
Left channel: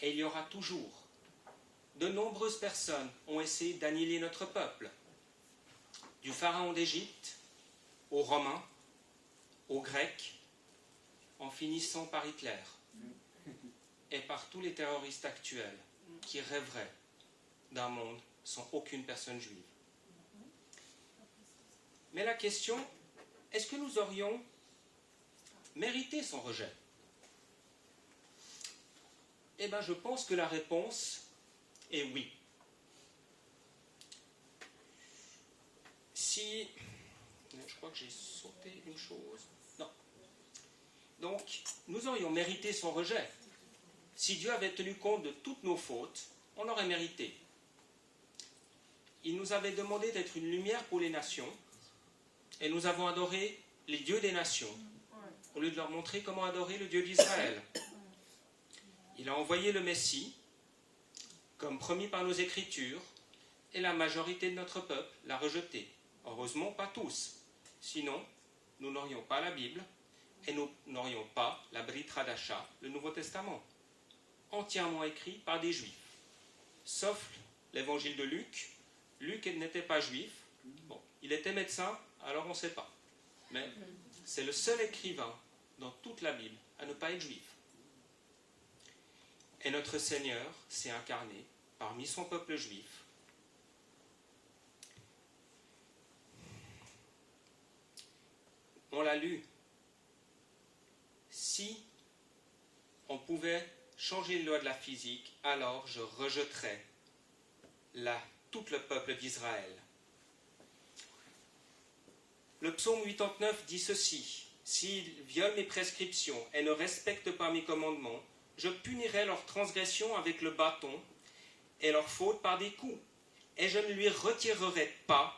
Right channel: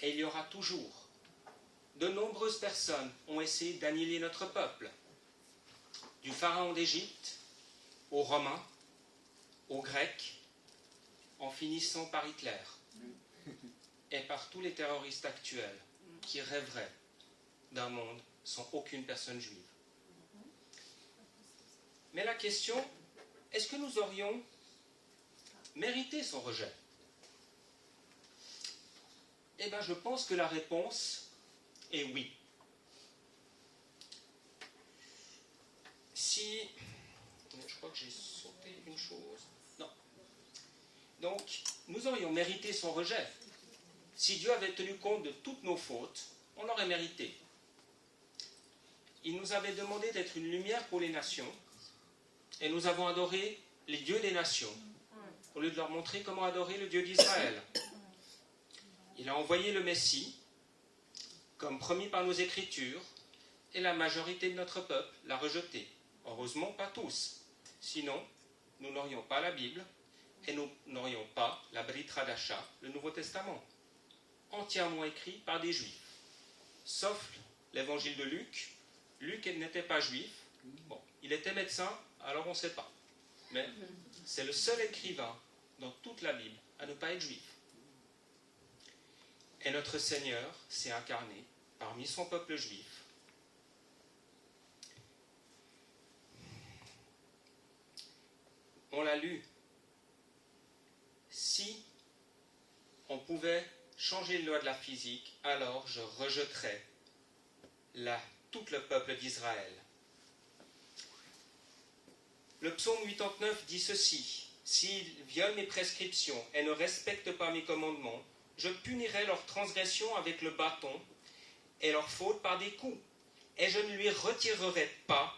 Et il y aura toujours. De nombreuses personnes ont essayé d'annihiler notre peuple. Du pharaon d'Égypte, aux Romains, aux Grecs, en finissant par Hitler. Et par tous les terroristes actuels qui rêveraient d'un monde sans aucune personne juive. Mais la question, est-ce que nous aurions mérité son rejet? Eh bien, je pense que la réponse est oui. Si... Je crois que j'ai sauté une chose. Non. Donc, nous aurions mérité son rejet. Si Dieu avait tenu compte de toutes nos fautes, on aurait mérité. Il nous avait demandé d'être une lumière pour les nations, et nous avons adoré les dieux des nations, au lieu de leur montrer comment adorer le Dieu d'Israël. Il a envoyé le Messie, comme promis par nos Écritures, et la majorité de notre peuple l'a rejeté. Heureusement, pas tous. Sinon, nous n'aurions pas la Bible, et nous n'aurions pas la Brit Hadasha, le Nouveau Testament, entièrement écrit par des Juifs. Sauf l'évangile de Luc. Luc n'était pas juif. Bon, il était médecin, alors on ne sait pas. Mais c'est le seul écrivain dans toute la Bible à ne pas être juif. Et notre Seigneur s'est incarné parmi son peuple juif. On l'a lu. Si on pouvait changer les lois de la physique, alors je rejetterais tout le peuple d'Israël. Le psaume 89 dit ceci: s'ils violent mes prescriptions et ne respectent pas mes commandements, je punirai leur transgression avec le bâton et leur faute par des coups. Et je ne lui retirerai pas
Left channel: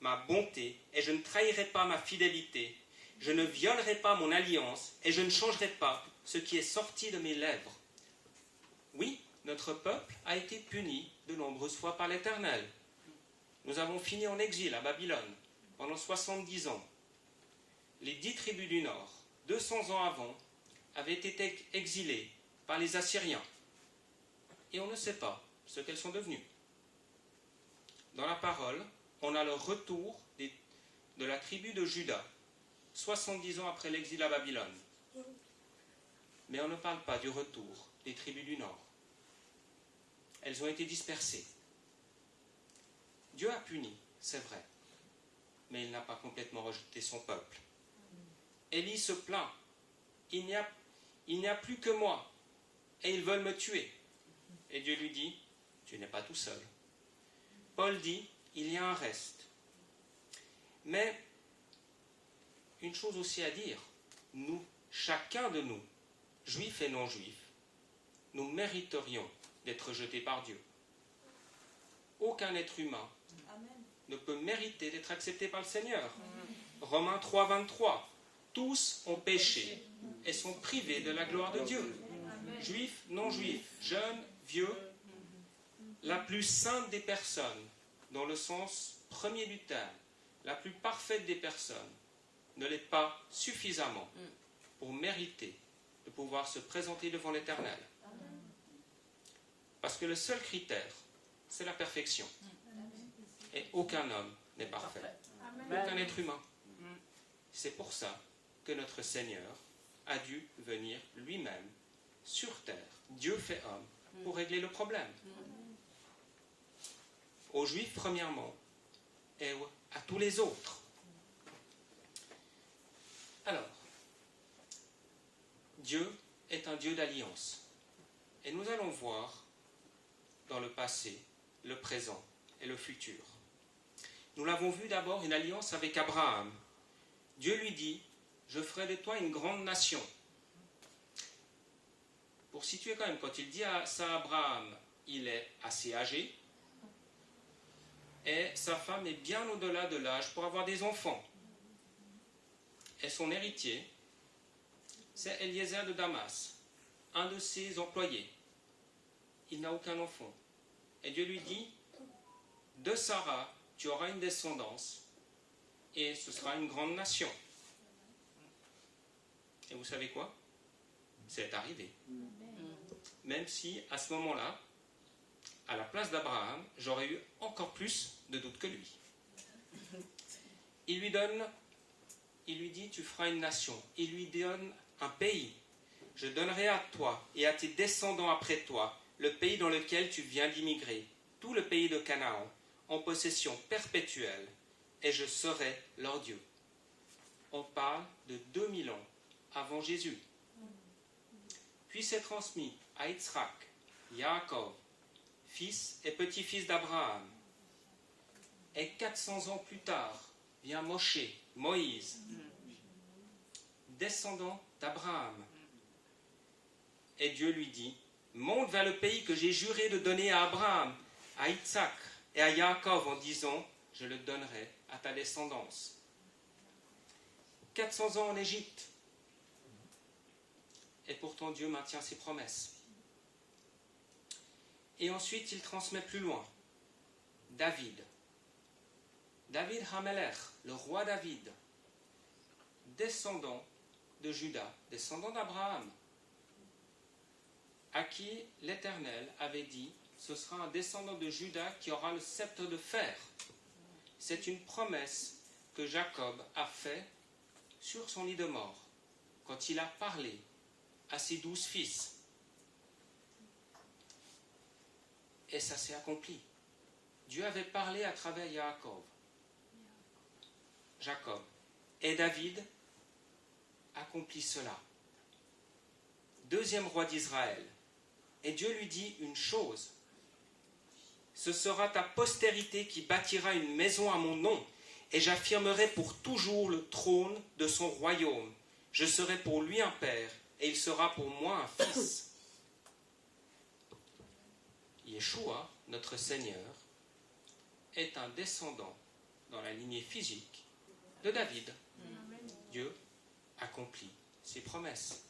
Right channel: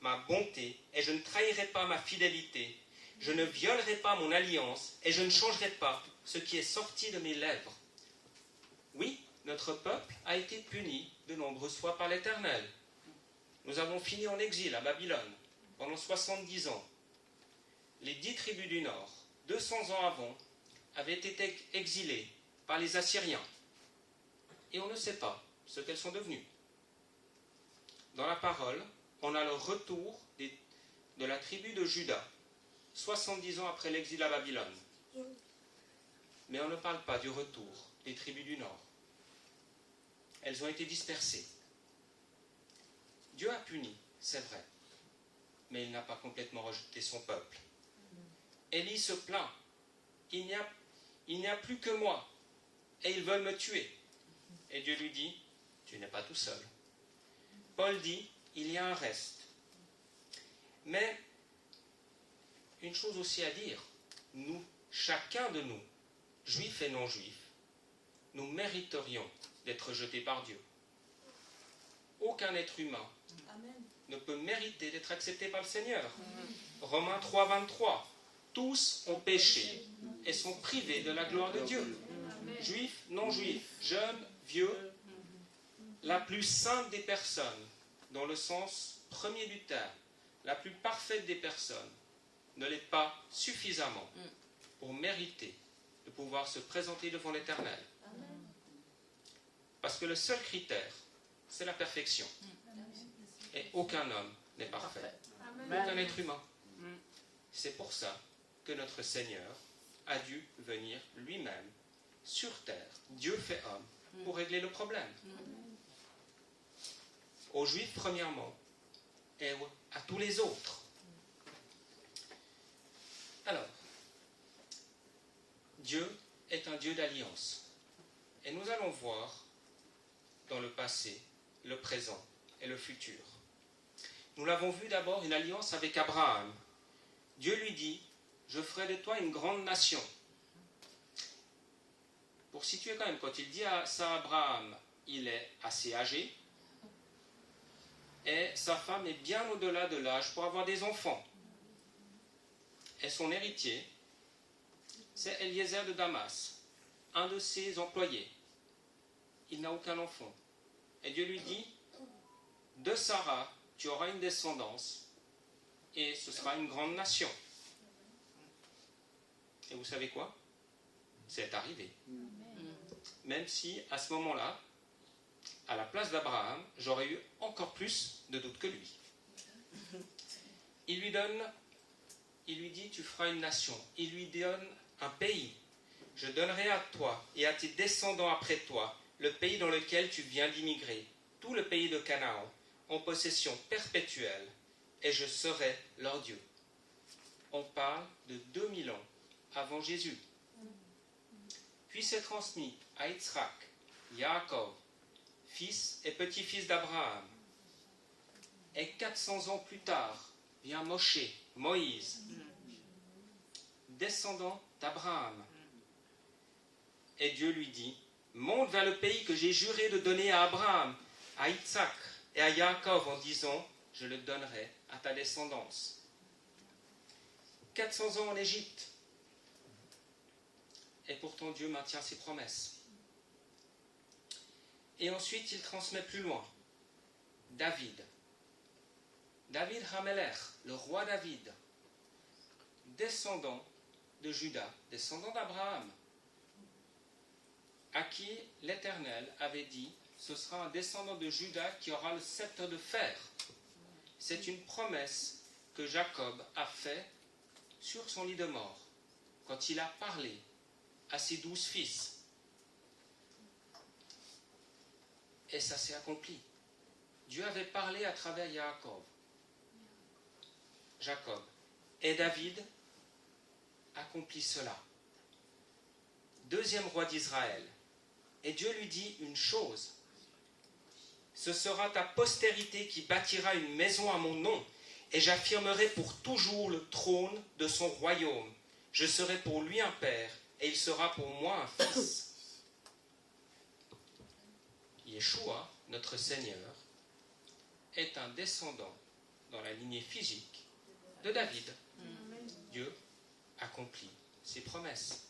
ma bonté, et je ne trahirai pas ma fidélité. Je ne violerai pas mon alliance, et je ne changerai pas ce qui est sorti de mes lèvres. Oui, notre peuple a été puni de nombreuses fois par l'Éternel. Nous avons fini en exil à Babylone pendant 70 ans. Les 10 tribus du Nord, 200 ans avant, avaient été exilées par les Assyriens. Et on ne sait pas ce qu'elles sont devenues. Dans la parole, on a le retour de la tribu de Juda, 70 ans après l'exil à Babylone. Mais on ne parle pas du retour des tribus du Nord. Elles ont été dispersées. Dieu a puni, c'est vrai, mais il n'a pas complètement rejeté son peuple. Élie se plaint. Il n'y a plus que moi, et ils veulent me tuer. Et Dieu lui dit, tu n'es pas tout seul. Paul dit, il y a un reste, Mais une chose aussi à dire, nous, chacun de nous, juifs et non-juifs, nous mériterions d'être jetés par Dieu. Aucun être humain ne peut mériter d'être accepté par le Seigneur. Romains 3, 23. Tous ont péché et sont privés de la gloire de Dieu. Juifs, non-juifs, jeunes, vieux, la plus sainte des personnes, dans le sens premier du terme, la plus parfaite des personnes, ne l'est pas suffisamment pour mériter de pouvoir se présenter devant l'Éternel. Parce que le seul critère, c'est la perfection. Et aucun homme n'est parfait. Aucun être humain. C'est pour ça que notre Seigneur a dû venir lui-même sur terre, Dieu fait homme, pour régler le problème. Aux Juifs, premièrement, et à tous les autres. Alors, Dieu est un Dieu d'alliance. Et nous allons voir dans le passé, le présent et le futur. Nous l'avons vu d'abord, une alliance avec Abraham. Dieu lui dit, je ferai de toi une grande nation. Pour situer quand même, quand il dit ça à Abraham, il est assez âgé, et sa femme est bien au-delà de l'âge pour avoir des enfants. Et son héritier, c'est Eliezer de Damas, un de ses employés. Il n'a aucun enfant. Et Dieu lui dit, de Sarah, tu auras une descendance, et ce sera une grande nation. Et vous savez quoi? C'est arrivé. Même si, à ce moment-là, à la place d'Abraham, j'aurais eu encore plus de doutes que lui. Il lui dit, tu feras une nation. Il lui donne un pays. Je donnerai à toi et à tes descendants après toi le pays dans lequel tu viens d'immigrer, tout le pays de Canaan, en possession perpétuelle, et je serai leur Dieu. On parle de 2000 ans avant Jésus. Puis c'est transmis à Yitzhak, Yaakov, fils et petit-fils d'Abraham. Et 400 ans plus tard, vient Moshe, Moïse, descendant d'Abraham. Et Dieu lui dit, monte vers le pays que j'ai juré de donner à Abraham, à Yitzhak et à Yaakov en disant, je le donnerai à ta descendance. 400 ans en Égypte. Et pourtant Dieu maintient ses promesses. Et ensuite il transmet plus loin. David Hamelech, le roi David, descendant de Juda, descendant d'Abraham, à qui l'Éternel avait dit, ce sera un descendant de Juda qui aura le sceptre de fer. C'est une promesse que Jacob a faite sur son lit de mort, quand il a parlé à ses 12 fils. Et ça s'est accompli. Dieu avait parlé à travers Jacob. Et David accomplit cela. Deuxième roi d'Israël. Et Dieu lui dit une chose. Ce sera ta postérité qui bâtira une maison à mon nom, et j'affirmerai pour toujours le trône de son royaume. Je serai pour lui un père, et il sera pour moi un fils. Yeshua, notre Seigneur, est un descendant dans la lignée physique de David. Dieu accomplit ses promesses.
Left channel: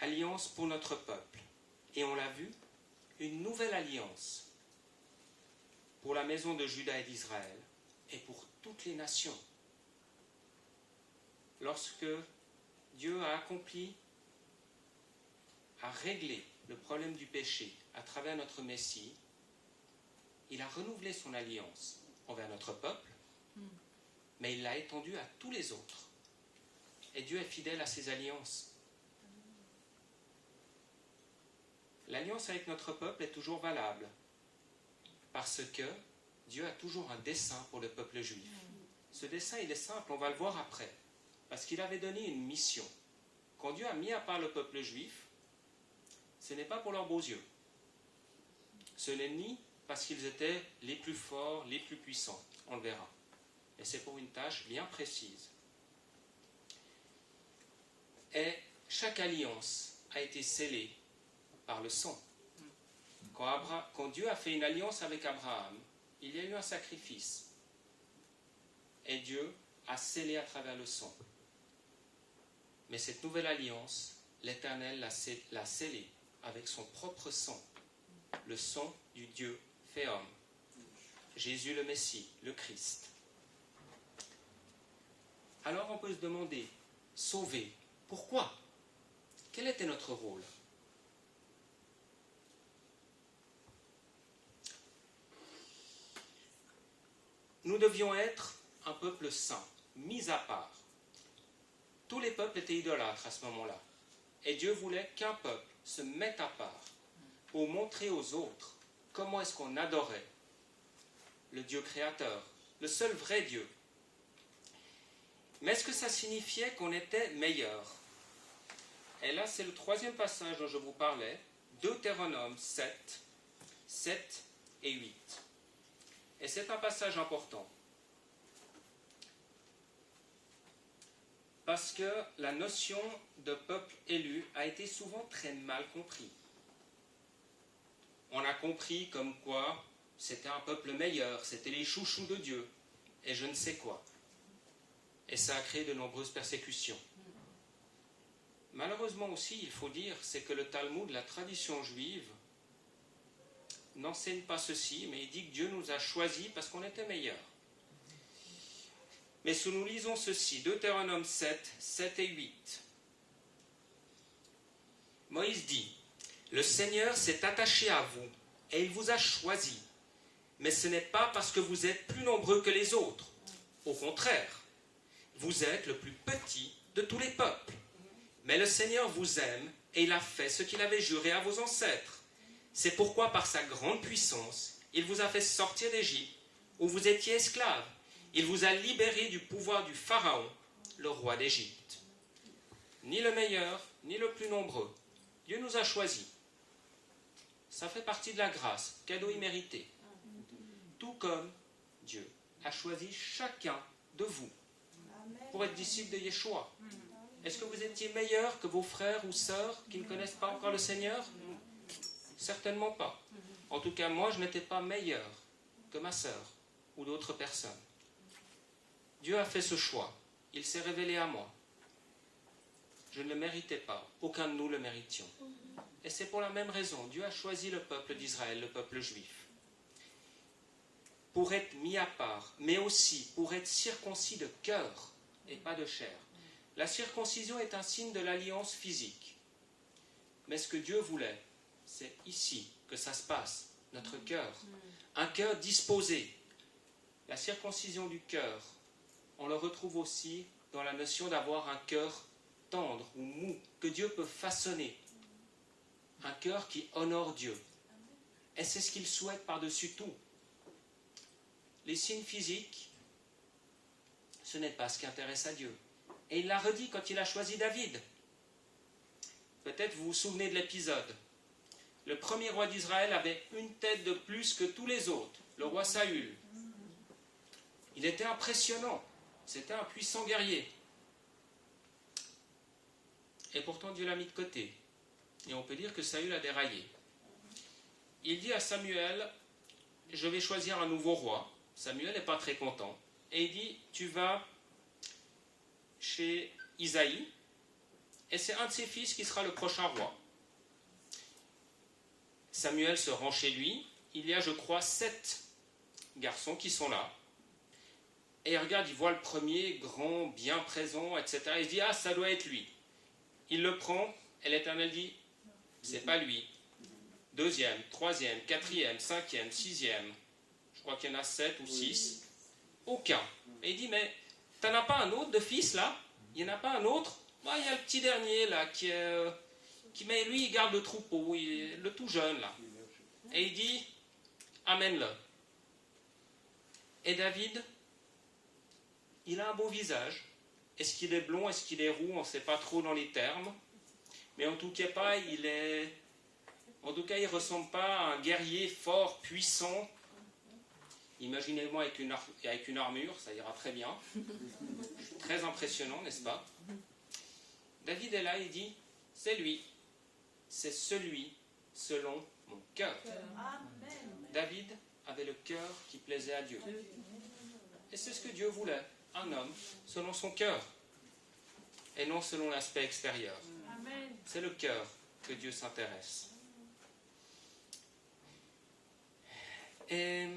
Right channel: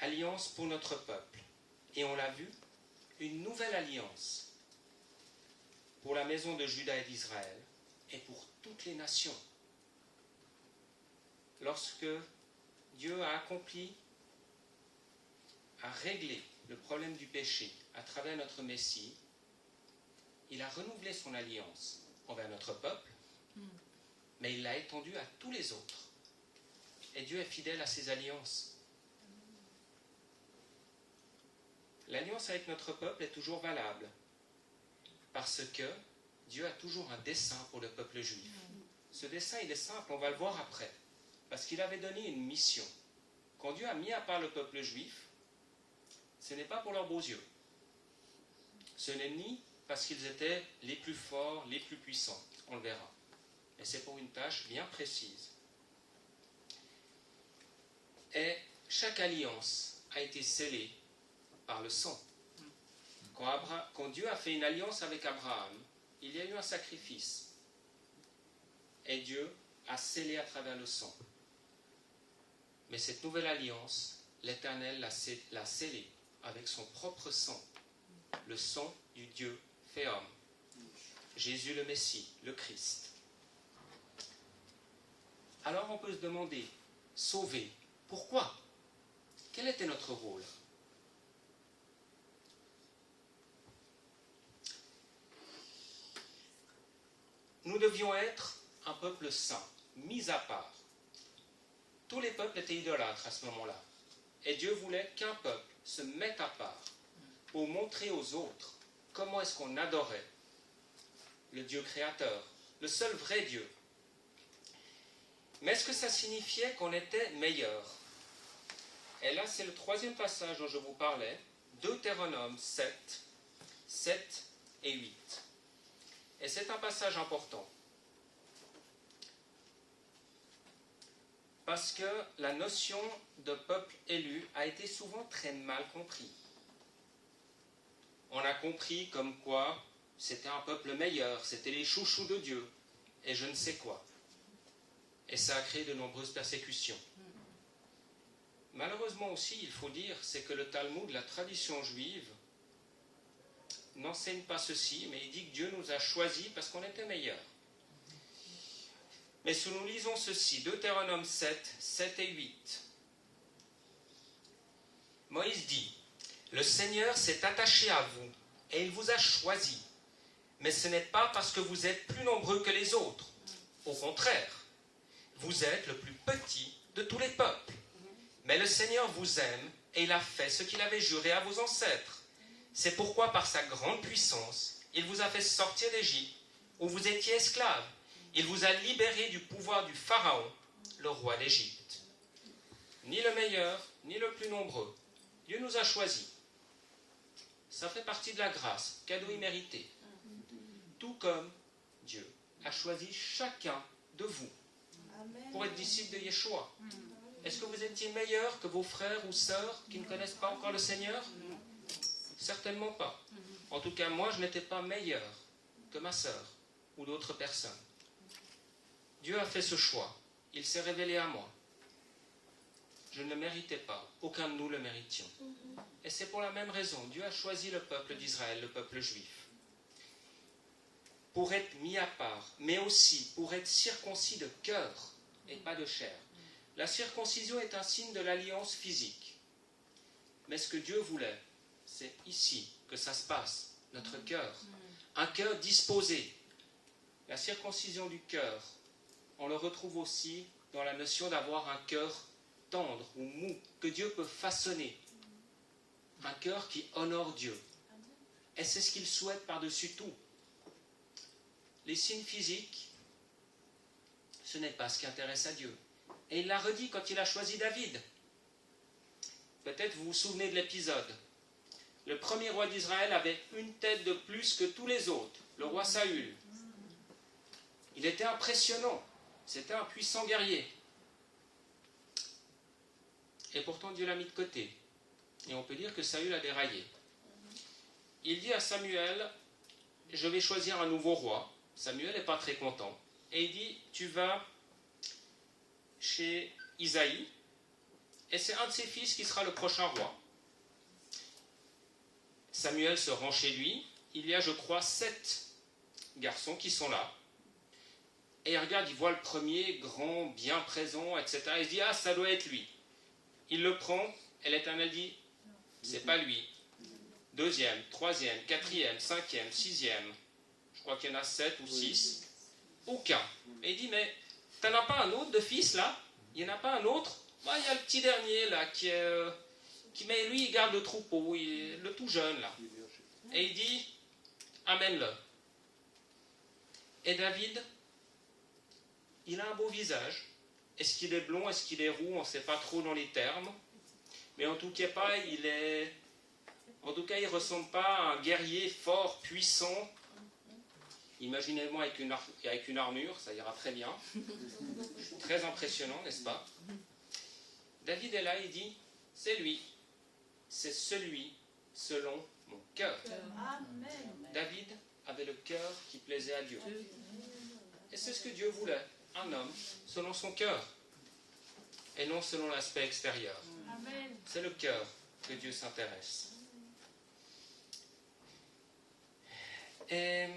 Alliance pour notre peuple. Et on l'a vu, une nouvelle alliance pour la maison de Juda et d'Israël et pour toutes les nations. Lorsque Dieu a accompli, a réglé le problème du péché à travers notre Messie, il a renouvelé son alliance envers notre peuple, mais il l'a étendue à tous les autres. Et Dieu est fidèle à ses alliances. L'alliance avec notre peuple est toujours valable, parce que Dieu a toujours un dessein pour le peuple juif. Ce dessein, il est simple, on va le voir après, parce qu'il avait donné une mission. Quand Dieu a mis à part le peuple juif, ce n'est pas pour leurs beaux yeux. Ce n'est ni parce qu'ils étaient les plus forts, les plus puissants, on le verra. mais c'est pour une tâche bien précise. Et chaque alliance a été scellée par le sang. Quand Dieu a fait une alliance avec Abraham, il y a eu un sacrifice. Et Dieu a scellé à travers le sang. Mais cette nouvelle alliance, l'Éternel l'a scellée avec son propre sang, le sang du Dieu fait homme, Jésus le Messie, le Christ. Alors on peut se demander, sauver, pourquoi? Quel était notre rôle? Nous devions être un peuple saint, mis à part. Tous les peuples étaient idolâtres à ce moment-là. Et Dieu voulait qu'un peuple se mette à part pour montrer aux autres comment est-ce qu'on adorait le Dieu créateur, le seul vrai Dieu. Mais est-ce que ça signifiait qu'on était meilleur? Et là, c'est le troisième passage dont je vous parlais, Deutéronome 7, 7 et 8. Et c'est un passage important. Parce que la notion de peuple élu a été souvent très mal comprise. On a compris comme quoi c'était un peuple meilleur, c'était les chouchous de Dieu, et je ne sais quoi. Et ça a créé de nombreuses persécutions. Malheureusement aussi, il faut dire, c'est que le Talmud, la tradition juive, n'enseigne pas ceci, mais il dit que Dieu nous a choisis parce qu'on était meilleurs. Mais si nous lisons ceci, Deutéronome 7, 7 et 8, Moïse dit, « Le Seigneur s'est attaché à vous, et il vous a choisi, mais ce n'est pas parce que vous êtes plus nombreux que les autres. Au contraire, vous êtes le plus petit de tous les peuples. Mais le Seigneur vous aime, et il a fait ce qu'il avait juré à vos ancêtres. C'est pourquoi, par sa grande puissance, il vous a fait sortir d'Égypte, où vous étiez esclaves. Il vous a libérés du pouvoir du Pharaon, le roi d'Égypte. » Ni le meilleur, ni le plus nombreux. Dieu nous a choisis. Ça fait partie de la grâce, cadeau immérité. Tout comme Dieu a choisi chacun de vous pour être disciple de Yeshua. Est-ce que vous étiez meilleur que vos frères ou sœurs qui ne connaissent pas encore le Seigneur? Certainement pas. En tout cas, moi, je n'étais pas meilleur que ma sœur ou d'autres personnes. Dieu a fait ce choix. Il s'est révélé à moi. Je ne le méritais pas. Aucun de nous le méritions. Et c'est pour la même raison. Dieu a choisi le peuple d'Israël, le peuple juif, pour être mis à part, mais aussi pour être circoncis de cœur et pas de chair. La circoncision est un signe de l'alliance physique. Mais ce que Dieu voulait, c'est ici que ça se passe, notre cœur. Un cœur disposé. La circoncision du cœur, on le retrouve aussi dans la notion d'avoir un cœur tendre ou mou, que Dieu peut façonner. Un cœur qui honore Dieu. Et c'est ce qu'il souhaite par-dessus tout. Les signes physiques, ce n'est pas ce qui intéresse à Dieu. Et il l'a redit quand il a choisi David. Peut-être vous vous souvenez de l'épisode. Le premier roi d'Israël avait une tête de plus que tous les autres, le roi Saül. Il était impressionnant. C'était un puissant guerrier. Et pourtant Dieu l'a mis de côté. Et on peut dire que Saül a déraillé. Il dit à Samuel, je vais choisir un nouveau roi. Samuel n'est pas très content. Et il dit, tu vas chez Isaïe, et c'est un de ses fils qui sera le prochain roi. Samuel se rend chez lui. Il y a, je crois, 7 garçons qui sont là. Et il regarde, il voit le premier, grand, bien présent, etc. Il se dit, ah, ça doit être lui. Il le prend, et l'Éternel dit, c'est pas lui. 2e, 3e, 4e, 5e, 6e. Je crois qu'il y en a 7 ou 6. Aucun. Et il dit, mais t'en as pas un autre de fils là? Il n'y en a pas un autre? Moi, il y a le petit dernier là mais lui, il garde le troupeau, le tout jeune là. Et il dit, amène-le. Et David, il a un beau visage. Est-ce qu'il est blond, est-ce qu'il est roux? On ne sait pas trop dans les termes. Mais en tout cas, il ne ressemble pas à un guerrier fort, puissant. Imaginez-moi avec une armure, ça ira très bien. Très impressionnant, n'est-ce pas? David est là, il dit, c'est lui, c'est celui selon mon cœur. David avait le cœur qui plaisait à Dieu. Et c'est ce que Dieu voulait, un homme selon son cœur, et non selon l'aspect extérieur. C'est le cœur que Dieu s'intéresse. Et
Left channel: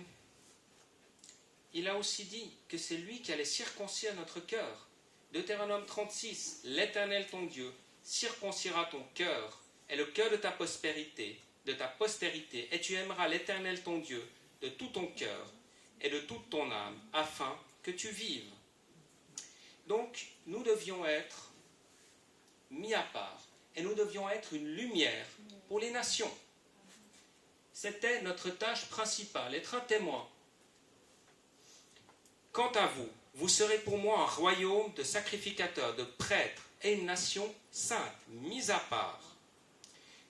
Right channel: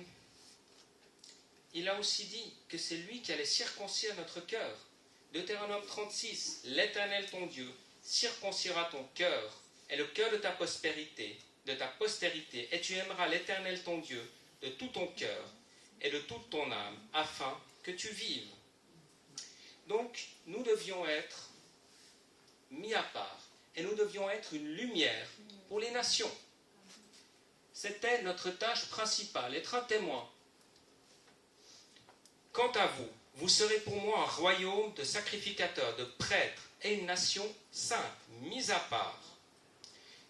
il a aussi dit que c'est lui qui allait circoncire notre cœur. Deutéronome 36, l'Éternel ton Dieu circoncira ton cœur et le cœur de ta postérité, et tu aimeras l'Éternel ton Dieu de tout ton cœur et de toute ton âme, afin que tu vives. Donc, nous devions être mis à part, et nous devions être une lumière pour les nations. C'était notre tâche principale, être un témoin. Quant à vous, vous serez pour moi un royaume de sacrificateurs, de prêtres et une nation sainte, mise à part.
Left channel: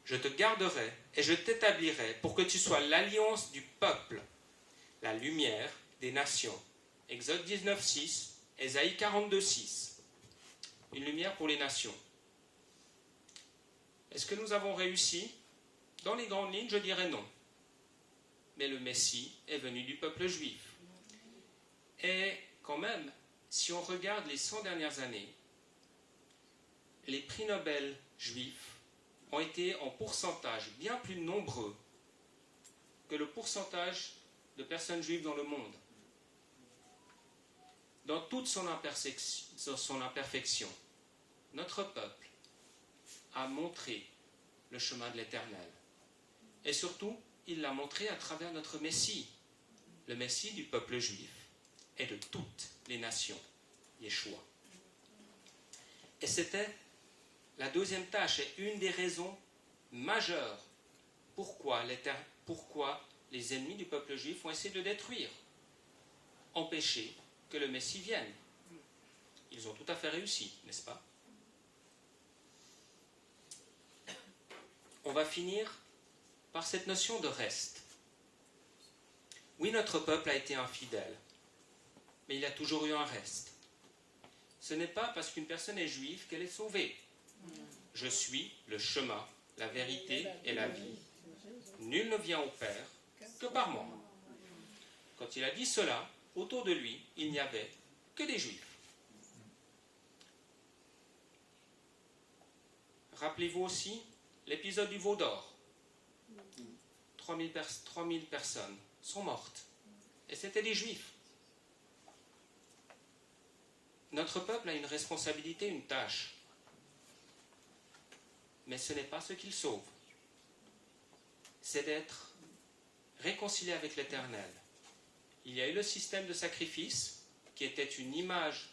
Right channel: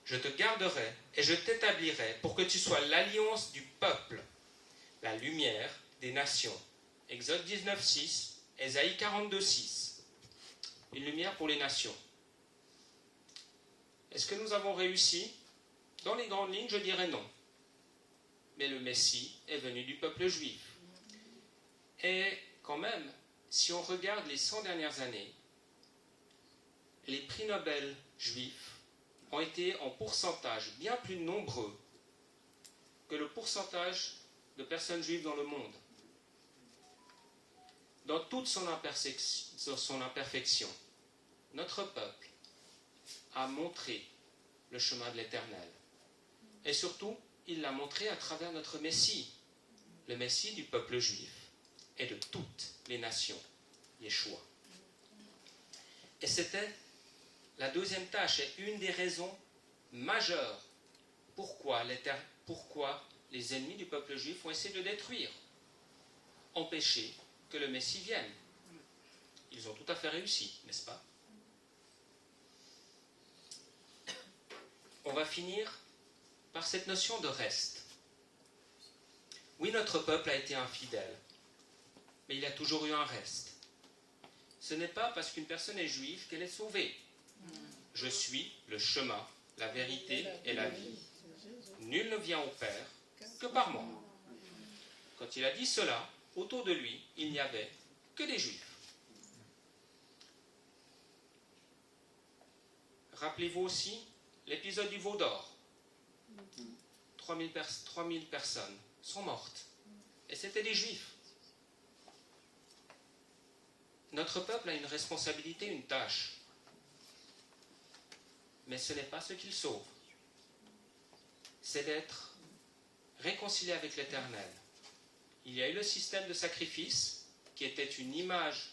Je te garderai et je t'établirai pour que tu sois l'alliance du peuple, la lumière des nations. Exode 19, 6, Ésaïe 42, 6. Une lumière pour les nations. Est-ce que nous avons réussi? Dans les grandes lignes, je dirais non. Mais le Messie est venu du peuple juif. Et quand même, si on regarde les 100 dernières années, les prix Nobel juifs ont été en pourcentage bien plus nombreux que le pourcentage de personnes juives dans le monde. Dans toute son imperfection, notre peuple a montré le chemin de l'Éternel. Et surtout, il l'a montré à travers notre Messie, le Messie du peuple juif et de toutes les nations, Yeshua. Et c'était la deuxième tâche et une des raisons majeures pourquoi les ennemis du peuple juif ont essayé de le détruire, empêcher que le Messie vienne. Ils ont tout à fait réussi, n'est-ce pas? On va finir par cette notion de reste. Oui, notre peuple a été infidèle, mais il y a toujours eu un reste. Ce n'est pas parce qu'une personne est juive qu'elle est sauvée. Je suis le chemin, la vérité et la vie. Nul ne vient au Père que par moi. Quand il a dit cela, autour de lui, il n'y avait que des juifs. Rappelez-vous aussi l'épisode du veau d'or. 3000 personnes sont mortes. Et c'était des juifs. Notre peuple a une responsabilité, une tâche. Mais ce n'est pas ce qu'il sauve. C'est d'être réconcilié avec l'Éternel. Il y a eu le système de sacrifice qui était une image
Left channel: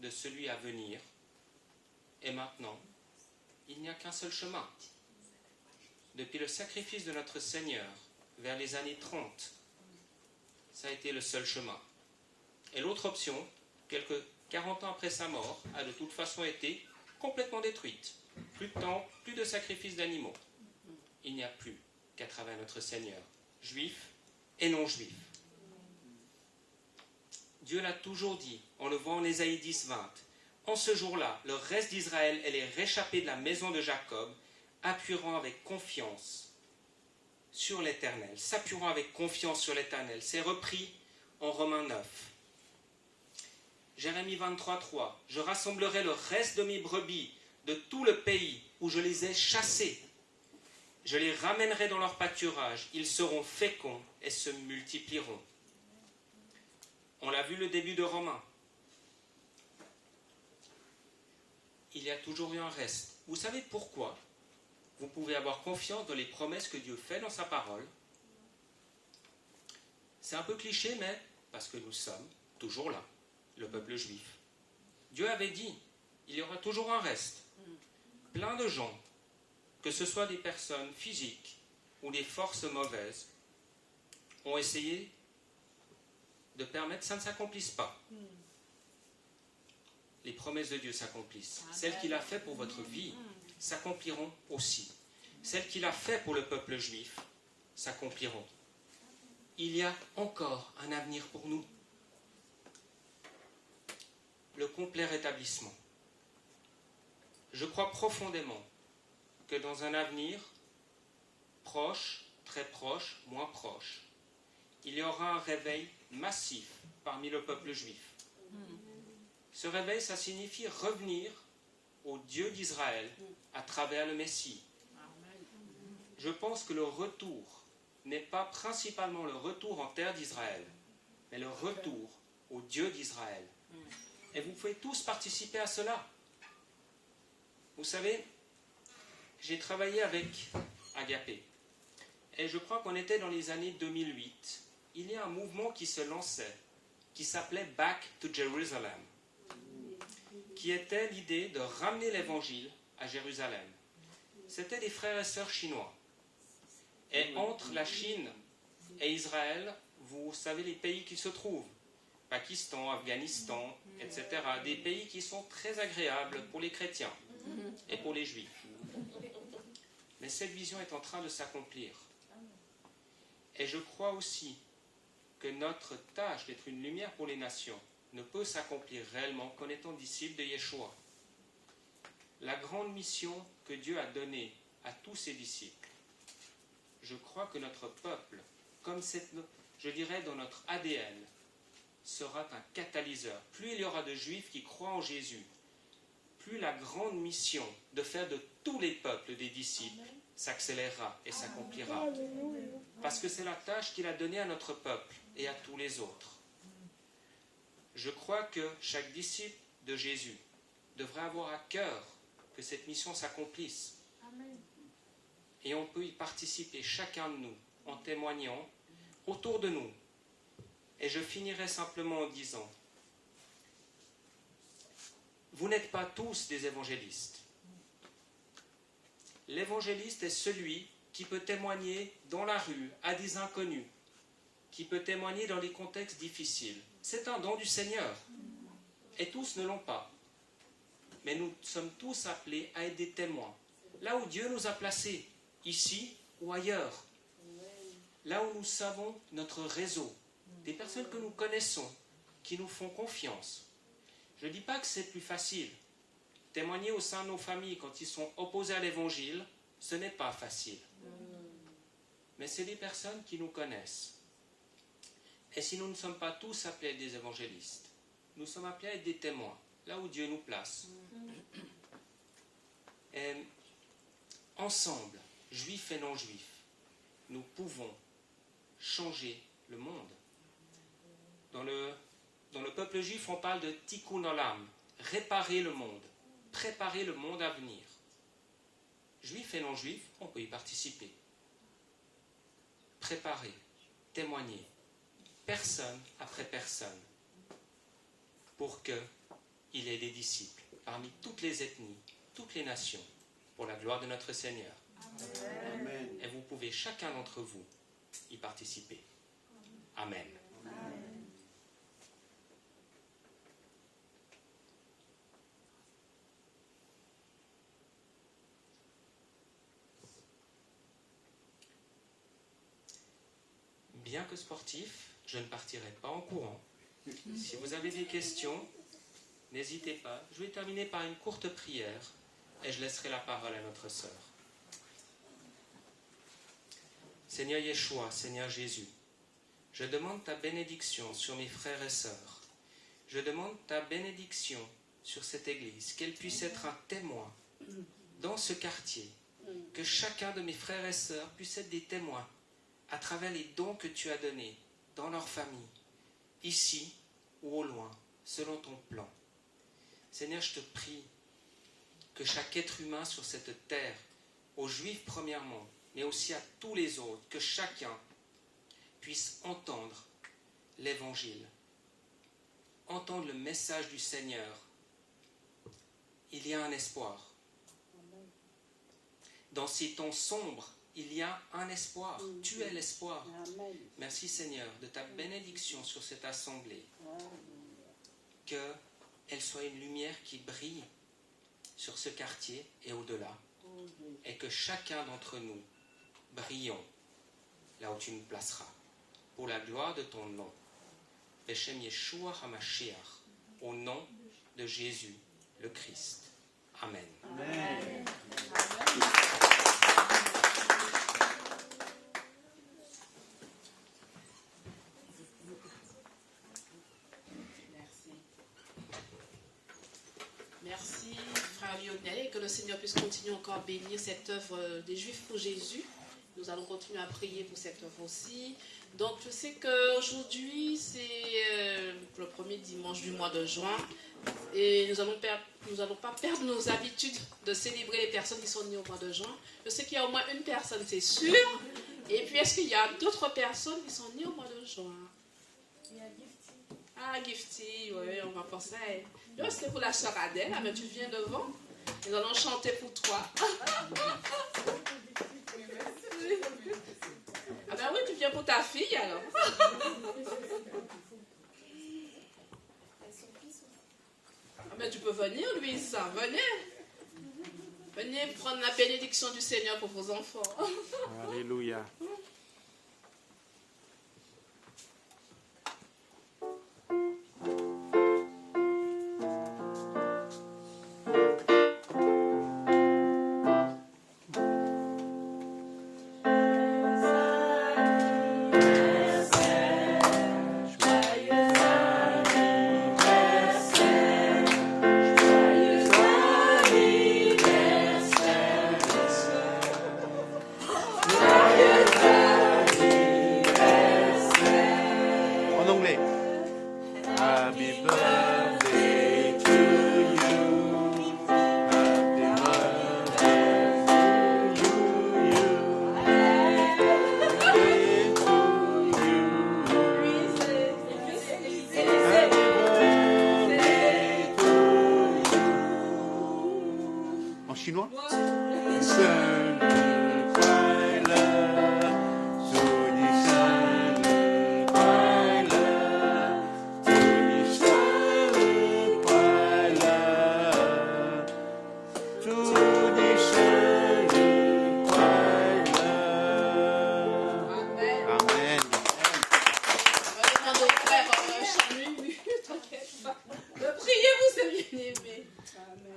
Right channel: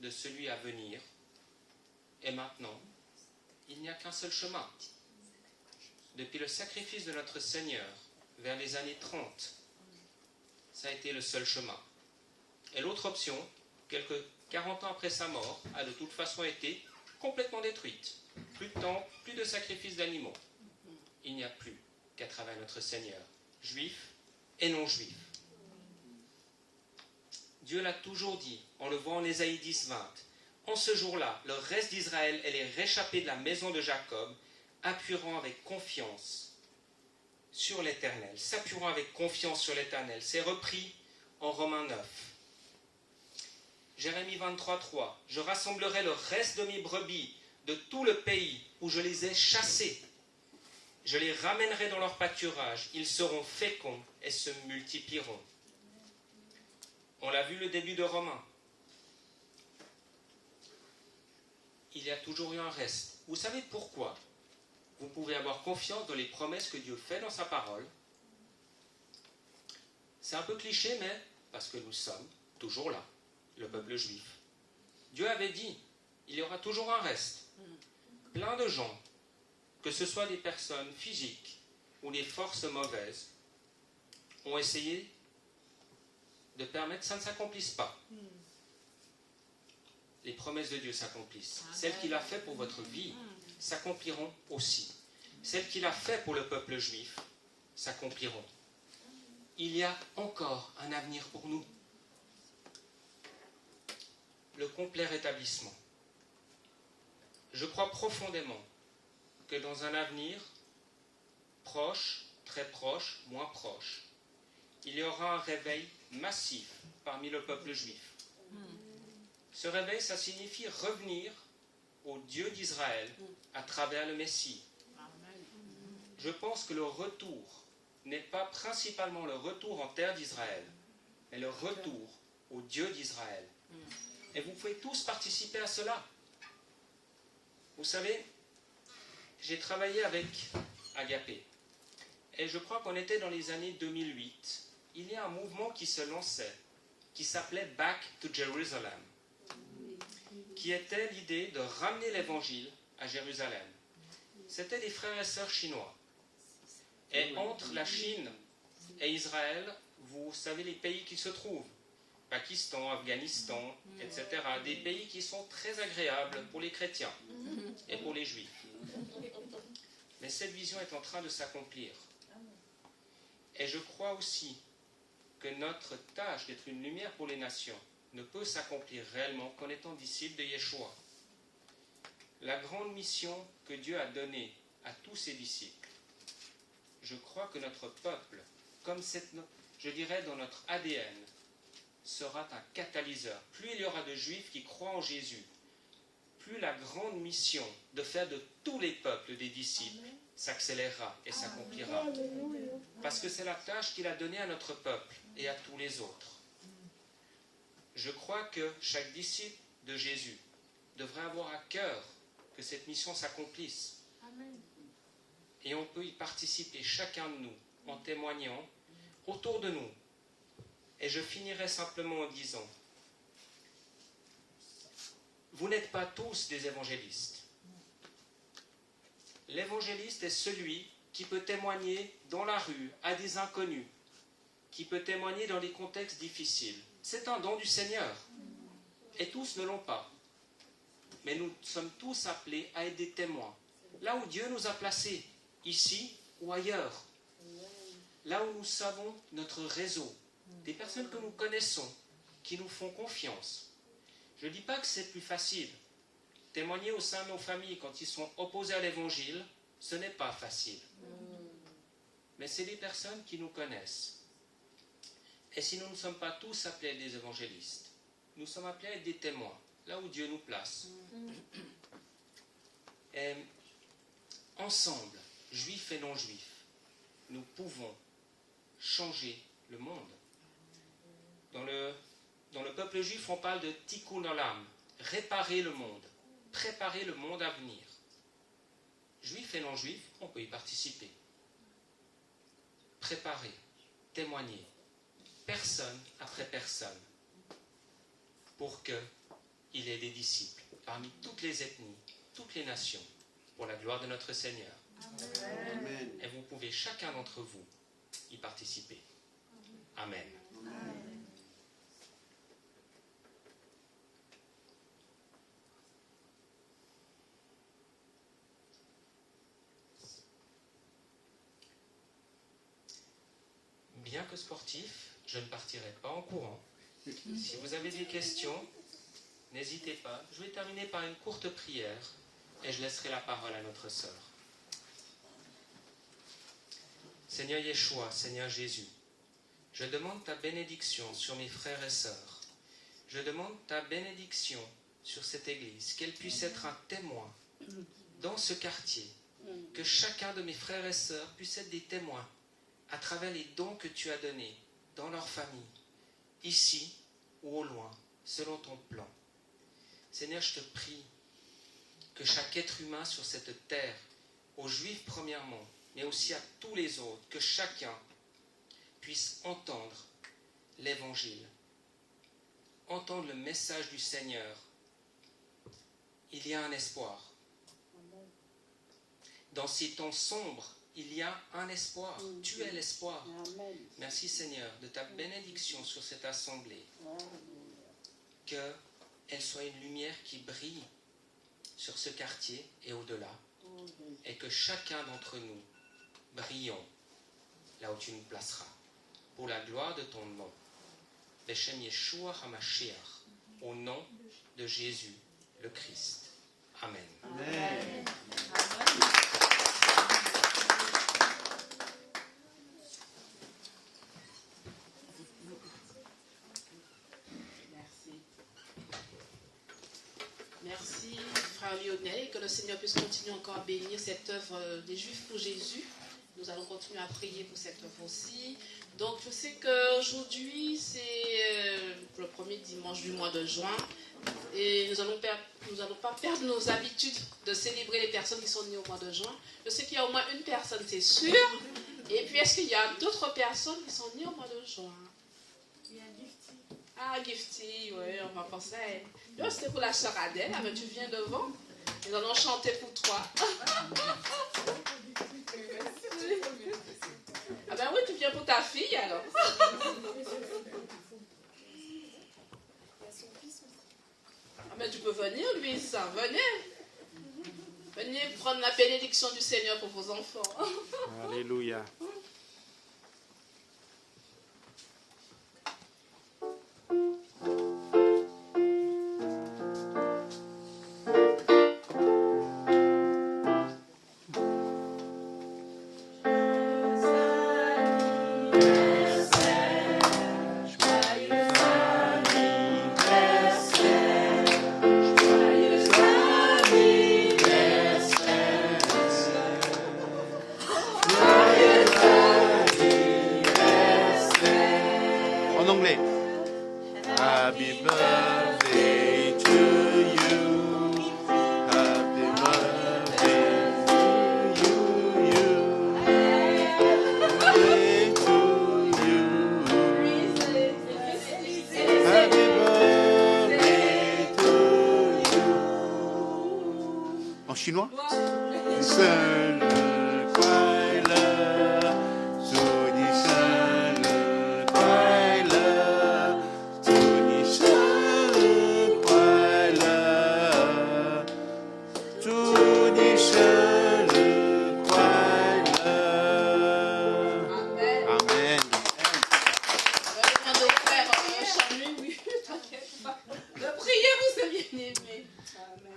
de celui à venir. Et maintenant, il n'y a qu'un seul chemin. Depuis le sacrifice de notre Seigneur, vers les années 30, ça a été le seul chemin. Et l'autre option, quelques 40 ans après sa mort, a de toute façon été complètement détruite. Plus de temps, plus de sacrifices d'animaux. Il n'y a plus qu'à travers notre Seigneur, juif et non juif. Dieu l'a toujours dit, on le voit en Ésaïe 10, 20. En ce jour-là, le reste d'Israël et les réchappés de la maison de Jacob appuieront avec confiance sur l'Éternel. S'appuieront avec confiance sur l'Éternel. C'est repris en Romains 9. Jérémie 23, 3. Je rassemblerai le reste de mes brebis de tout le pays où je les ai chassés. Je les ramènerai dans leur pâturage. Ils seront féconds et se multiplieront. On l'a vu le début de Romains. Il y a toujours eu un reste. Vous savez pourquoi vous pouvez avoir confiance dans les promesses que Dieu fait dans sa parole? C'est un peu cliché, mais parce que nous sommes toujours là, le peuple juif. Dieu avait dit, il y aura toujours un reste. Plein de gens, que ce soit des personnes physiques ou des forces mauvaises, ont essayé de permettre que ça ne s'accomplisse pas. Les promesses de Dieu s'accomplissent. Celles qu'il a fait pour votre vie s'accompliront aussi. Celles qu'il a fait pour le peuple juif s'accompliront. il y a encore un avenir pour nous. Le complet rétablissement. Je crois profondément que dans un avenir proche, très proche, moins proche, il y aura un réveil massif parmi le peuple juif. Ce réveil, ça signifie revenir au Dieu d'Israël à travers le Messie. Je pense que le retour n'est pas principalement le retour en terre d'Israël, mais le retour au Dieu d'Israël. Et vous pouvez tous participer à cela. Vous savez, j'ai travaillé avec Agapé. Et je crois qu'on était dans les années 2008. Il y a un mouvement qui se lançait, qui s'appelait Back to Jerusalem, qui était l'idée de ramener l'évangile à Jérusalem. C'était des frères et sœurs chinois. Et entre la Chine et Israël, vous savez les pays qui se trouvent. Pakistan, Afghanistan, etc. Des pays qui sont très agréables pour les chrétiens et pour les juifs. Mais cette vision est en train de s'accomplir. Et je crois aussi que notre tâche d'être une lumière pour les nations ne peut s'accomplir réellement qu'en étant disciples de Yeshua. La grande mission que Dieu a donnée à tous ses disciples, je crois que notre peuple, comme je dirais dans notre ADN, sera un catalyseur. Plus il y aura de Juifs qui croient en Jésus, plus la grande mission de faire de tous les peuples des disciples s'accélérera et s'accomplira. Parce que c'est la tâche qu'il a donnée à notre peuple et à tous les autres. Je crois que chaque disciple de Jésus devrait avoir à cœur que cette mission s'accomplisse. Et on peut y participer, chacun de nous, en témoignant autour de nous. Et je finirai simplement en disant, vous n'êtes pas tous des évangélistes. L'évangéliste est celui qui peut témoigner dans la rue à des inconnus, qui peut témoigner dans des contextes difficiles. C'est un don du Seigneur. Et tous ne l'ont pas. Mais nous sommes tous appelés à être des témoins. Là où Dieu nous a placés, ici ou ailleurs. Là où nous savons notre réseau, des personnes que nous connaissons, qui nous font confiance. Je ne dis pas que c'est plus facile. Témoigner au sein de nos familles quand ils sont opposés à l'évangile, ce n'est pas facile. Mais c'est des personnes qui nous connaissent. Et si nous ne sommes pas tous appelés à être des évangélistes, nous sommes appelés à être des témoins, là où Dieu nous place. Et ensemble, juifs et non-juifs, nous pouvons changer le monde. Dans le peuple juif, on parle de tikkun olam, réparer le monde, préparer le monde à venir. Juifs et non-juifs, on peut y participer. Préparer, témoigner, personne après personne, pour qu'il y ait des disciples parmi toutes les ethnies, toutes les nations, pour la gloire de notre Seigneur. Amen. Et vous pouvez, chacun d'entre vous, y participer. Amen. Amen. Bien que sportif, je ne partirai pas en courant. Si vous avez des questions, n'hésitez pas. Je vais terminer par une courte prière et je laisserai la parole à notre sœur. Seigneur Yeshua, Seigneur Jésus, je demande ta bénédiction sur mes frères et sœurs. Je demande ta bénédiction sur cette église, qu'elle puisse être un témoin dans ce quartier, que chacun de mes frères et sœurs puisse être des témoins à travers les dons que tu as donnés dans leur famille, ici ou au loin, selon ton plan. Seigneur, je te prie que chaque être humain sur cette terre, aux Juifs premièrement, mais aussi à tous les autres, que chacun puisse entendre l'Évangile, entendre le message du Seigneur. Il y a un espoir. Dans ces temps sombres, il y a un espoir. Tu es l'espoir. Merci Seigneur de ta bénédiction sur cette assemblée. Qu'elle soit une lumière qui brille sur ce quartier et au-delà. Et que chacun d'entre nous brillons là où tu nous placeras. pour la gloire de ton nom. Beshem Yeshua HaMashiach, au nom de Jésus le Christ. Amen. Amen. Merci, frère Lionel, et que le Seigneur puisse continuer encore à bénir cette œuvre des Juifs pour Jésus. Nous allons continuer à prier pour cette œuvre aussi. Donc, je sais qu'aujourd'hui, c'est le premier dimanche du mois de juin. Et nous allons pas perdre nos habitudes de célébrer les personnes qui sont nées au mois de juin. Je sais qu'il y a au moins une personne, c'est sûr. Et puis, est-ce qu'il y a d'autres personnes qui sont nées au mois de juin? Il y a Gifty. Ah, Gifty, oui, on va penser à elle. Yo, c'était pour la sœur Adèle, mais tu viens devant. Nous allons chanter pour toi. Ah ben oui, tu viens pour ta fille alors. Ah ben tu peux venir, Louise, venez. Venez prendre la bénédiction du Seigneur pour vos enfants. Alléluia. Chinois?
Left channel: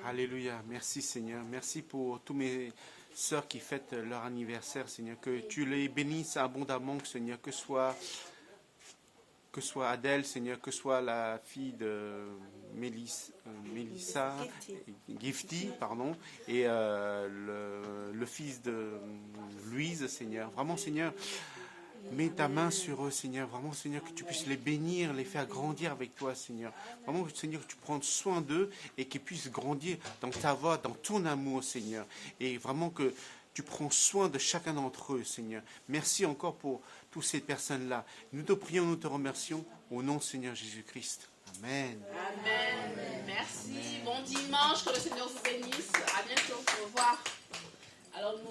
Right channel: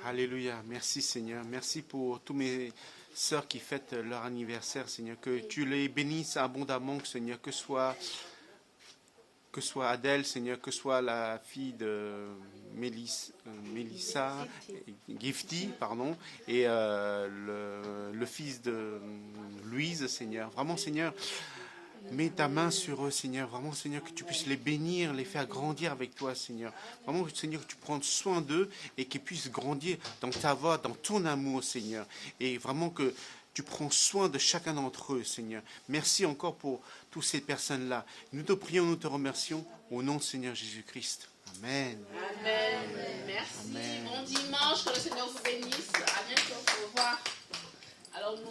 Alléluia. Merci Seigneur. Merci pour tous mes sœurs qui fêtent leur anniversaire, Seigneur. Que tu les bénisses abondamment, Seigneur. Que soit Adèle, Seigneur, que soit la fille de Mélissa, Gifty, pardon, et le fils de Louise, Seigneur. Vraiment, Seigneur, mets ta main sur eux, Seigneur. Vraiment, Seigneur, que tu puisses les bénir, les faire grandir avec toi, Seigneur. Vraiment, Seigneur, que tu prennes soin d'eux et qu'ils puissent grandir dans ta voix, dans ton amour, Seigneur. Et vraiment que tu prends soin de chacun d'entre eux, Seigneur. Merci encore pour toutes ces personnes-là. Nous te prions, nous te remercions au nom de Seigneur Jésus-Christ. Amen. Amen. Merci. Amen. Bon dimanche, que le Seigneur vous bénisse. À bientôt. Au revoir.